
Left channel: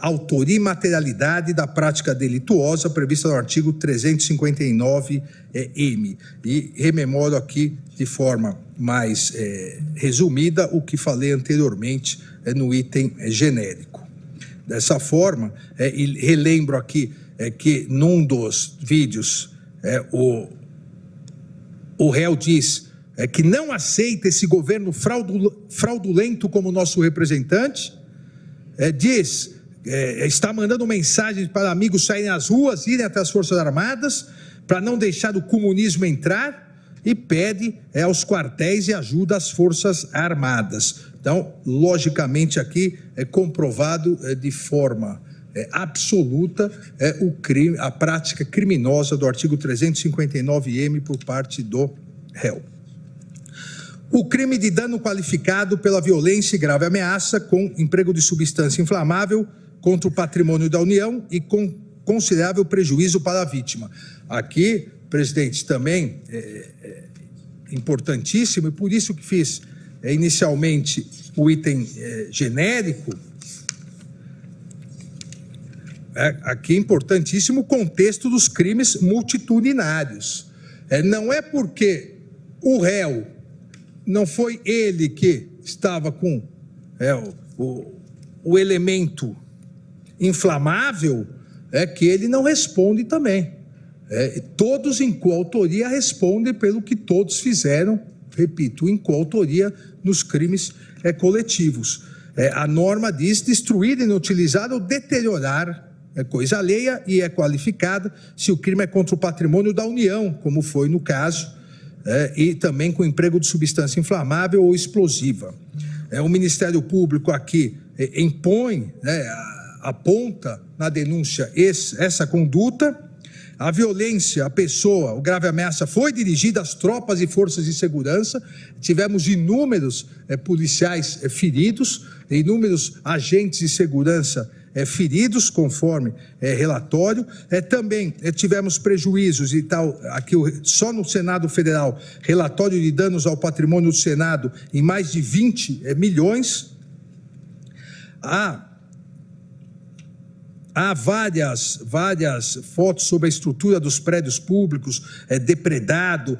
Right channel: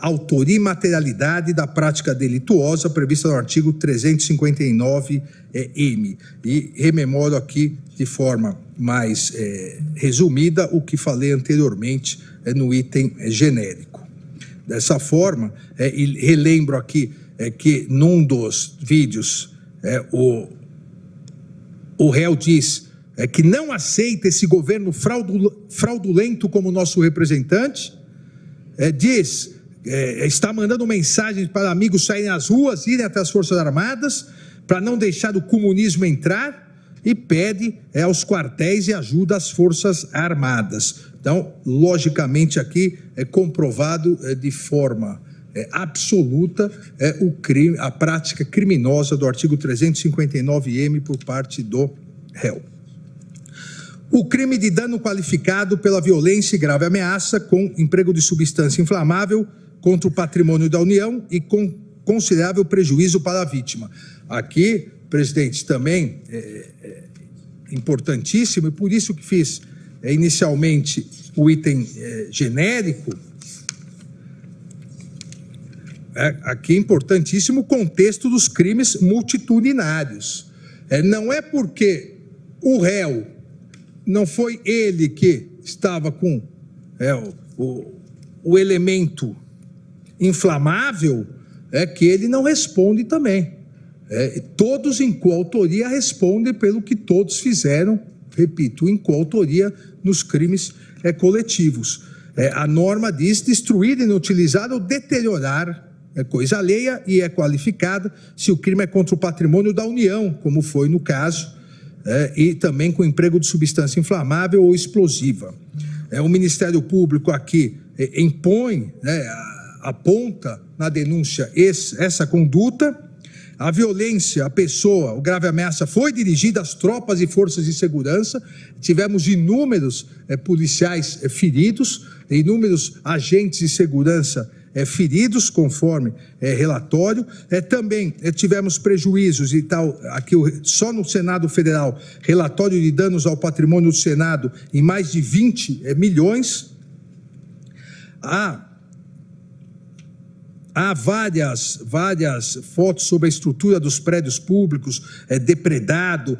autoria e materialidade da prática delituosa prevista no artigo 359-M. E rememoro aqui de forma mais resumida o que falei anteriormente no item genérico. Dessa forma, e relembro aqui que num dos vídeos o réu diz que não aceita esse governo fraudulento como nosso representante, diz, está mandando mensagens para amigos saírem às ruas, irem até as Forças Armadas, para não deixar o comunismo entrar, e pede aos quartéis e ajuda às Forças Armadas. Então, logicamente, aqui é comprovado de forma absoluta o crime, a prática criminosa do artigo 359-M por parte do réu. O crime de dano qualificado pela violência e grave ameaça com emprego de substância inflamável contra o patrimônio da União e com considerável prejuízo para a vítima. Aqui, presidente, também importantíssimo, e por isso que fiz inicialmente o item genérico. Aqui é importantíssimo o contexto dos crimes multitudinários. Não é porque o réu não foi ele que estava com o elemento inflamável, que ele não responde também. Todos em coautoria respondem pelo que todos fizeram, repito, em coautoria nos crimes coletivos. A norma diz destruir, inutilizar ou deteriorar coisa alheia e é qualificada se o crime é contra o patrimônio da União, como foi no caso, e também com emprego de substância inflamável ou explosiva. O Ministério Público aqui impõe, aponta na denúncia essa conduta. A violência, a pessoa, o grave ameaça foi dirigida às tropas e forças de segurança. Tivemos inúmeros policiais feridos, inúmeros agentes de segurança feridos, conforme relatório. Também tivemos prejuízos e tal, aqui só no Senado Federal, relatório de danos ao patrimônio do Senado em mais de 20 milhões. Há várias fotos sobre a estrutura dos prédios públicos, depredado,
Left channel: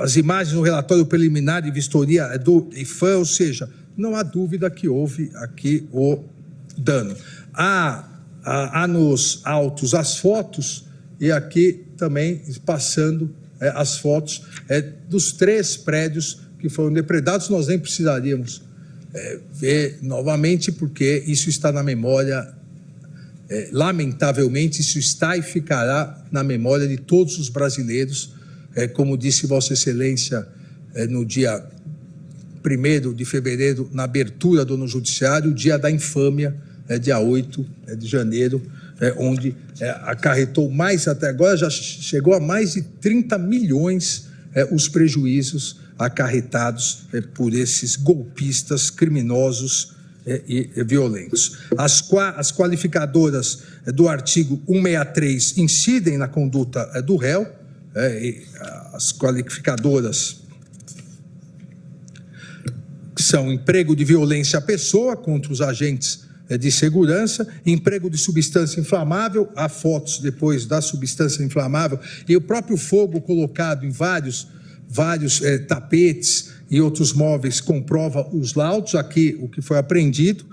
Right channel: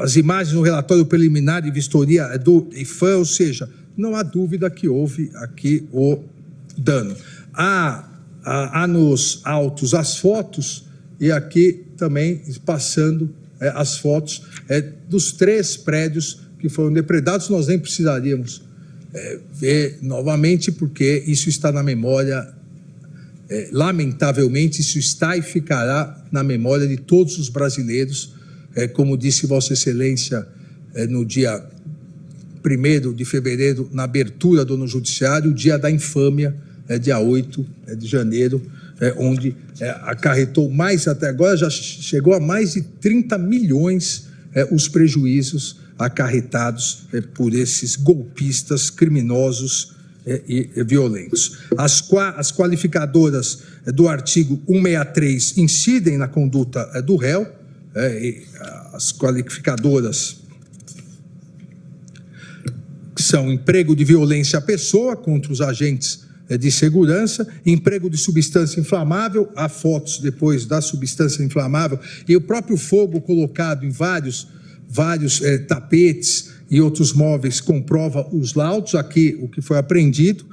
as imagens no relatório preliminar de vistoria do IFAM, ou seja, não há dúvida que houve aqui o dano. Há nos autos as fotos, e aqui também passando as fotos dos 3 prédios que foram depredados. Nós nem precisaríamos ver novamente, porque isso está na memória, lamentavelmente, isso está e ficará na memória de todos os brasileiros, como disse Vossa Excelência no dia 1º de fevereiro, na abertura do Judiciário, o dia da infâmia, dia 8 de janeiro, onde acarretou mais, até agora já chegou a mais de 30 milhões os prejuízos acarretados por esses golpistas criminosos e violentos. As qualificadoras do artigo 163 incidem na conduta do réu, as qualificadoras são emprego de violência à pessoa contra os agentes de segurança, emprego de substância inflamável, há fotos depois da substância inflamável, e o próprio fogo colocado em vários tapetes e outros móveis comprova os laudos. Aqui o que foi apreendido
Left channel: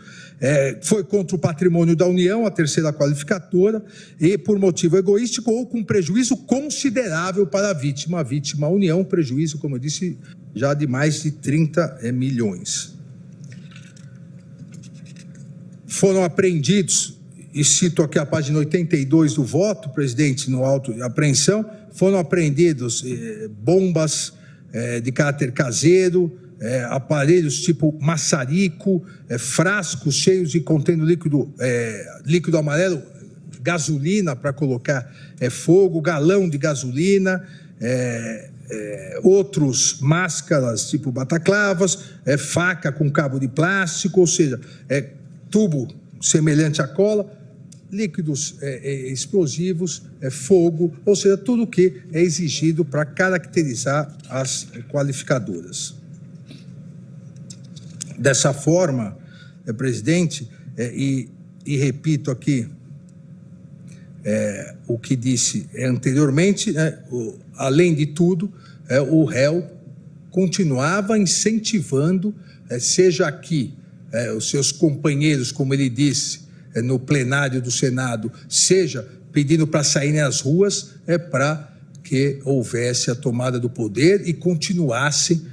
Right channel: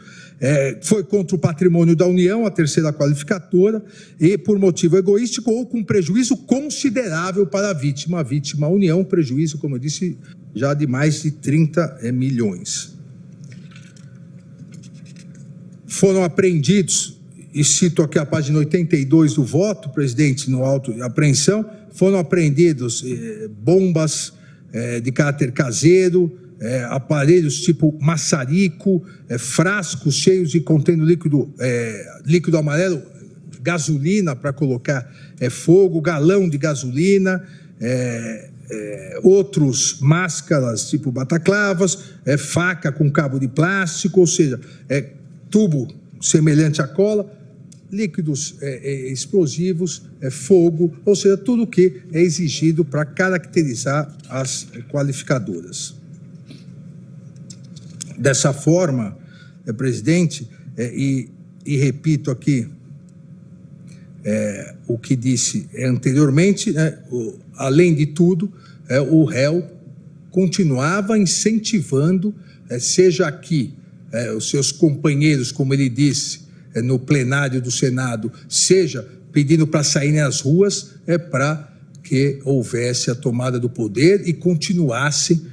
foi contra o patrimônio da União, a terceira qualificadora, e por motivo egoístico ou com prejuízo considerável para a vítima. A vítima, a União, prejuízo, como eu disse, já de mais de 30 milhões. Foram apreendidos, e cito aqui a página 82 do voto, presidente, no auto de apreensão, foram apreendidos bombas de caráter caseiro, aparelhos tipo maçarico, frascos cheios de contendo líquido amarelo, gasolina para colocar fogo, galão de gasolina, outros máscaras tipo bataclavas, faca com cabo de plástico, ou seja, tubo semelhante à cola, líquidos explosivos, fogo, ou seja, tudo o que é exigido para caracterizar as qualificadoras. Dessa forma, presidente, e repito aqui o que disse anteriormente, além de tudo, o réu continuava incentivando, seja aqui, os seus companheiros, como ele disse, no plenário do Senado, seja pedindo para saírem às ruas, para que houvesse a tomada do poder e continuassem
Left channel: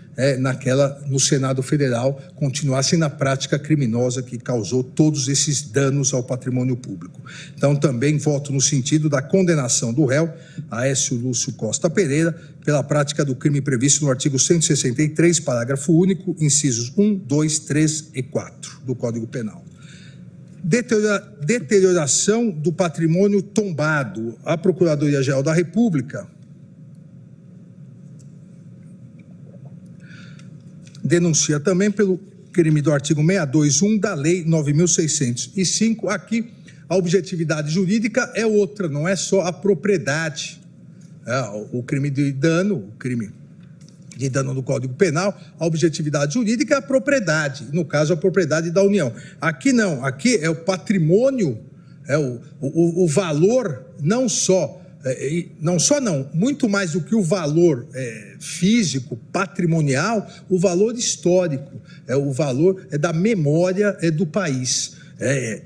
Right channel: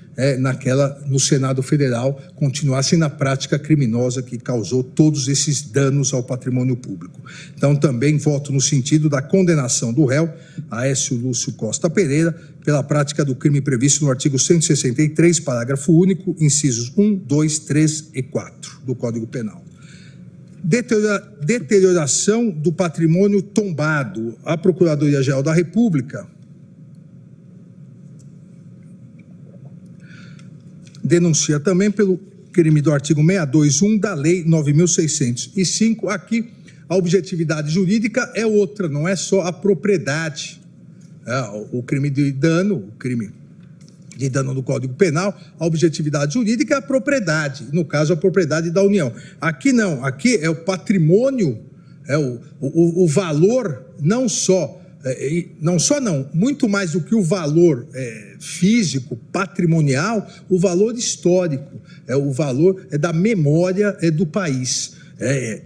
no Senado Federal, continuassem na prática criminosa que causou todos esses danos ao patrimônio público. Então, também voto no sentido da condenação do réu, Aécio Lúcio Costa Pereira, pela prática do crime previsto no artigo 163, parágrafo único, incisos 1, 2, 3 e 4 do Código Penal. Deterioração do patrimônio tombado. A Procuradoria-Geral da República denuncia também pelo crime do artigo 621 da Lei 9.605. Aqui, a objetividade jurídica é outra, não é só a propriedade. O crime de dano, do Código Penal, a objetividade jurídica é a propriedade, no caso, a propriedade da União. Aqui não, aqui é o patrimônio, o valor, muito mais do que o valor físico, patrimonial, o valor histórico, o valor da memória do país.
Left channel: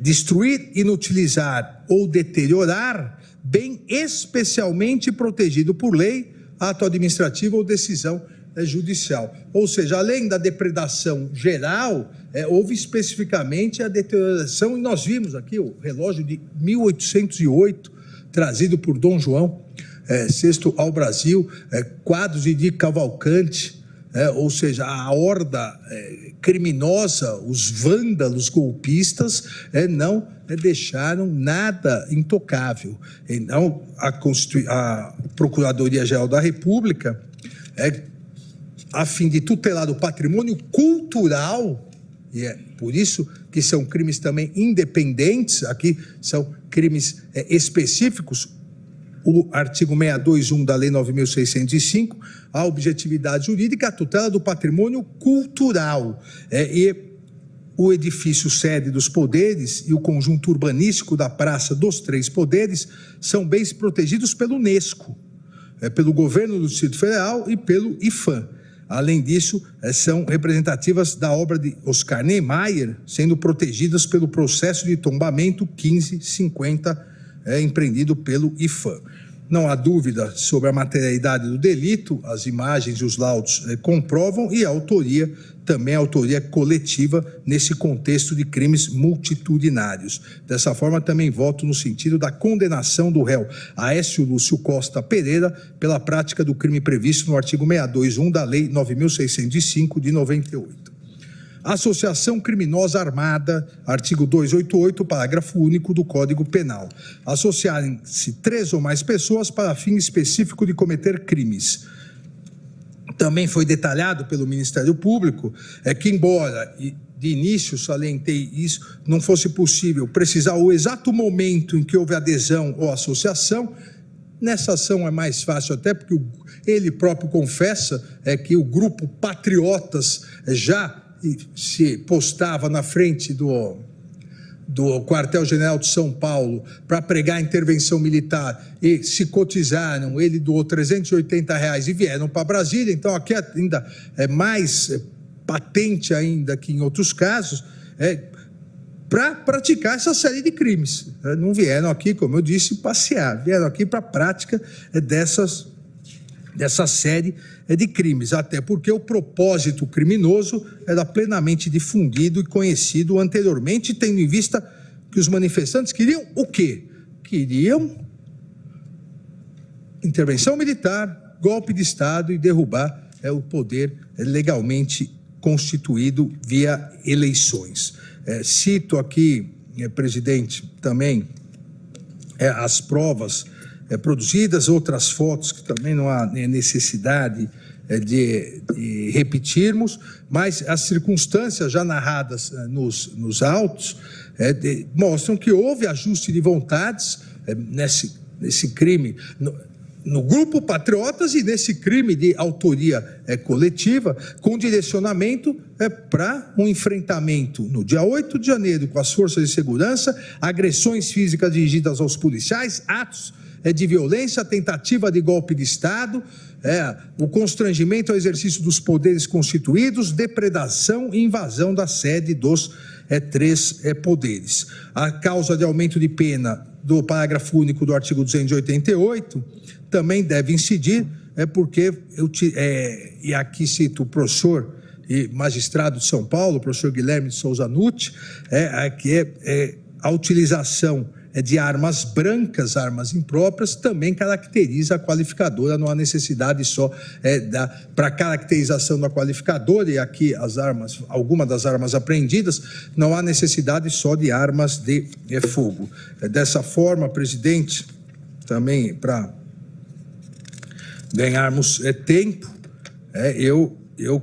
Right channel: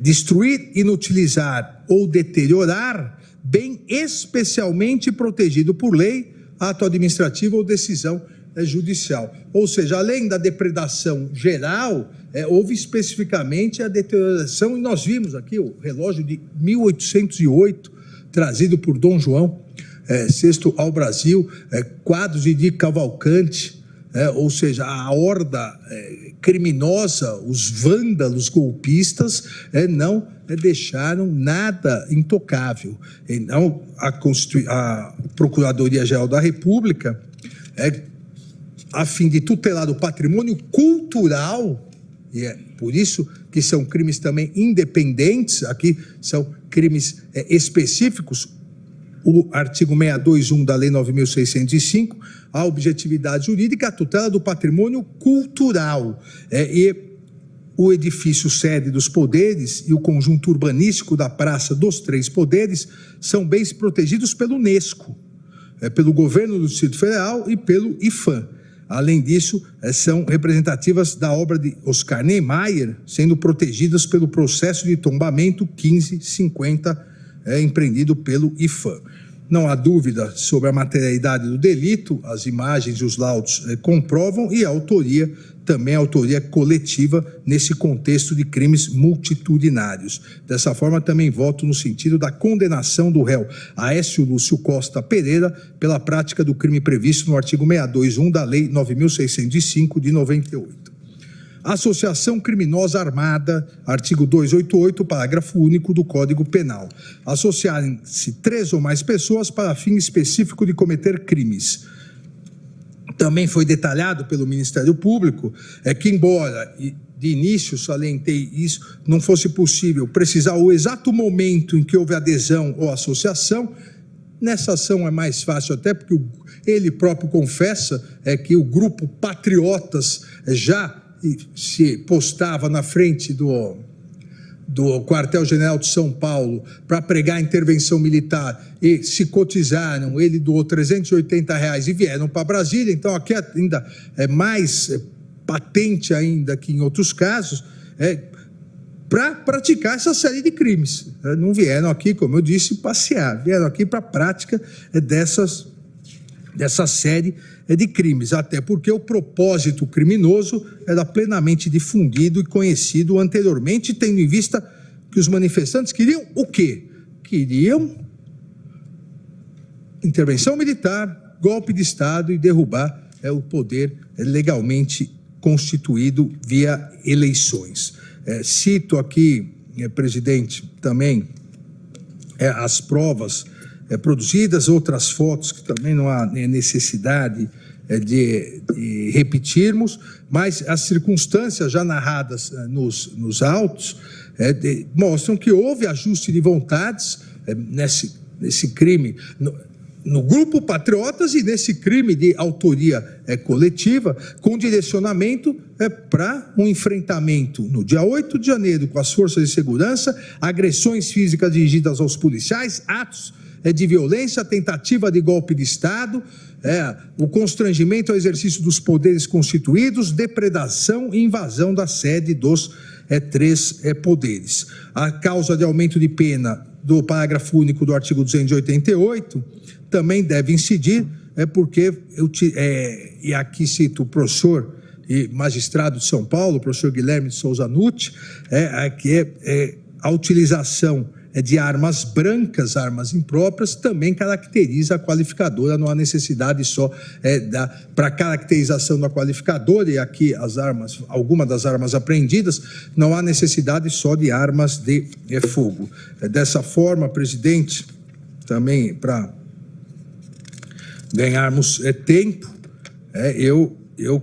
Destruir, inutilizar ou deteriorar bem especialmente protegido por lei, ato administrativo ou decisão judicial. Ou seja, além da depredação geral, houve especificamente a deterioração, e nós vimos aqui o relógio de 1808, trazido por Dom João VI ao Brasil, quadros de Di Cavalcanti, ou seja, a horda criminosa, os vândalos golpistas, não deixaram nada intocável. Então, a Procuradoria-Geral da República, a fim de tutelar o patrimônio cultural, e é por isso que são crimes também independentes, aqui são crimes específicos, o artigo 621 da Lei 9.605, a objetividade jurídica, a tutela do patrimônio cultural, e o edifício sede dos poderes e o conjunto urbanístico da Praça dos Três Poderes são bens protegidos pelo Unesco, pelo governo do Distrito Federal e pelo IPHAN. Além disso, são representativas da obra de Oscar Niemeyer, sendo protegidas pelo processo de tombamento 1550, empreendido pelo IPHAN. Não há dúvida sobre a materialidade do delito, as imagens e os laudos comprovam, e a autoria, também a autoria coletiva, nesse contexto de crimes multitudinários. Dessa forma, também voto no sentido da condenação do réu Aécio Lúcio Costa Pereira pela prática do crime previsto no artigo 621 da Lei 9.605 de 98. Associação criminosa armada, artigo 288, parágrafo único do Código Penal. Associarem-se 3 ou mais pessoas para fim específico de cometer crimes. Também foi detalhado pelo Ministério Público que, embora de início salientei isso, não fosse possível precisar o exato momento em que houve adesão ou associação. Nessa ação é mais fácil, até porque ele próprio confessa que o grupo Patriotas já se postava na frente do quartel-general de São Paulo para pregar a intervenção militar, e se cotizaram, ele doou R$380 e vieram para Brasília. Então aqui ainda é mais patente ainda que em outros casos, para praticar essa série de crimes. Não vieram aqui, como eu disse, passear, vieram aqui para a prática dessa série de crimes, até porque o propósito criminoso era plenamente difundido e conhecido anteriormente, tendo em vista que os manifestantes queriam o quê? Queriam intervenção militar, golpe de Estado e derrubar o poder legalmente constituído via eleições. Cito aqui, presidente, também as provas produzidas, outras fotos que também não há necessidade de repetirmos, mas as circunstâncias já narradas nos autos mostram que houve ajuste de vontades nesse crime, no grupo Patriotas, e nesse crime de autoria coletiva, com direcionamento para um enfrentamento no dia 8 de janeiro com as forças de segurança, agressões físicas dirigidas aos policiais, atos de violência, tentativa de golpe de Estado, o constrangimento ao exercício dos poderes constituídos, depredação e invasão da sede dos 3 poderes. A causa de aumento de pena do parágrafo único do artigo 288 também deve incidir, porque, e aqui cito o professor e magistrado de São Paulo, o professor Guilherme de Souza Nutti, que a utilização de armas brancas, armas impróprias, também caracteriza a qualificadora, não há necessidade só para caracterização da qualificadora, e aqui algumas das armas apreendidas, não há necessidade só de armas de fogo. Dessa forma, presidente, também para ganharmos tempo, eu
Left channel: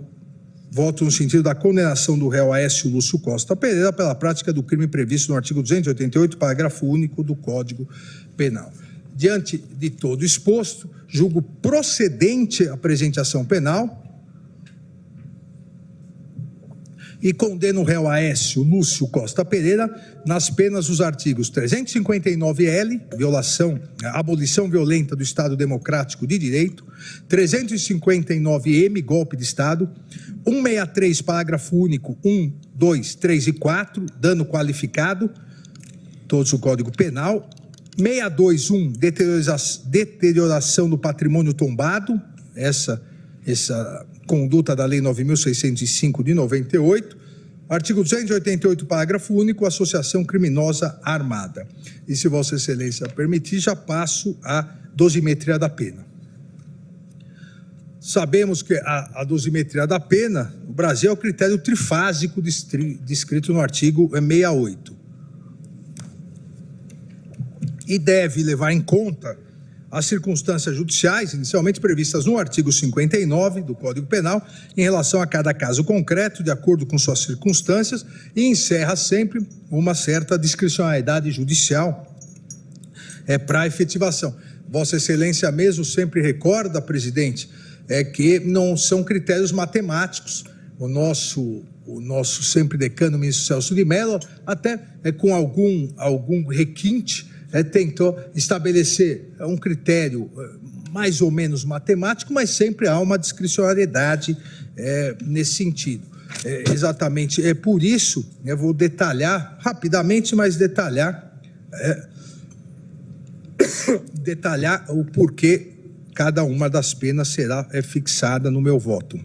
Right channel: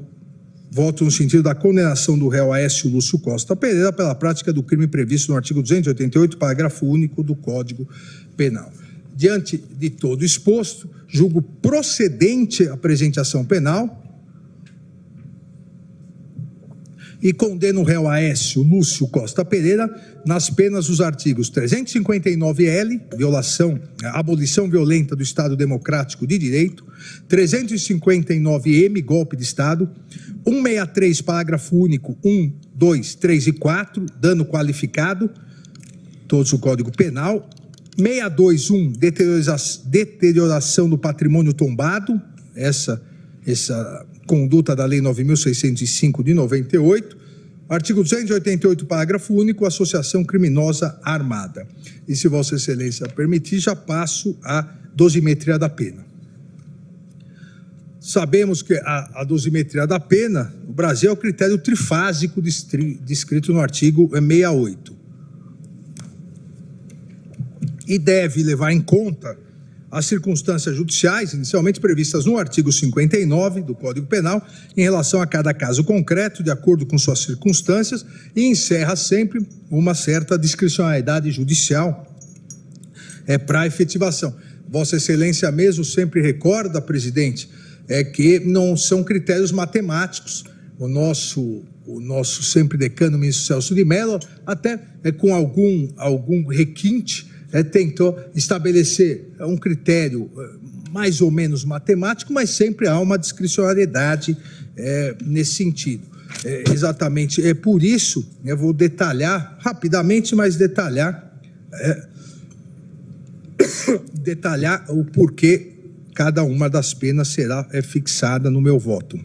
Voto no sentido da condenação do réu Aécio Lúcio Costa Pereira pela prática do crime previsto no artigo 288, parágrafo único do Código Penal. Diante de todo exposto, julgo procedente a presente ação penal e condeno o réu Aécio Lúcio Costa Pereira nas penas dos artigos 359-L, abolição violenta do Estado Democrático de Direito, 359-M, golpe de Estado, 163, parágrafo único, 1, 2, 3 e 4, dano qualificado, todos o Código Penal, 621, deterioração do patrimônio tombado, essa conduta da Lei 9.605 de 98, artigo 288, parágrafo único, associação criminosa armada. E se Vossa Excelência permitir, já passo à dosimetria da pena. Sabemos que a dosimetria da pena, no Brasil, é o critério trifásico descrito no artigo 68. E deve levar em conta as circunstâncias judiciais inicialmente previstas no artigo 59 do Código Penal em relação a cada caso concreto, de acordo com suas circunstâncias, e encerra sempre uma certa discricionalidade judicial para a efetivação. Vossa Excelência mesmo sempre recorda, presidente, que não são critérios matemáticos. O nosso sempre decano, ministro Celso de Mello, até com algum requinte, tentou estabelecer um critério mais ou menos matemático, mas sempre há uma discricionariedade nesse sentido. Exatamente, é por isso, eu vou detalhar rapidamente, mas detalhar o porquê cada uma das penas será fixada no meu voto.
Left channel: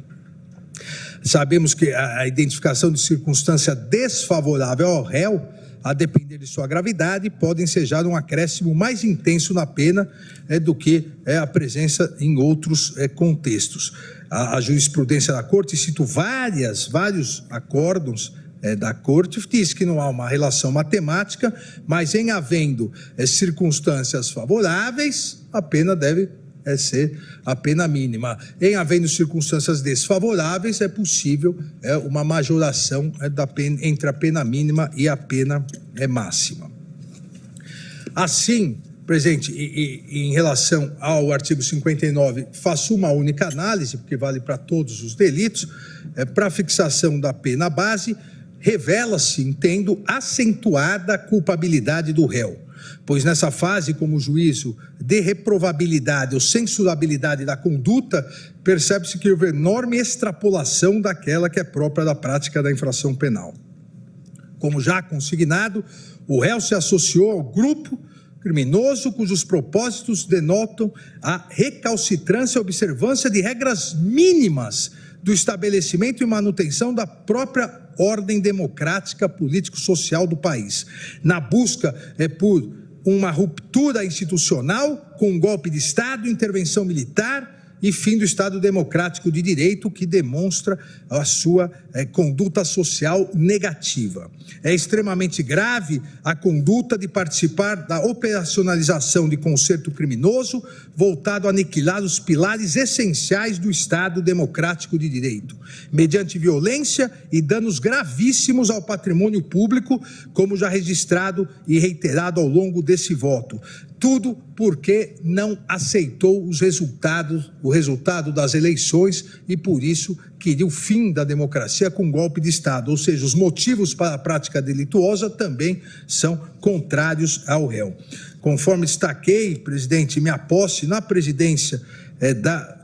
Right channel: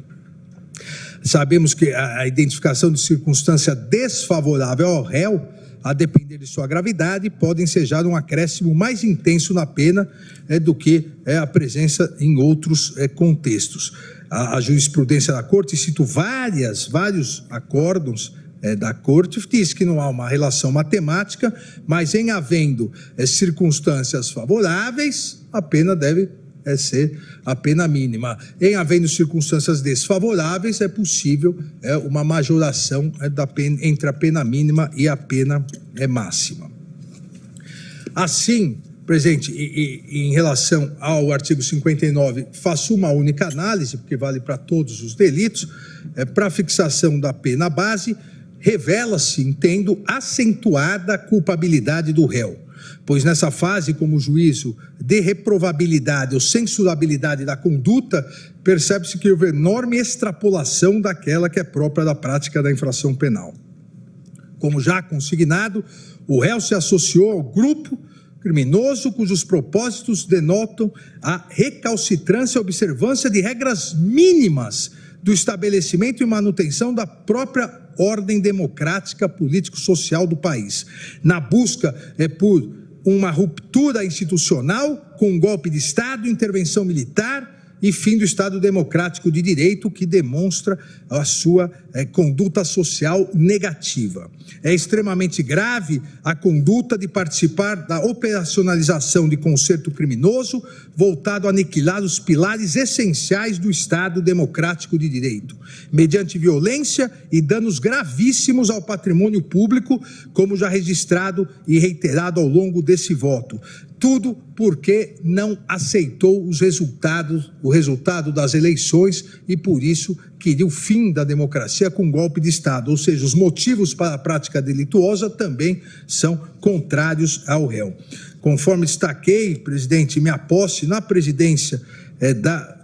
Sabemos que a identificação de circunstância desfavorável ao réu, a depender de sua gravidade, pode ensejar um acréscimo mais intenso na pena do que a presença em outros contextos. A jurisprudência da Corte, cito vários acórdãos da Corte, diz que não há uma relação matemática, mas em havendo circunstâncias favoráveis, a pena deve ser a pena mínima. Em havendo circunstâncias desfavoráveis, é possível uma majoração da pena, entre a pena mínima e a pena máxima. Assim, presidente, em relação ao artigo 59, faço uma única análise, porque vale para todos os delitos. Para a fixação da pena base, revela-se, entendo, acentuada a culpabilidade do réu, pois nessa fase, como juízo de reprovabilidade ou censurabilidade da conduta, percebe-se que houve enorme extrapolação daquela que é própria da prática da infração penal. Como já consignado, o réu se associou ao grupo criminoso cujos propósitos denotam a recalcitrância e observância de regras mínimas do estabelecimento e manutenção da própria ordem democrática político-social do país, na busca por uma ruptura institucional com um golpe de Estado, intervenção militar e fim do Estado Democrático de Direito, que demonstra a sua conduta social negativa. É extremamente grave a conduta de participar da operacionalização de concerto criminoso voltado a aniquilar os pilares essenciais do Estado Democrático de Direito, mediante violência e danos gravíssimos ao patrimônio público, como já registrado e reiterado ao longo desse voto. Tudo porque não aceitou o resultado das eleições e, por isso, queria o fim da democracia com um golpe de Estado. Ou seja, os motivos para a prática delituosa também são contrários ao réu. Conforme destaquei, presidente, minha posse na presidência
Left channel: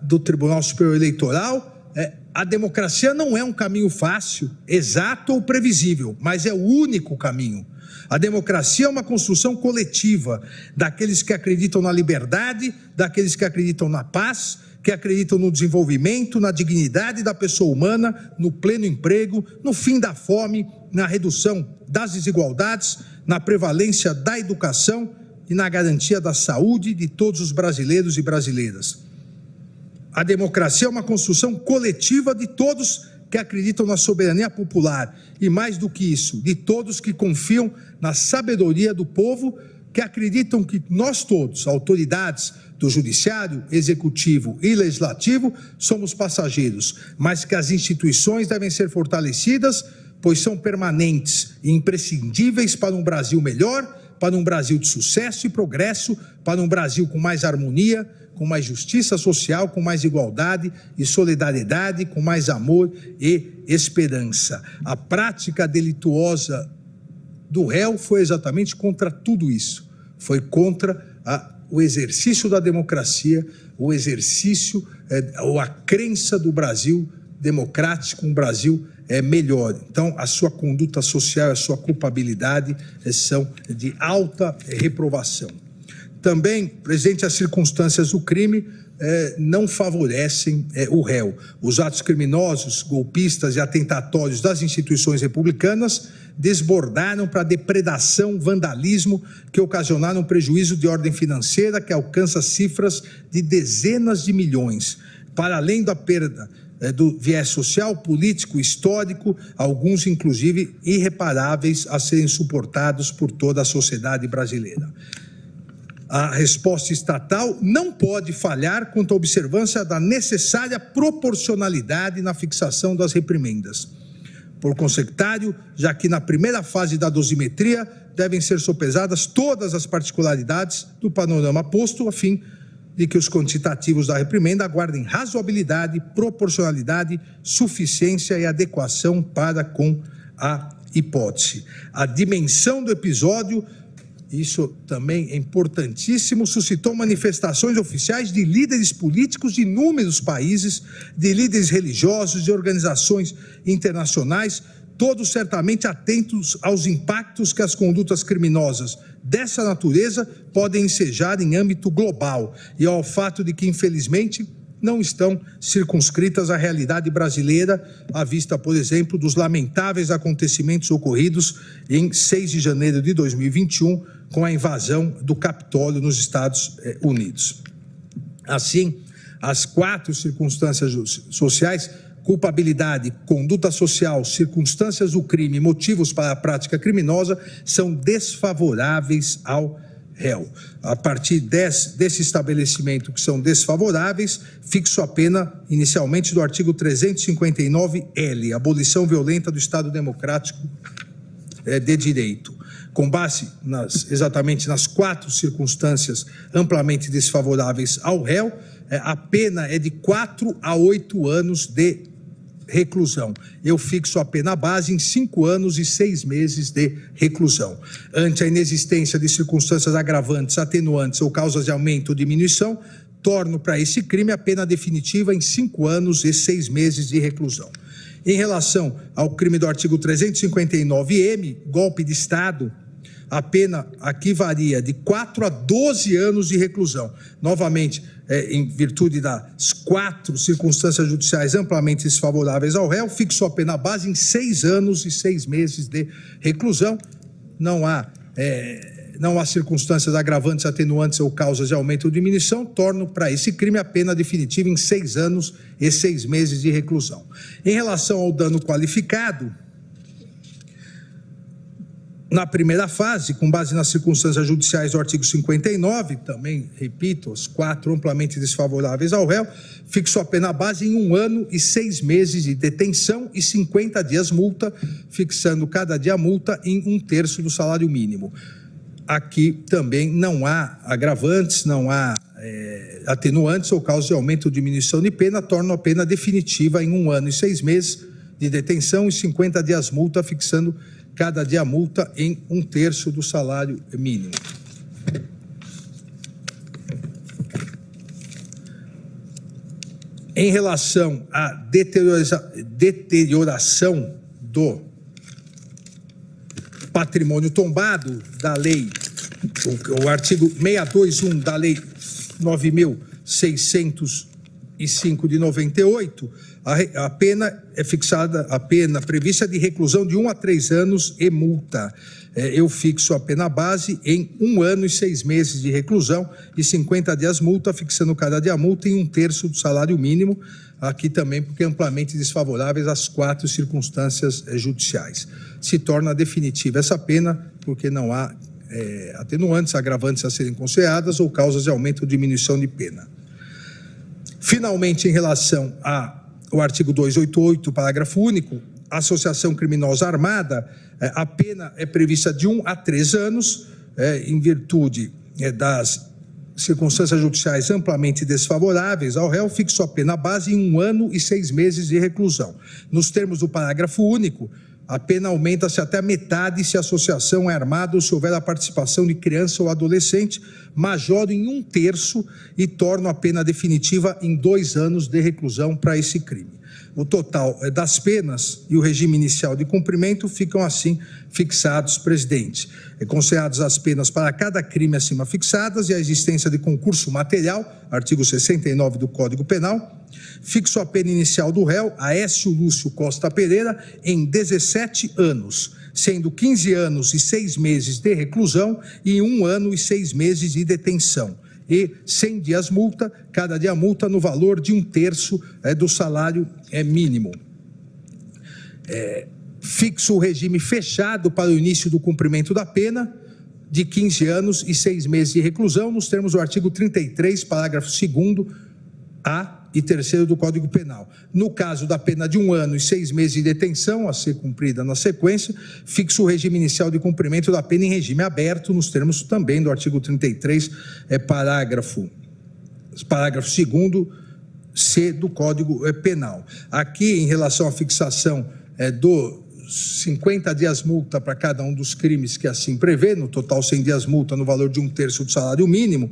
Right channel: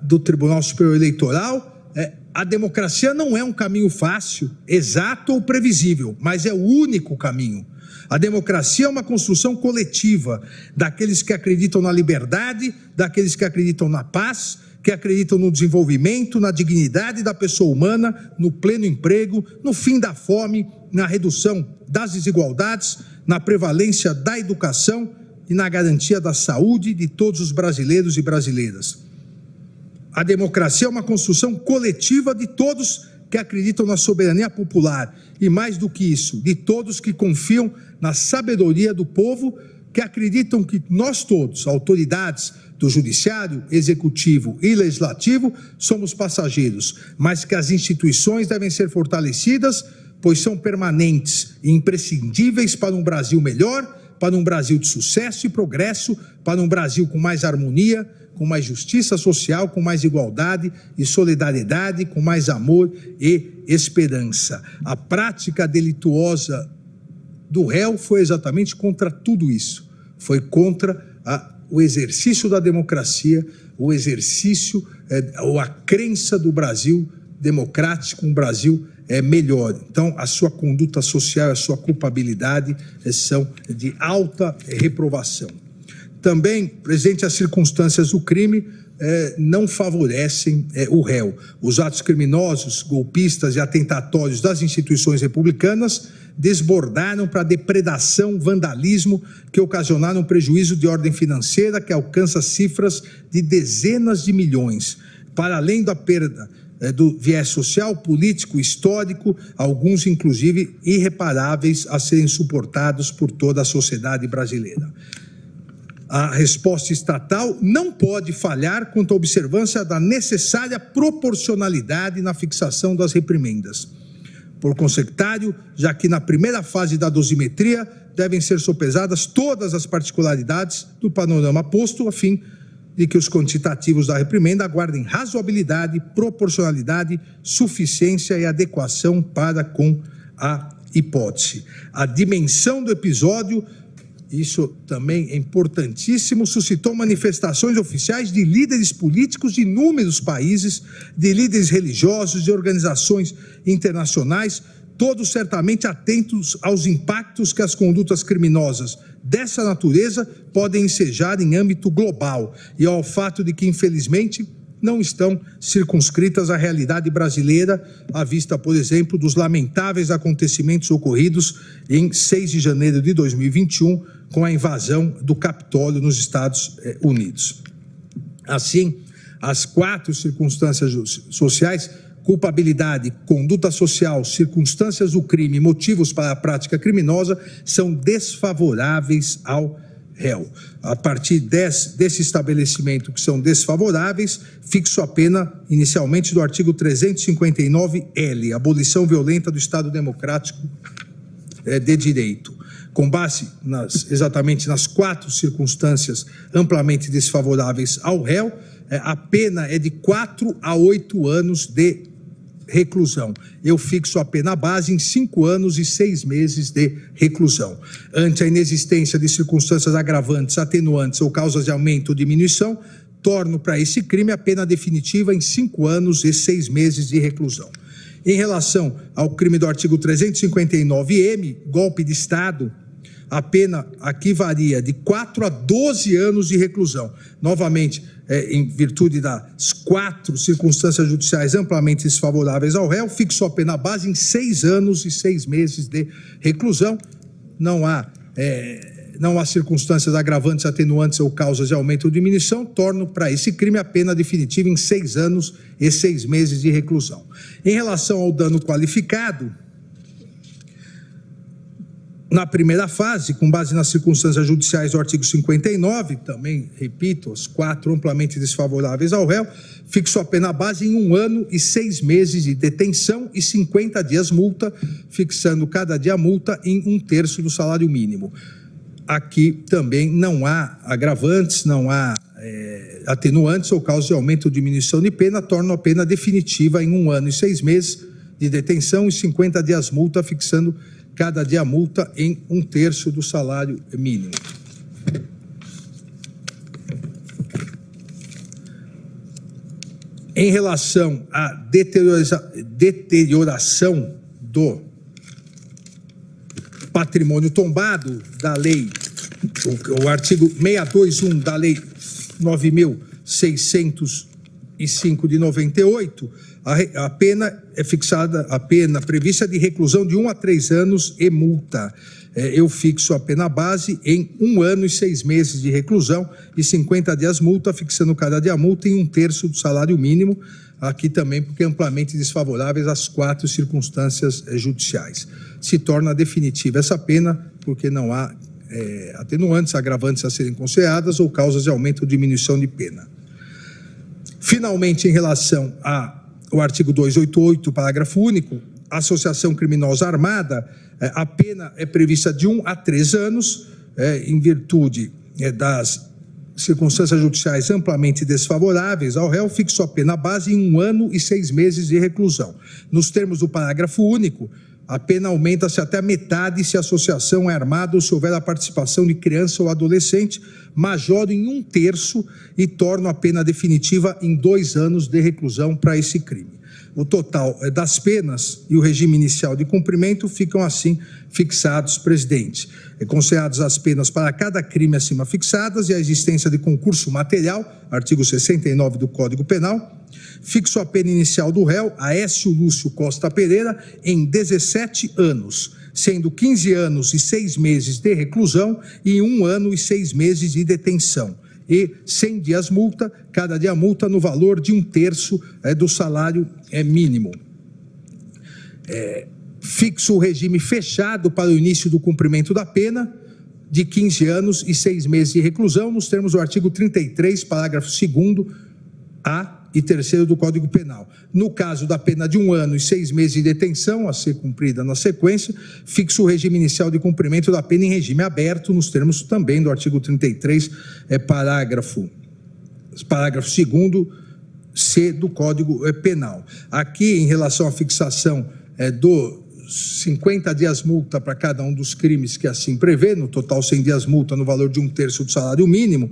do Tribunal Superior Eleitoral, a democracia não é um caminho fácil, exato ou previsível, mas é o único caminho. A democracia é uma construção coletiva daqueles que acreditam na liberdade, daqueles que acreditam na paz, que acreditam no desenvolvimento, na dignidade da pessoa humana, no pleno emprego, no fim da fome, na redução das desigualdades, na prevalência da educação e na garantia da saúde de todos os brasileiros e brasileiras. A democracia é uma construção coletiva de todos que acreditam na soberania popular e, mais do que isso, de todos que confiam na sabedoria do povo, que acreditam que nós todos, autoridades, do Judiciário, Executivo e Legislativo, somos passageiros, mas que as instituições devem ser fortalecidas, pois são permanentes e imprescindíveis para um Brasil melhor, para um Brasil de sucesso e progresso, para um Brasil com mais harmonia, com mais justiça social, com mais igualdade e solidariedade, com mais amor e esperança. A prática delituosa do réu foi exatamente contra tudo isso. Foi contra o exercício da democracia, o exercício ou a crença do Brasil democrático, um Brasil melhor. Então, a sua conduta social, a sua culpabilidade são de alta reprovação. Também, presente as circunstâncias do crime, não favorecem o réu. Os atos criminosos, golpistas e atentatórios das instituições republicanas desbordaram para depredação, vandalismo, que ocasionaram prejuízo de ordem financeira que alcança cifras de dezenas de milhões. Para além da perda do viés social, político, histórico, alguns inclusive irreparáveis a serem suportados por toda a sociedade brasileira. A resposta estatal não pode falhar quanto à observância da necessária proporcionalidade na fixação das reprimendas. Por consequentário, já que na primeira fase da dosimetria devem ser sopesadas todas as particularidades do panorama posto, a fim de que os quantitativos da reprimenda aguardem razoabilidade, proporcionalidade, suficiência e adequação para com a hipótese. A dimensão do episódio, isso também é importantíssimo, suscitou manifestações oficiais de líderes políticos de inúmeros países, de líderes religiosos, de organizações internacionais, todos certamente atentos aos impactos que as condutas criminosas dessa natureza podem ensejar em âmbito global e ao fato de que, infelizmente, não estão circunscritas à realidade brasileira, à vista, por exemplo, dos lamentáveis acontecimentos ocorridos em 6 de janeiro de 2021, com a invasão do Capitólio nos Estados Unidos. Assim, as 4 circunstâncias sociais, culpabilidade, conduta social, circunstâncias do crime e motivos para a prática criminosa, são desfavoráveis ao réu. A partir desse estabelecimento que são desfavoráveis, fixo a pena inicialmente do artigo 359-L, abolição violenta do Estado Democrático de Direito. Com base exatamente nas 4 circunstâncias amplamente desfavoráveis ao réu, a pena é de 4 a 8 anos de reclusão. Eu fixo a pena base em 5 anos e 6 meses de reclusão. Ante a inexistência de circunstâncias agravantes, atenuantes ou causas de aumento ou diminuição, torno para esse crime a pena definitiva em 5 anos e 6 meses de reclusão. Em relação ao crime do artigo 359-M, golpe de Estado, a pena aqui varia de 4 a 12 anos de reclusão. Novamente, em virtude das 4 circunstâncias judiciais amplamente desfavoráveis ao réu, fixou a pena base em 6 anos e 6 meses de reclusão. Não há circunstâncias agravantes, atenuantes ou causas de aumento ou diminuição, torno para esse crime a pena definitiva em 6 anos e 6 meses de reclusão. Em relação ao dano qualificado, na primeira fase, com base nas circunstâncias judiciais do artigo 59, também, repito, os 4 amplamente desfavoráveis ao réu, fixou a pena base em 1 ano e 6 meses de detenção e 50 dias multa, fixando cada dia multa em 1/3 do salário mínimo. Aqui também não há agravantes, não há atenuantes ou causa de aumento ou diminuição de pena, tornam a pena definitiva em 1 ano e 6 meses de detenção e 50 dias multa, fixando cada dia multa em 1/3 do salário mínimo. Em relação à deterioração do patrimônio tombado da lei, o artigo 621 da lei 9.605 de 98, a pena é fixada, a pena prevista de reclusão de 1 a 3 anos e multa. Eu fixo a pena base em 1 ano e 6 meses de reclusão e 50 dias multa, fixando cada dia multa em 1/3 do salário mínimo, aqui também porque amplamente desfavoráveis às 4 circunstâncias judiciais. Se torna definitiva essa pena porque não há atenuantes, agravantes a serem consideradas ou causas de aumento ou diminuição de pena. Finalmente, em relação ao artigo 288, parágrafo único, associação criminosa armada, a pena é prevista de 1 a 3 anos, em virtude das circunstâncias judiciais amplamente desfavoráveis ao réu, fixou a pena base em 1 ano e 6 meses de reclusão. Nos termos do parágrafo único, a pena aumenta-se até a metade se a associação é armada ou se houver a participação de criança ou adolescente, majora em 1/3 e torna a pena definitiva em 2 anos de reclusão para esse crime. O total das penas e o regime inicial de cumprimento ficam assim fixados, presidente. Consideradas as penas para cada crime acima fixadas e a existência de concurso material, artigo 69 do Código Penal, fixo a pena inicial do réu, Aécio Lúcio Costa Pereira, em 17 anos, sendo 15 anos e 6 meses de reclusão e 1 ano e 6 meses de detenção. E 100 dias multa, cada dia multa no valor de 1/3 do salário mínimo. Fixo o regime fechado para o início do cumprimento da pena, de 15 anos e 6 meses de reclusão, nos termos do artigo 33, parágrafo 2º, A e 3º do Código Penal. No caso da pena de 1 ano e 6 meses de detenção, a ser cumprida na sequência, fixo o regime inicial de cumprimento da pena em regime aberto, nos termos também do artigo 33, parágrafo 2º, C do Código Penal. Aqui, em relação à fixação dos 50 dias multa para cada um dos crimes que assim prevê, no total 100 dias multa no valor de 1/3 do salário mínimo,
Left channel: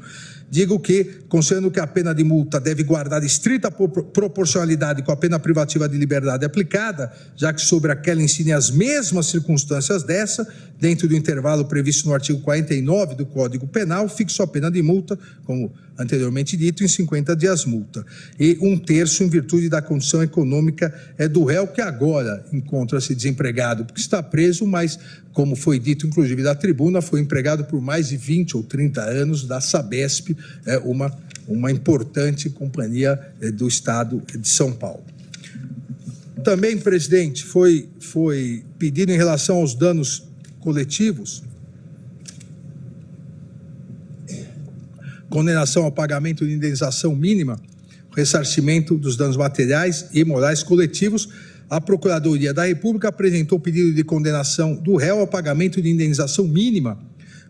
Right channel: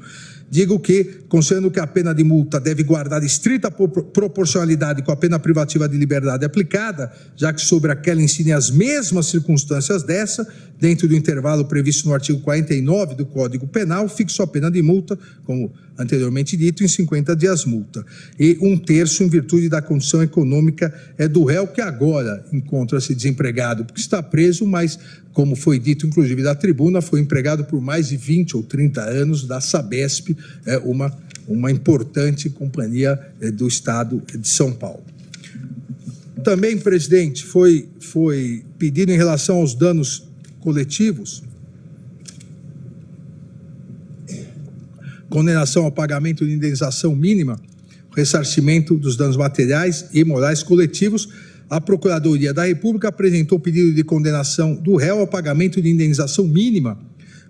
digo que, considerando que a pena de multa deve guardar estrita proporcionalidade com a pena privativa de liberdade aplicada, já que sobre aquela incidem as mesmas circunstâncias dessa, dentro do intervalo previsto no artigo 49 do Código Penal, fixo a pena de multa, como anteriormente dito, em 50 dias multa, e 1/3 em virtude da condição econômica do réu, que agora encontra-se desempregado porque está preso, mas, como foi dito inclusive da tribuna, foi empregado por mais de 20 ou 30 anos da Sabesp, uma importante companhia do Estado de São Paulo. Também, presidente, foi pedido em relação aos danos coletivos, condenação ao pagamento de indenização mínima, ressarcimento dos danos materiais e morais coletivos. A Procuradoria da República apresentou pedido de condenação do réu ao pagamento de indenização mínima,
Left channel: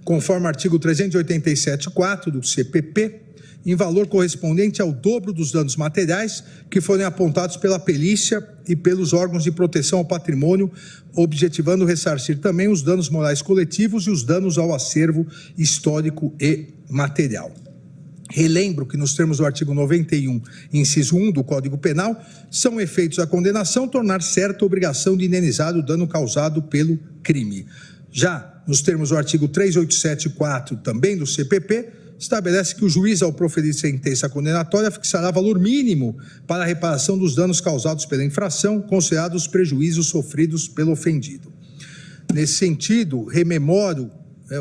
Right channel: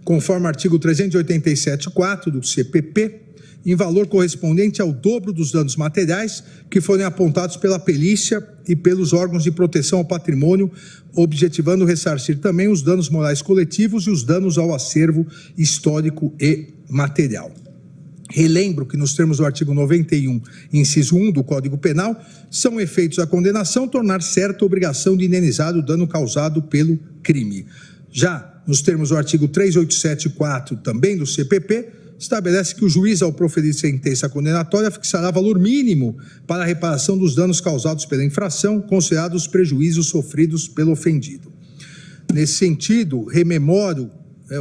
conforme artigo 387.4 do CPP, em valor correspondente ao dobro dos danos materiais que forem apontados pela perícia e pelos órgãos de proteção ao patrimônio, objetivando ressarcir também os danos morais coletivos e os danos ao acervo histórico e material. Relembro que, nos termos do artigo 91, inciso 1 do Código Penal, são efeitos da condenação tornar certa a obrigação de indenizar o dano causado pelo crime. Já nos termos do artigo 387.4, também do CPP, estabelece que o juiz, ao proferir sentença condenatória, fixará valor mínimo para a reparação dos danos causados pela infração, considerados os prejuízos sofridos pelo ofendido. Nesse sentido, rememoro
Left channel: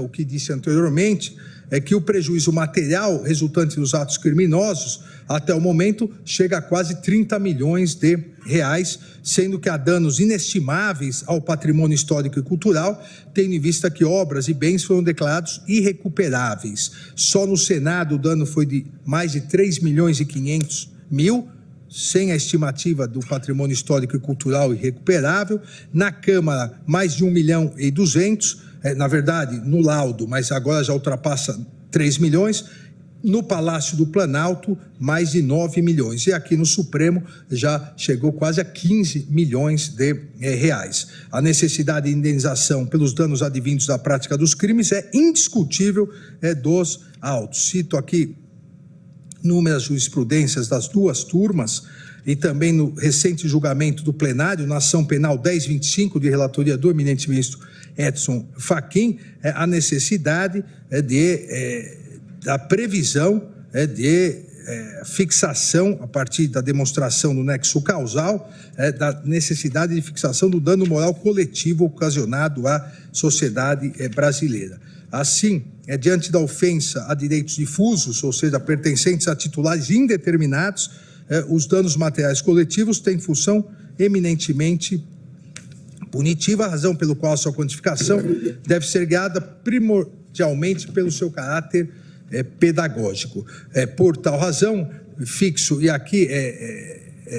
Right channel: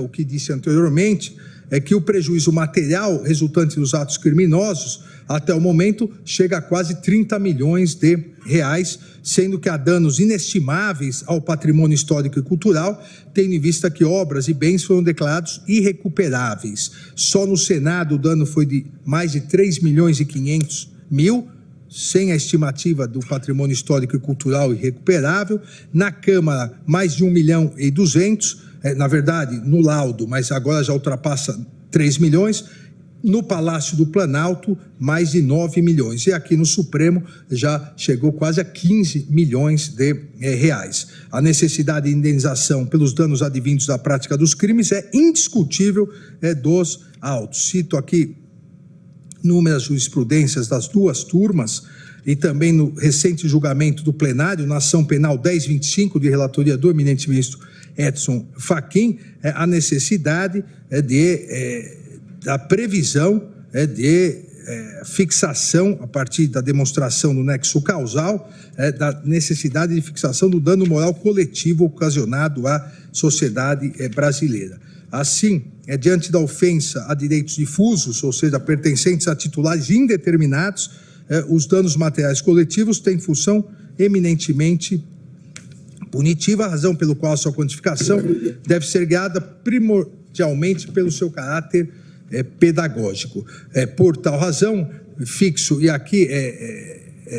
o que disse anteriormente, que o prejuízo material resultante dos atos criminosos, até o momento, chega a quase 30 milhões de reais, sendo que há danos inestimáveis ao patrimônio histórico e cultural, tendo em vista que obras e bens foram declarados irrecuperáveis. Só no Senado o dano foi de mais de 3.500.000, sem a estimativa do patrimônio histórico e cultural irrecuperável. Na Câmara, mais de 1.200.000, na verdade, no laudo, mas agora já ultrapassa 3 milhões. No Palácio do Planalto, mais de 9 milhões. E aqui no Supremo já chegou quase a 15 milhões de reais. A necessidade de indenização pelos danos advindos da prática dos crimes é indiscutível dos autos. Cito aqui inúmeras jurisprudências das duas turmas e também no recente julgamento do plenário, na ação penal 1025, de relatoria do eminente ministro Edson Fachin, a necessidade da previsão de fixação, a partir da demonstração do nexo causal, da necessidade de fixação do dano moral coletivo ocasionado à sociedade brasileira. Assim, diante da ofensa a direitos difusos, ou seja, pertencentes a titulares indeterminados, os danos materiais coletivos têm função eminentemente punitiva, a razão pelo qual sua quantificação deve ser guiada mundialmente pelo seu caráter pedagógico. Por tal razão, fixo, e aqui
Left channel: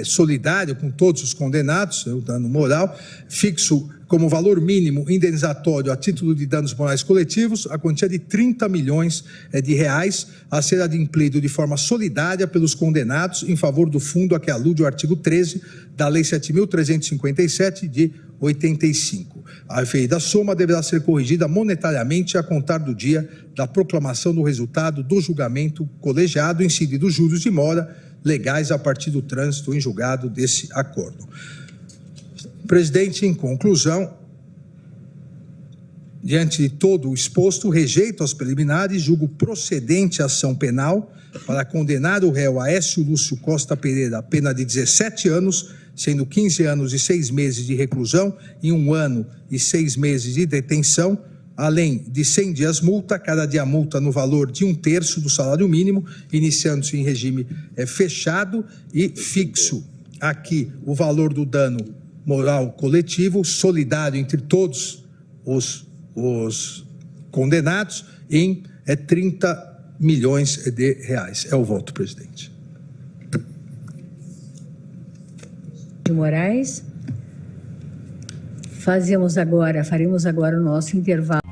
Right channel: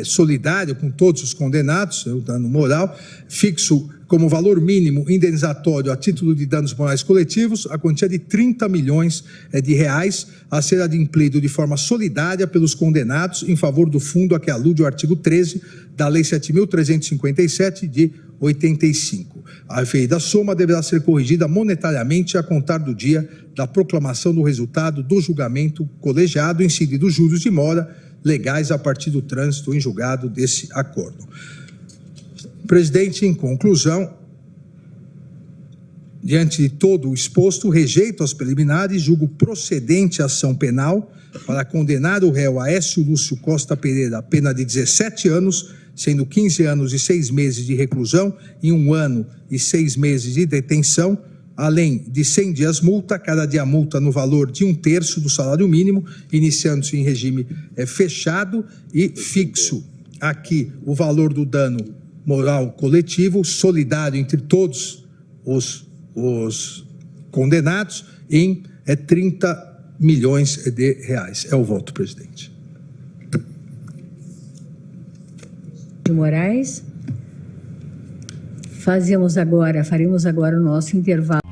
solidário com todos os condenados, o dano moral, fixo como valor mínimo indenizatório a título de danos morais coletivos a quantia de 30 milhões de reais a ser adimplido de forma solidária pelos condenados em favor do fundo a que alude o artigo 13 da Lei 7.357 de 85. A referida soma deverá ser corrigida monetariamente a contar do dia da proclamação do resultado do julgamento colegiado, incididos juros de mora legais a partir do trânsito em julgado desse acordo. Presidente, em conclusão, diante de todo o exposto, rejeito as preliminares, julgo procedente a ação penal para condenar o réu Aécio Lúcio Costa Pereira a pena de 17 anos, sendo 15 anos e 6 meses de reclusão e 1 ano e 6 meses de detenção, além de 100 dias multa, cada dia multa no valor de 1/3 do salário mínimo, iniciando-se em regime fechado, e fixo aqui o valor do dano moral coletivo, solidário entre todos os condenados, em 30 milhões de reais. É o voto, presidente. Moraes, faremos agora o nosso intervalo.